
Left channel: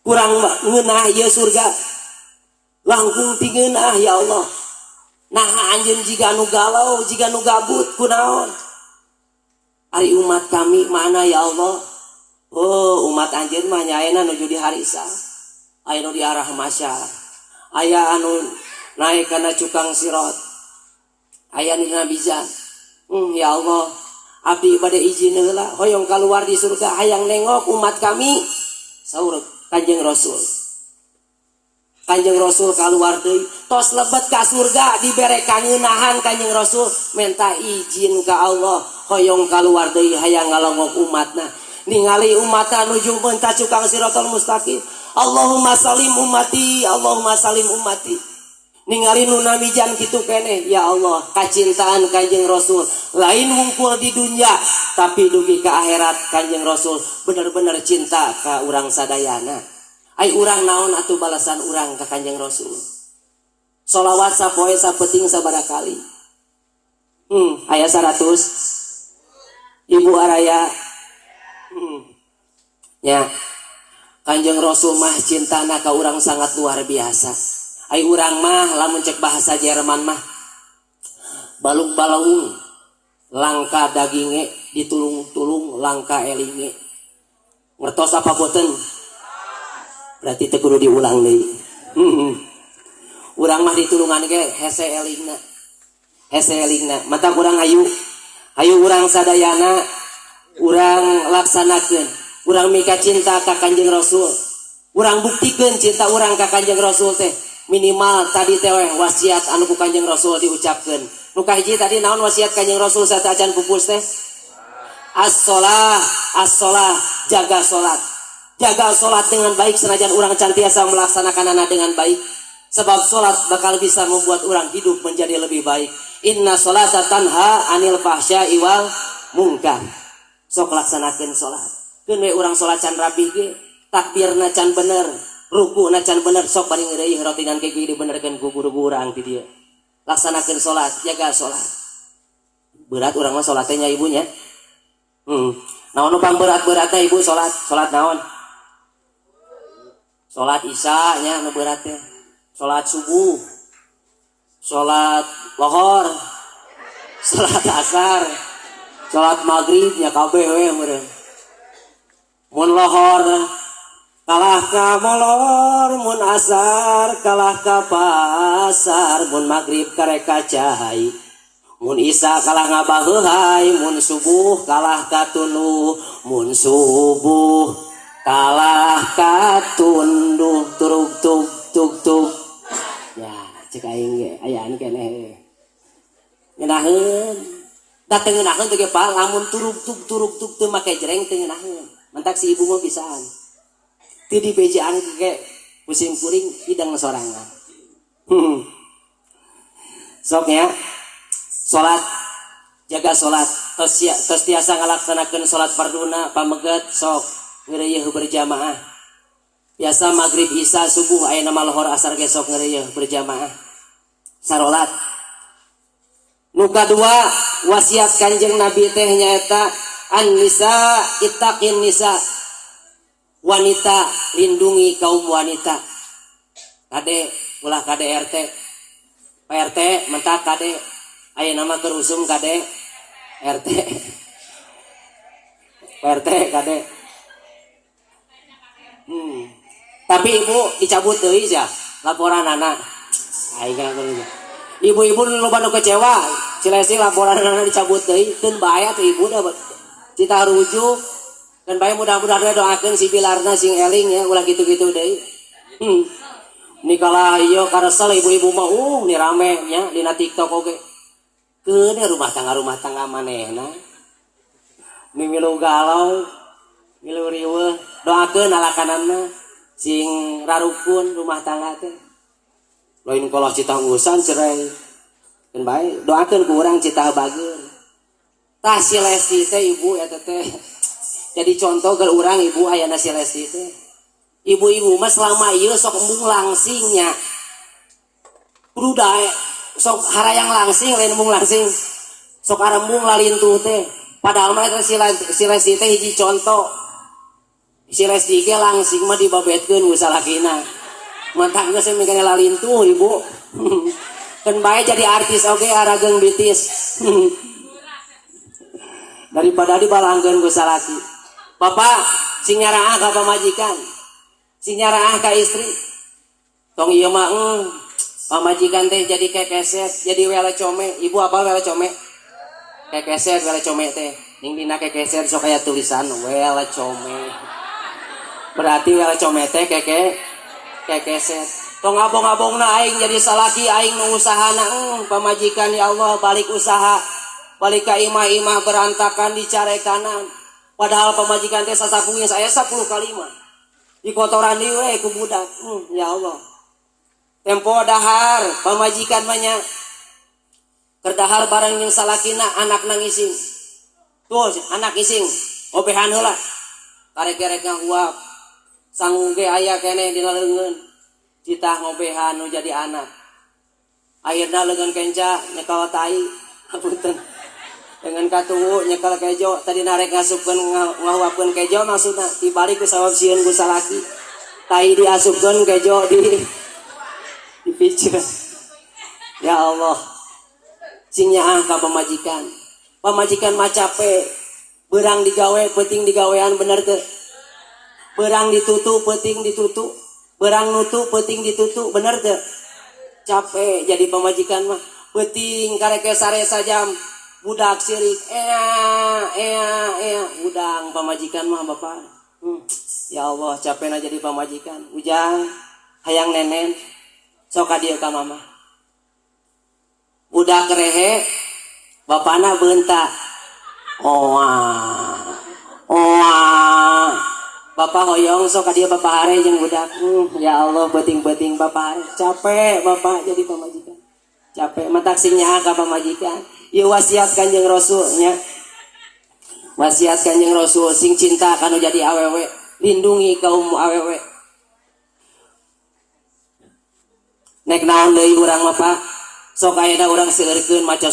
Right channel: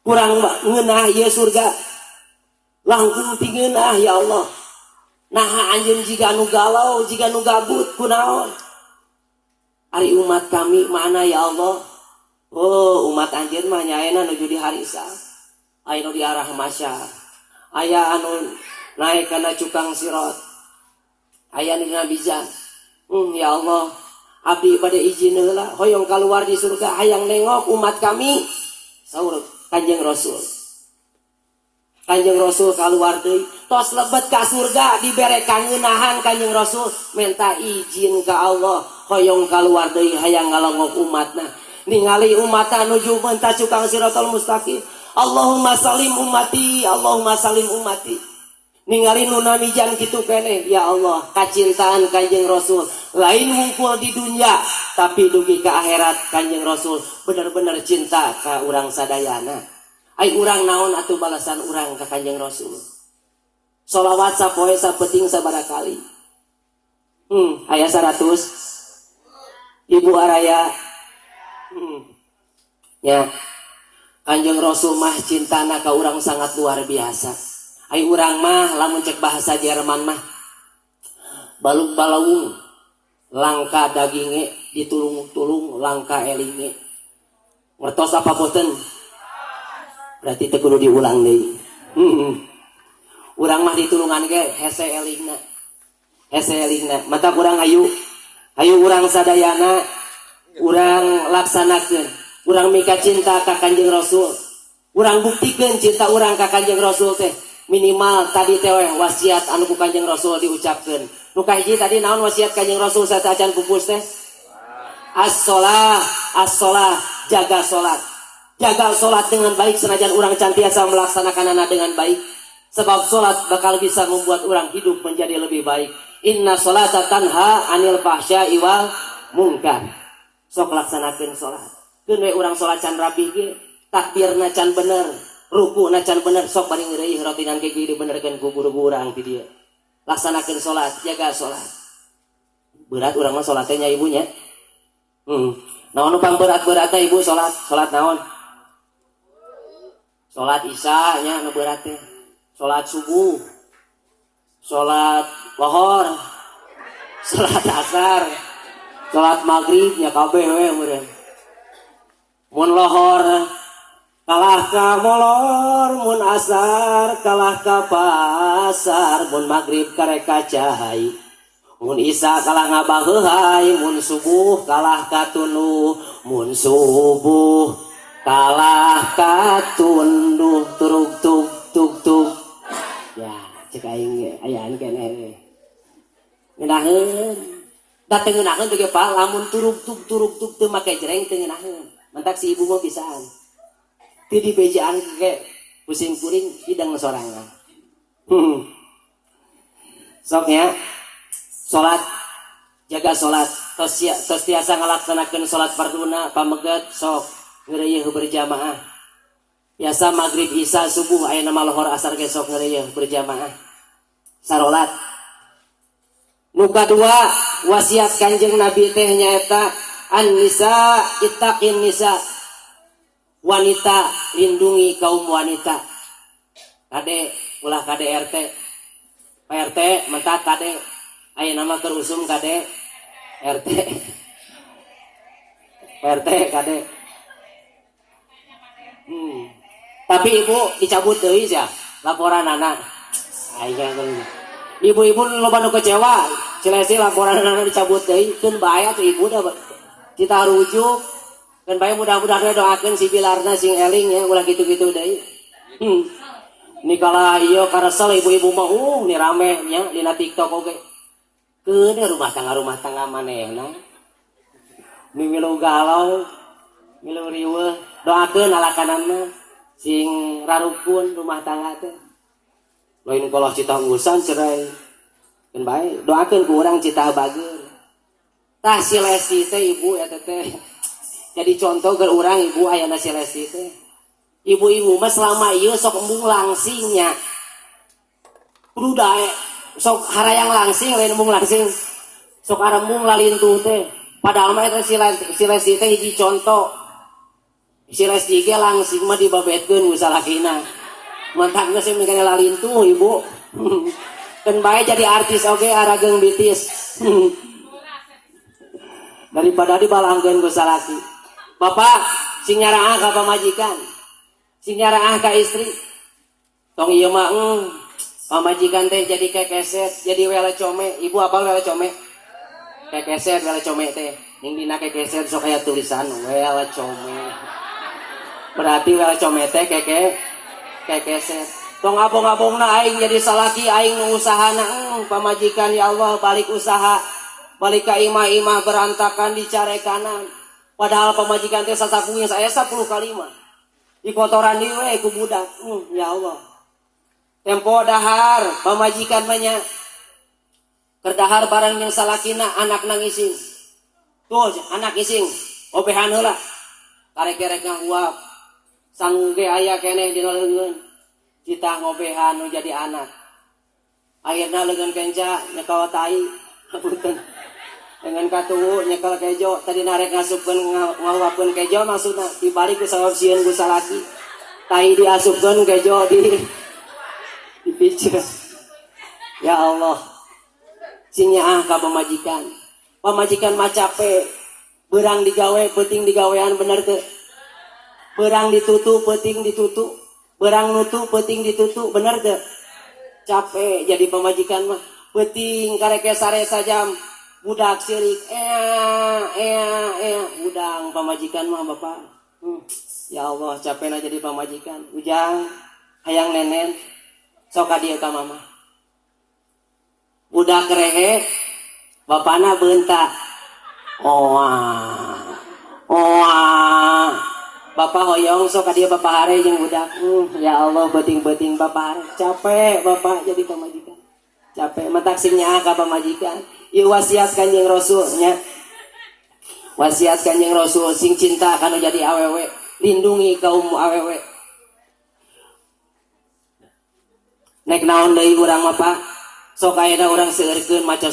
Kurang ngeunah ieu surga. Langkung ti ngeunah ya Allah. Nah anjeun jiga nu galau, jiga nu gabut kunaon? Ari umat kami mana ya Allah? Oh, umat anjeun mah nyaena nuju di harisa. Aya nu di arah masyar. Aya anu naik kana cukang sirot. Aya nu dina bijak. Ya Allah, abdi bade izin heula hoyong keluar di surga hayang nengok umat kami. Saur Kanjeng Rasul. Kanjeng Rasul keluar deui, tos lebet ka surga dibere kangeunahan Kanjeng Rasul minta izin ka Allah hoyong keluar deui hayang ngalongok umatna. Ningali umatna nuju meunta cukang siratal mustaqim. Allahumma salim ummati, Allahumma salim ummati. Ningali nu namijan kitu keneh, ya Allah, kacintaan Kanjeng Rasul lain hungkul di dunia tapi dugi ke akhirat. Kanjeng Rasul bener-bener cinta ka urang sadayana. Ai urang naon atuh balasan urang ka Kanjeng Rasul? Sholawat sapoe sapeting sabaraha kali? Aya 100. Ibu Araya. Ya. Kanjeng Rasul mah cintana ka urang sangat luar biasa. Ai urang mah lamun cek bahasa Jerman mah balung-balung langka daginge ditulung-tulung langka elinge. Ngertos apa boten? Berarti teu kudu diulang deui. Urang mah ditulungan ge hese elingna. Hese elingna. Mata urang hayu urang sadayana urang laksanakeun. Urang mika cinta ka Kanjeng Rasul. Urang buktikeun cinta urang ka Kanjeng Rasul teh. Minimal tadi teh wasiat anu ku Kanjeng Rasul diucapkeun. Nu kahiji tadi naon wasiat Kanjeng Rasul sata acan pupus teh? As-shalah, as-shalah, jaga salat. Jaga salat dengan baik senajan urang cantiasa melaksanakanana dengan baik. Sebab salat bakal bisa membuat urang hidup menjadi lebih baik. Inna sholata tanha anil fahsya'i wal munkar. Sok laksanakeun salat. Keun we urang salat can rapih ge, takbirna can bener. Ruku na can bener sok paling deui rotingan ke kieu dibenerkeun ku guru urang ti dieu. Laksanakeun salat, jaga salat. Berat urang mah salat teh nya ibunya. Naon nu pamberat-beratna ibu salat? Salat naon? Salat Isya nya nu berat teh. Salat subuh. Salat lohor. Salat asar. Salat maghrib nya kabeh we meureun. Mun lohor kalah ka molor, mun asar kalah ka pasar, mun maghrib kareka cahai, mun isya kalah ngabaheuhai, mun subuh kalah ka tunduh, mun subuh kalah ka tunduh, turug tug tug tug. Ya, cek aing ge. ayaan keneh ngeunaheun da teu ngeunaheun teh Pak lamun turug-turug teu make jereng teu ngeunaheun mantak si ibu mah bisaan teu dibejaan ge pusing kuring hidang sorangan sok nya salat jaga salat tos tiasa ngalaksanakeun salat farduna pamegat sok ngeureuyeuh berjamaah biasa maghrib isya subuh aya nama lohor asar ge sok ngeureuyeuh berjamaah salat. Nu kadua wasiat Kanjeng Nabi teh nyaeta an-nisa ittaqin nisa wanita lindungi kaum wanita kade ulah kade RT PRT mentak kade aya nama kerusum kade RT PRT kade tapi ibu dicabut deui sia laporan anak aing ibu-ibu loba nu kecewa cilesi laporan anak dicabut deui keun bahaya tuh ibu da cita rujuk dan bae mudah-mudahan doakeun si Bilarna sing eling ya ulah gitu-gitu deui nikala ieu karesel ibu-ibu mah ni rame nya dina TikTok oge keun rumah tangga manehna nu milu galau milu riweuh doakeun alakanana sing rarukun rumah tangga teh lain kalau cita ngusan cerai dan baik doakan ke orang cita bager tah si Lesti teh ibu ya teh jadi contoh ke orang ibu ayana si Lesti teh ibu-ibu mah selama ieu sok embung langsingnya kudu dae sok harayang langsing lain embung langsing sok arembung lalintuh teh padahal mah si Lesti teh hiji contoh si Lesti ge langsing mah dibabetkeun ku salakina mantak geus megang lalintuh ibu kan bae jadi artis oge arageng bitis daripada dibalangkeun ku salaki bapak sing nyaraah ka pamajikan sing nyaraah ka istri tong ieu mah pamajikan teh jadi kekeset jadi wele come ibu apa wele come kekeset wele come teh ning dina kekeset sok aya tulisan wele come berarti wele come teh kekeset tong abong-abongna aing jadi salaki aing nu usahana pamajikan ya Allah balik usaha balik ka imah-imah berantakan dicare kanan padahal pamajikan teh sasapunya saya 10 kalimat di kotoran deui we ku budak ya Allah tempo dahar pamajikan banyak kerdahar barang yang salakina anak nangising tuh anak ising obehan heula karek-karek nguap sangge aya keneh dina leungeun cita ngobehan nu jadi anak akhirna leungeun kenca nyekal tai punten dengan katuwu nyekal kejo tadi narek ngasupkeun ngahuapkeun kejo maksudna dibalik ku sawab sieun ku salaki tai diasupkeun kejo dipiceur ya Allah sing nyaah ka pamajikan mah capek beurang digawe penting digawean bener teu berang ditutup penting ditutup berang nutup penting ditutup bener teu capek jadi pamajikan mah penting karek saresa jam budak sirik udang pamajikan mah bapak ya Allah capekna jadi pamajikan ujang hayang nenen sok ka dieu ka mama budak rehe bapana beuntak bapak hoyong sok ka dieu bapak are jeung budak ya Allah beuting-beuting bapak are capek bapak jadi pamajikan capek mentak sing nyaah ka pamajikan ieu wasiat Kanjeng Rasul nya wasiat Kanjeng Rasul sing cinta kana jadi awewe lindungi kaum awewe nek naon deui urang mah Pak sok ayeuna urang seueurkeun maca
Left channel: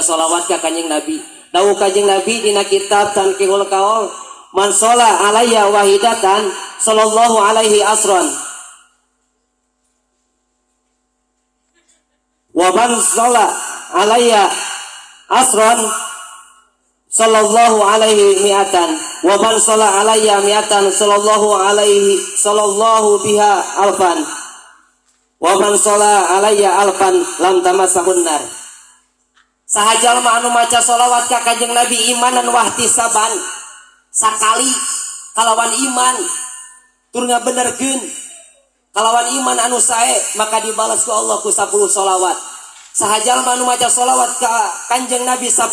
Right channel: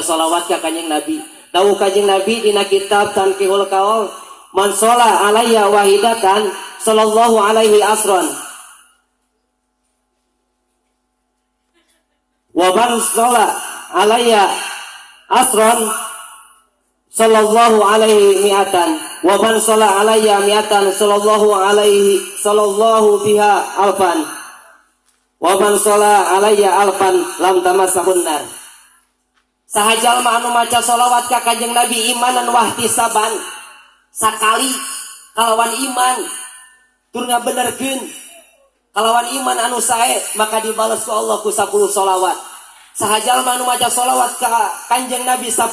sholawat ka Kanjeng Nabi dawuh Kanjeng Nabi dina kitab Tanqihul Qaul man sholla alayya wahidatan sallallahu alaihi asron wa man sholla alayya asron sallallahu alaihi mi'atan wa man sholla alayya mi'atan sallallahu biha alfan wa man sholla alayya alfan lam tamassahun nar sahajal anu maca sholawat ka Kanjeng Nabi imanan wahtisaban sakali kalawan iman turnya benerkeun kalawan iman anu sae maka dibalas ku Allah ku 10 sholawat. Saha jalma anu maca sholawat ka Kanjeng Nabi 10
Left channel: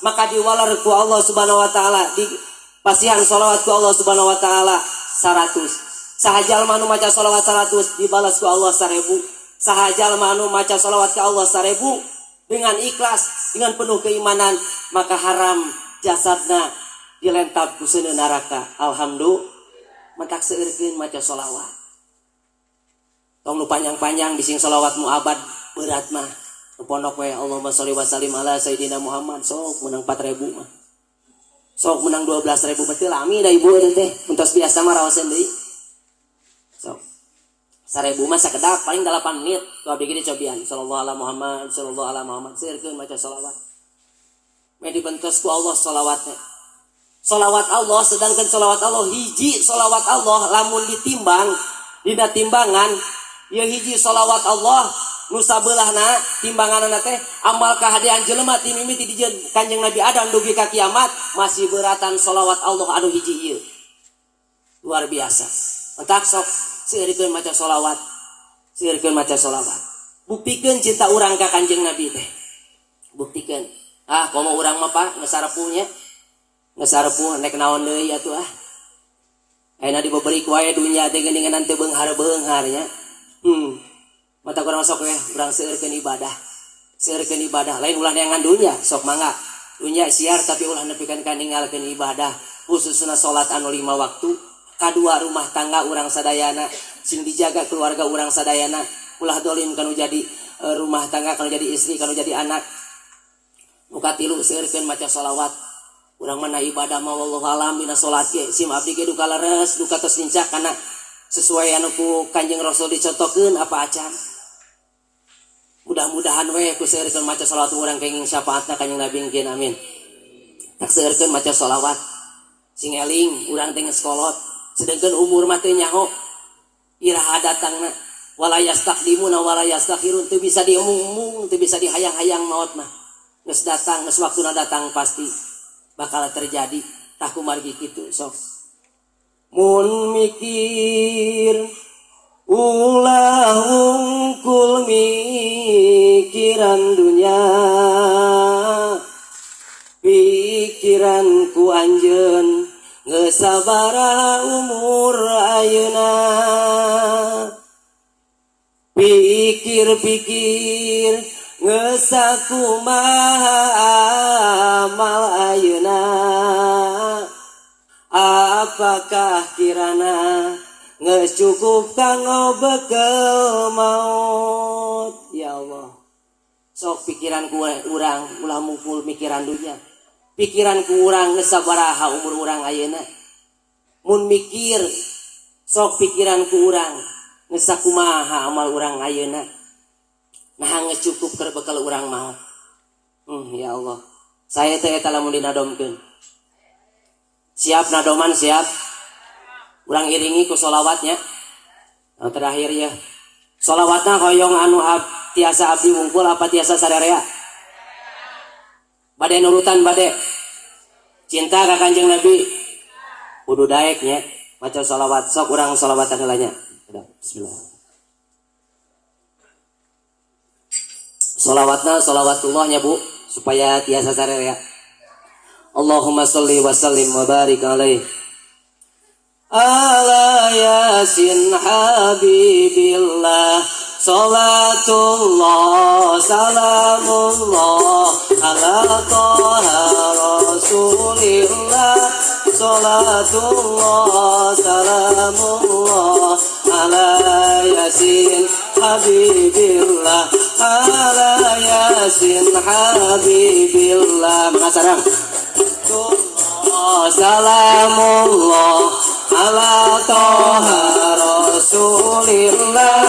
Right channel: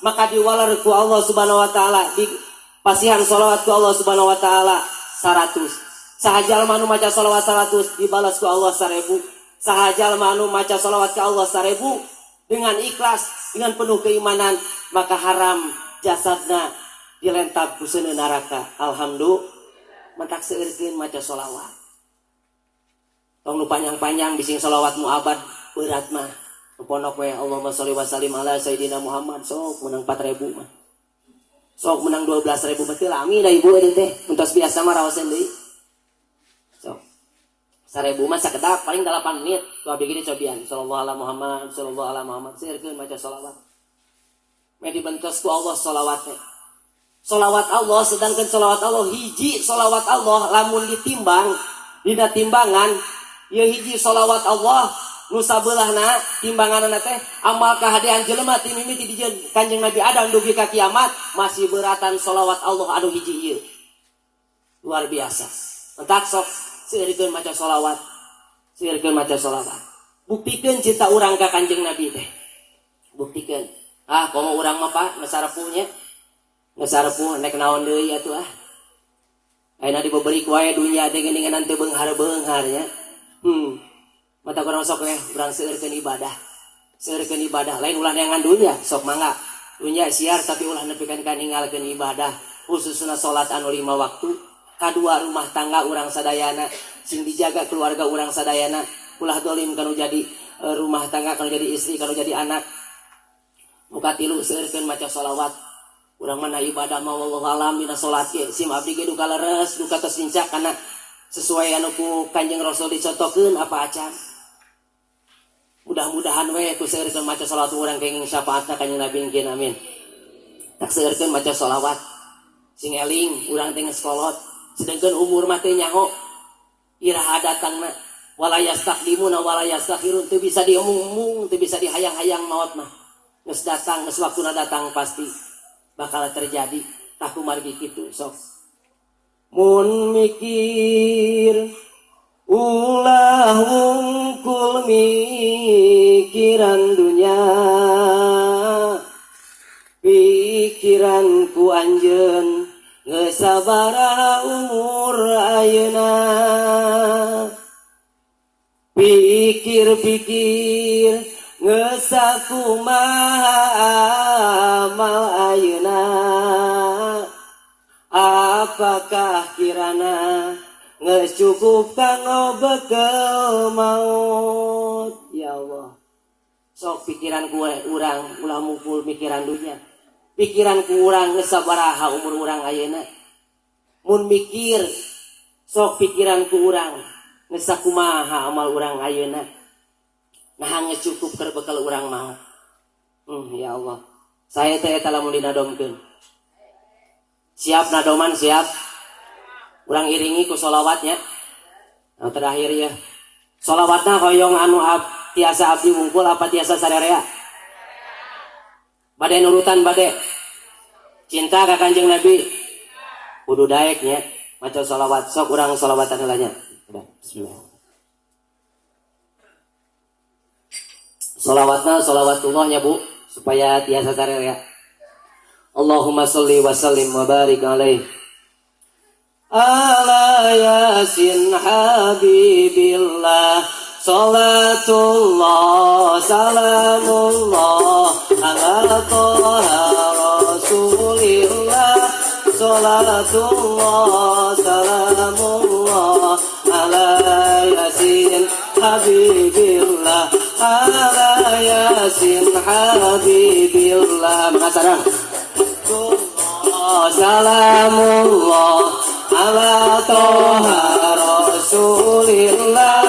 maka diwalar ku Allah Subhanahu wa taala di pasihan sholawat ku Allah Subhanahu wa taala 100. Saha jalma anu maca sholawat 100 dibalas ku Allah 1000. Saha jalma anu maca sholawat ka Allah 1000 dengan ikhlas dengan penuh keimanan maka haram jasadna dilentab ku seuneu neraka. Alhamdulillah maka seureurkeun maca sholawat. Tong nu panjang-panjang bising sholawat muabad berat mah. Pondok we Allahumma sholli wa sallim ala sayidina Muhammad sok menang 4000 mah. Sok menang 12000 betul lami da ibu teh. Muntos biasa mah raoseun deui. Sok 1000 mah sakedap paling 8 menit. Tu abdi ge cobian sallallahu alaihi Muhammad sallallahu alaihi Muhammad seureurkeun maca sholawat. Me dibentos ku Allah sholawatnya. Sholawat Allah sedangkan sholawat Allah hiji sholawat Allah lamun ditimbang dina timbangan ya hiji sholawat Allah nu sabeulahna timbanganna teh amal kahadian jelema ti mimiti di Kanjeng Nabi Adam dugi ka kiamat masih beratan sholawat Allah anu hiji ieu. Luar biasa. Entak sok seureurkeun maca sholawat. Seureurkeun maca sholawat. Buktikeun cinta urang ka Kanjeng Nabi teh. Buktikeun. Komo urang mah Pak ngesarepunya. Ngesarepu nek naon deui atuh ah. Ayeuna diberi ku aya dunya teh geuningan teu beunghar-beunghar nya. Mata kurang sok we urang seureurkeun ibadah. Seureurkeun ibadah lain ulah neangan dunya sok mangga. Dunya siar tapi ulah nepikeun ka ninggalkeun ibadah khususna salat anu 5 waktu. Kadua rumah tangga urang sadayana sing dijaga keluarga urang sadayana ulah dolim kanu jadi rumah tangga kanu jadi istri kanu jadi anak. Muka tilu seureurkeun maca sholawat. Urang mana ibadah mah wallahu alam dina salat ge sim abdi ge duka leres duka tos lincah kana sesuai anu ku Kanjeng Rasul dicontohkeun apa acan. Mudah-mudahan we ku seureurkeun maca sholawat urang kenging syafaatna Kanjeng Nabi ngieun amin. Tak seureurkeun maca sholawat. Sing eling urang teh geus kolot sedengkeun umur mah teu nyaho. Iraha datangna wala yastaqdimuna wala yastakhirun teu bisa diomong-omong teu bisa dihayang-hayang maotna. Geus datang geus waktuna datang pasti bakal terjadi tak kumar kitu sok. Mun mikir ulah wungkul mikiran dunya pikiran ku anjeun geus sabaraha umur ayeuna pikir-pikir geus sakumaha amal ayeuna apakah kirana geus cukup kanggo bekel maut. Ya Allah sok pikiran ku urang ulah mukul mikiran dunya pikiran ku urang geus sabaraha umur urang ayeuna mun mikir sok pikiran ku urang geus sakumaha amal urang ayeuna nah geus cukup terbekal urang maut. Ya Allah saya teh eta lamun dinadomkeun siap nadoman siap urang iringi ku sholawatnya. Nah, terakhir ya sholawatna hoyong anu tiasa abdi ngungkul apa tiasa sadarea bade nurutan bade cinta ka Kanjeng Nabi kudu daek nya maca sholawat sok urang sholawatan heula nya. Bismillah. Sholawatna sholawatullah nya Bu supaya tiasa sadarea. Allahumma sholli wa sallim wa barik alaihi ala yasin habibillah salatullah salamullah ala toha rasulillah salatullah salamullah ala yasin habibillah ala yasin habibillah makasarang salamullah ala toha rasulillah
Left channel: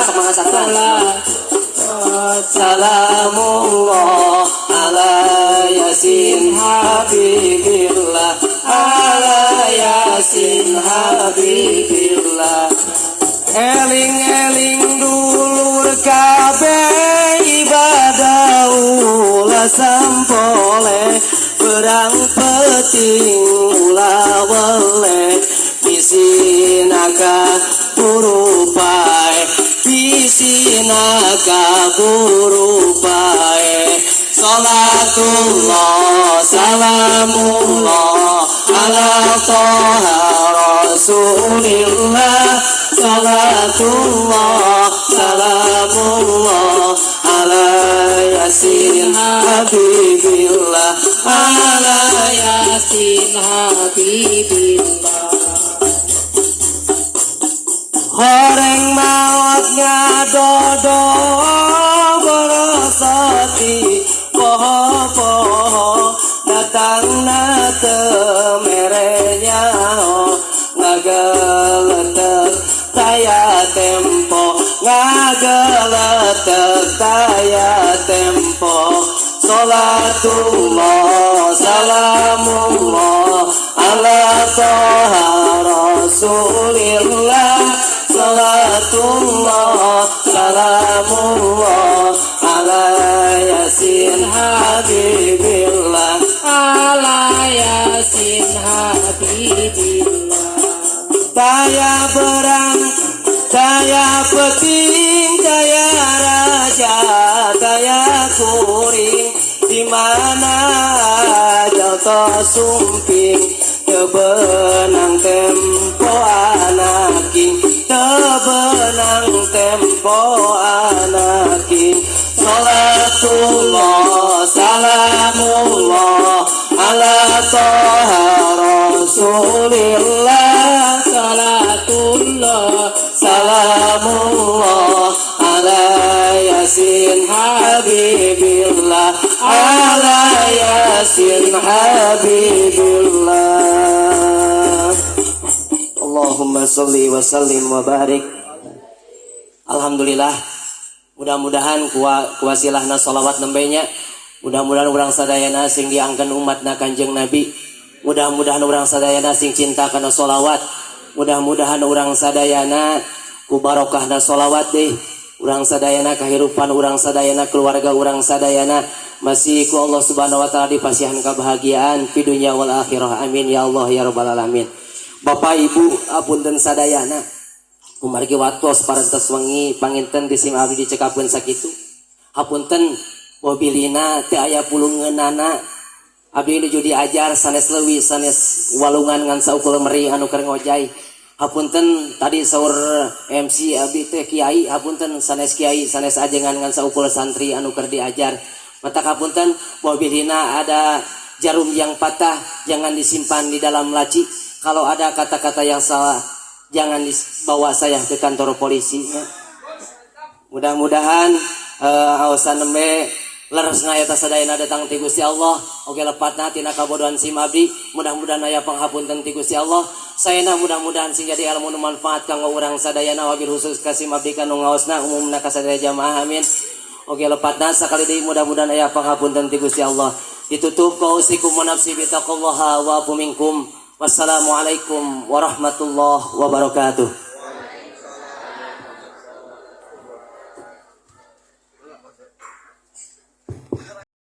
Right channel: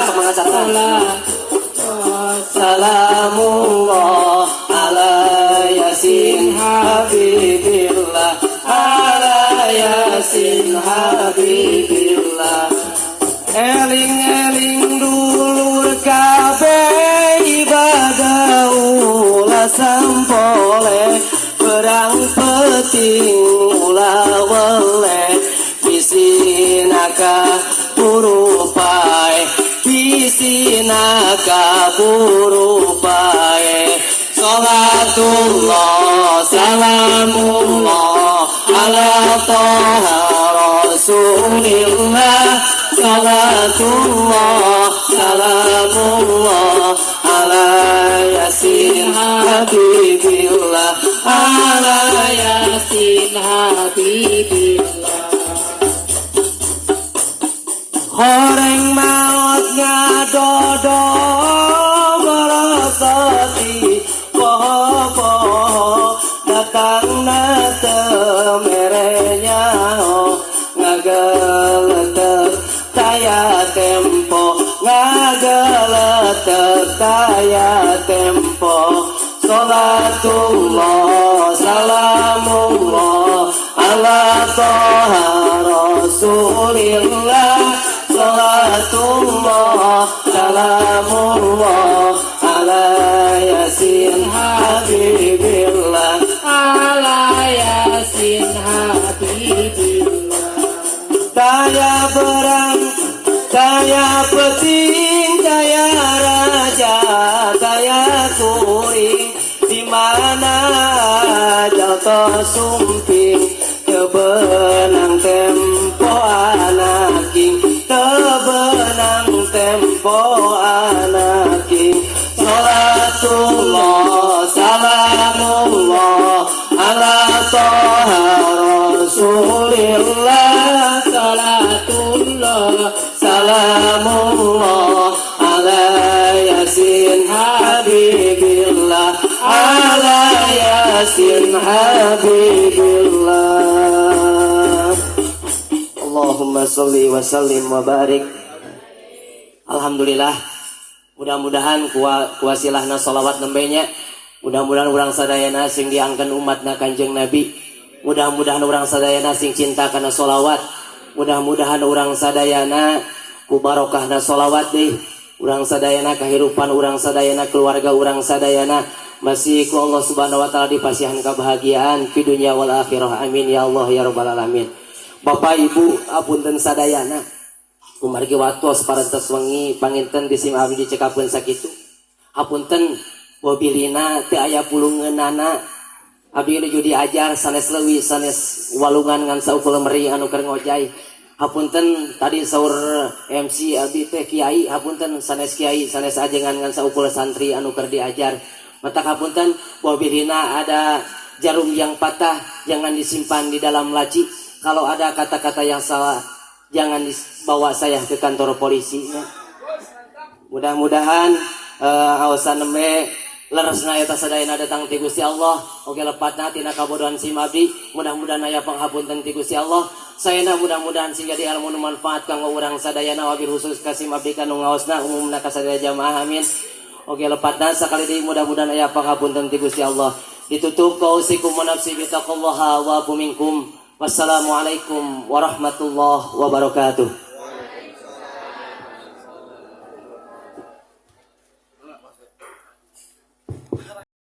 salamullah ala yasin habibillah ala yasin habibillah eling-eling dulur kabeh ibadah ulah sampole perang penting ulah weleh sinaka urupai Yasin kaburu bae Salatullah salamullah ala taha rasulillah Salatullah salamullah ala Yasin habibillah ala Yasin habibillah Horeng maut ngadodo berasati poho-poho datang na temerenya ngageletek daya tempo ngageletek daya tempo Salatullah salamullah ala taha rasulillah Salatullah salamullah ala Yasin habibillah ala Yasin habibillah daya berang daya peting daya raja daya kuring di mana aja tersumping kebenang tempo anaking tebenang tempo anaking Salatullah salamullah ala taha rasulillah Salatullah salamullah ala Yasin habibillah ala Yasin habibillah Allahumma sholli wa sallim wa barik. Alhamdulillah, mudah-mudahan kuasilahna salawat nembenya, mudah-mudahan urang sadayana sing diangkan umatna Kanjeng Nabi, mudah-mudahan urang sadayana sing cinta kana salawat, mudah-mudahan urang sadayana ku barokahna salawat deh, urang sadayana kahirupan urang sadayana keluarga urang sadayana masih ku Allah Subhanahu wa taala dipasihan kebahagiaan fi dunya wal akhirah. Amin ya Allah ya rabbal alamin. Bapak Ibu apunten sadayana kumargi watos parantos wengi panginten di sim abdi dicekapeun sakitu. Hapunten mobilina teu aya pulungeunana abdi nuju diajar sanes leuwih sanes walungan ngan saukul meri anu keur ngojay. Hapunten tadi saur MC abdi teh kiai, hapunten sanes kiai sanes ajengan ngan saukul santri anu keur diajar. Mata hapunten mobilina ada jarum yang patah jangan disimpan di dalam laci. Kalau ada kata-kata yang salah, jangan dibawa saya ke kantor polisi. Mudah-mudahan aosan nembe leres ngayata sadayana datang ti Gusti Allah. Oge lepatna tina kabodohan sim abdi. Mudah-mudahan aya panghapunten ti Gusti Allah. Saena mudah-mudahan sing jadi ilmu nu manfaat kanggo urang sadayana wabil khusus ka sim abdi kanu ngaosna umumna ka sadaya jamaah. Amin. Oge lepatna sakali deui mudah-mudahan aya panghapunten ti Gusti Allah. Ditutup pausikum wa nafsi bi taqwallaha wa minkum. Wassalamualaikum warahmatullahi wabarakatuh.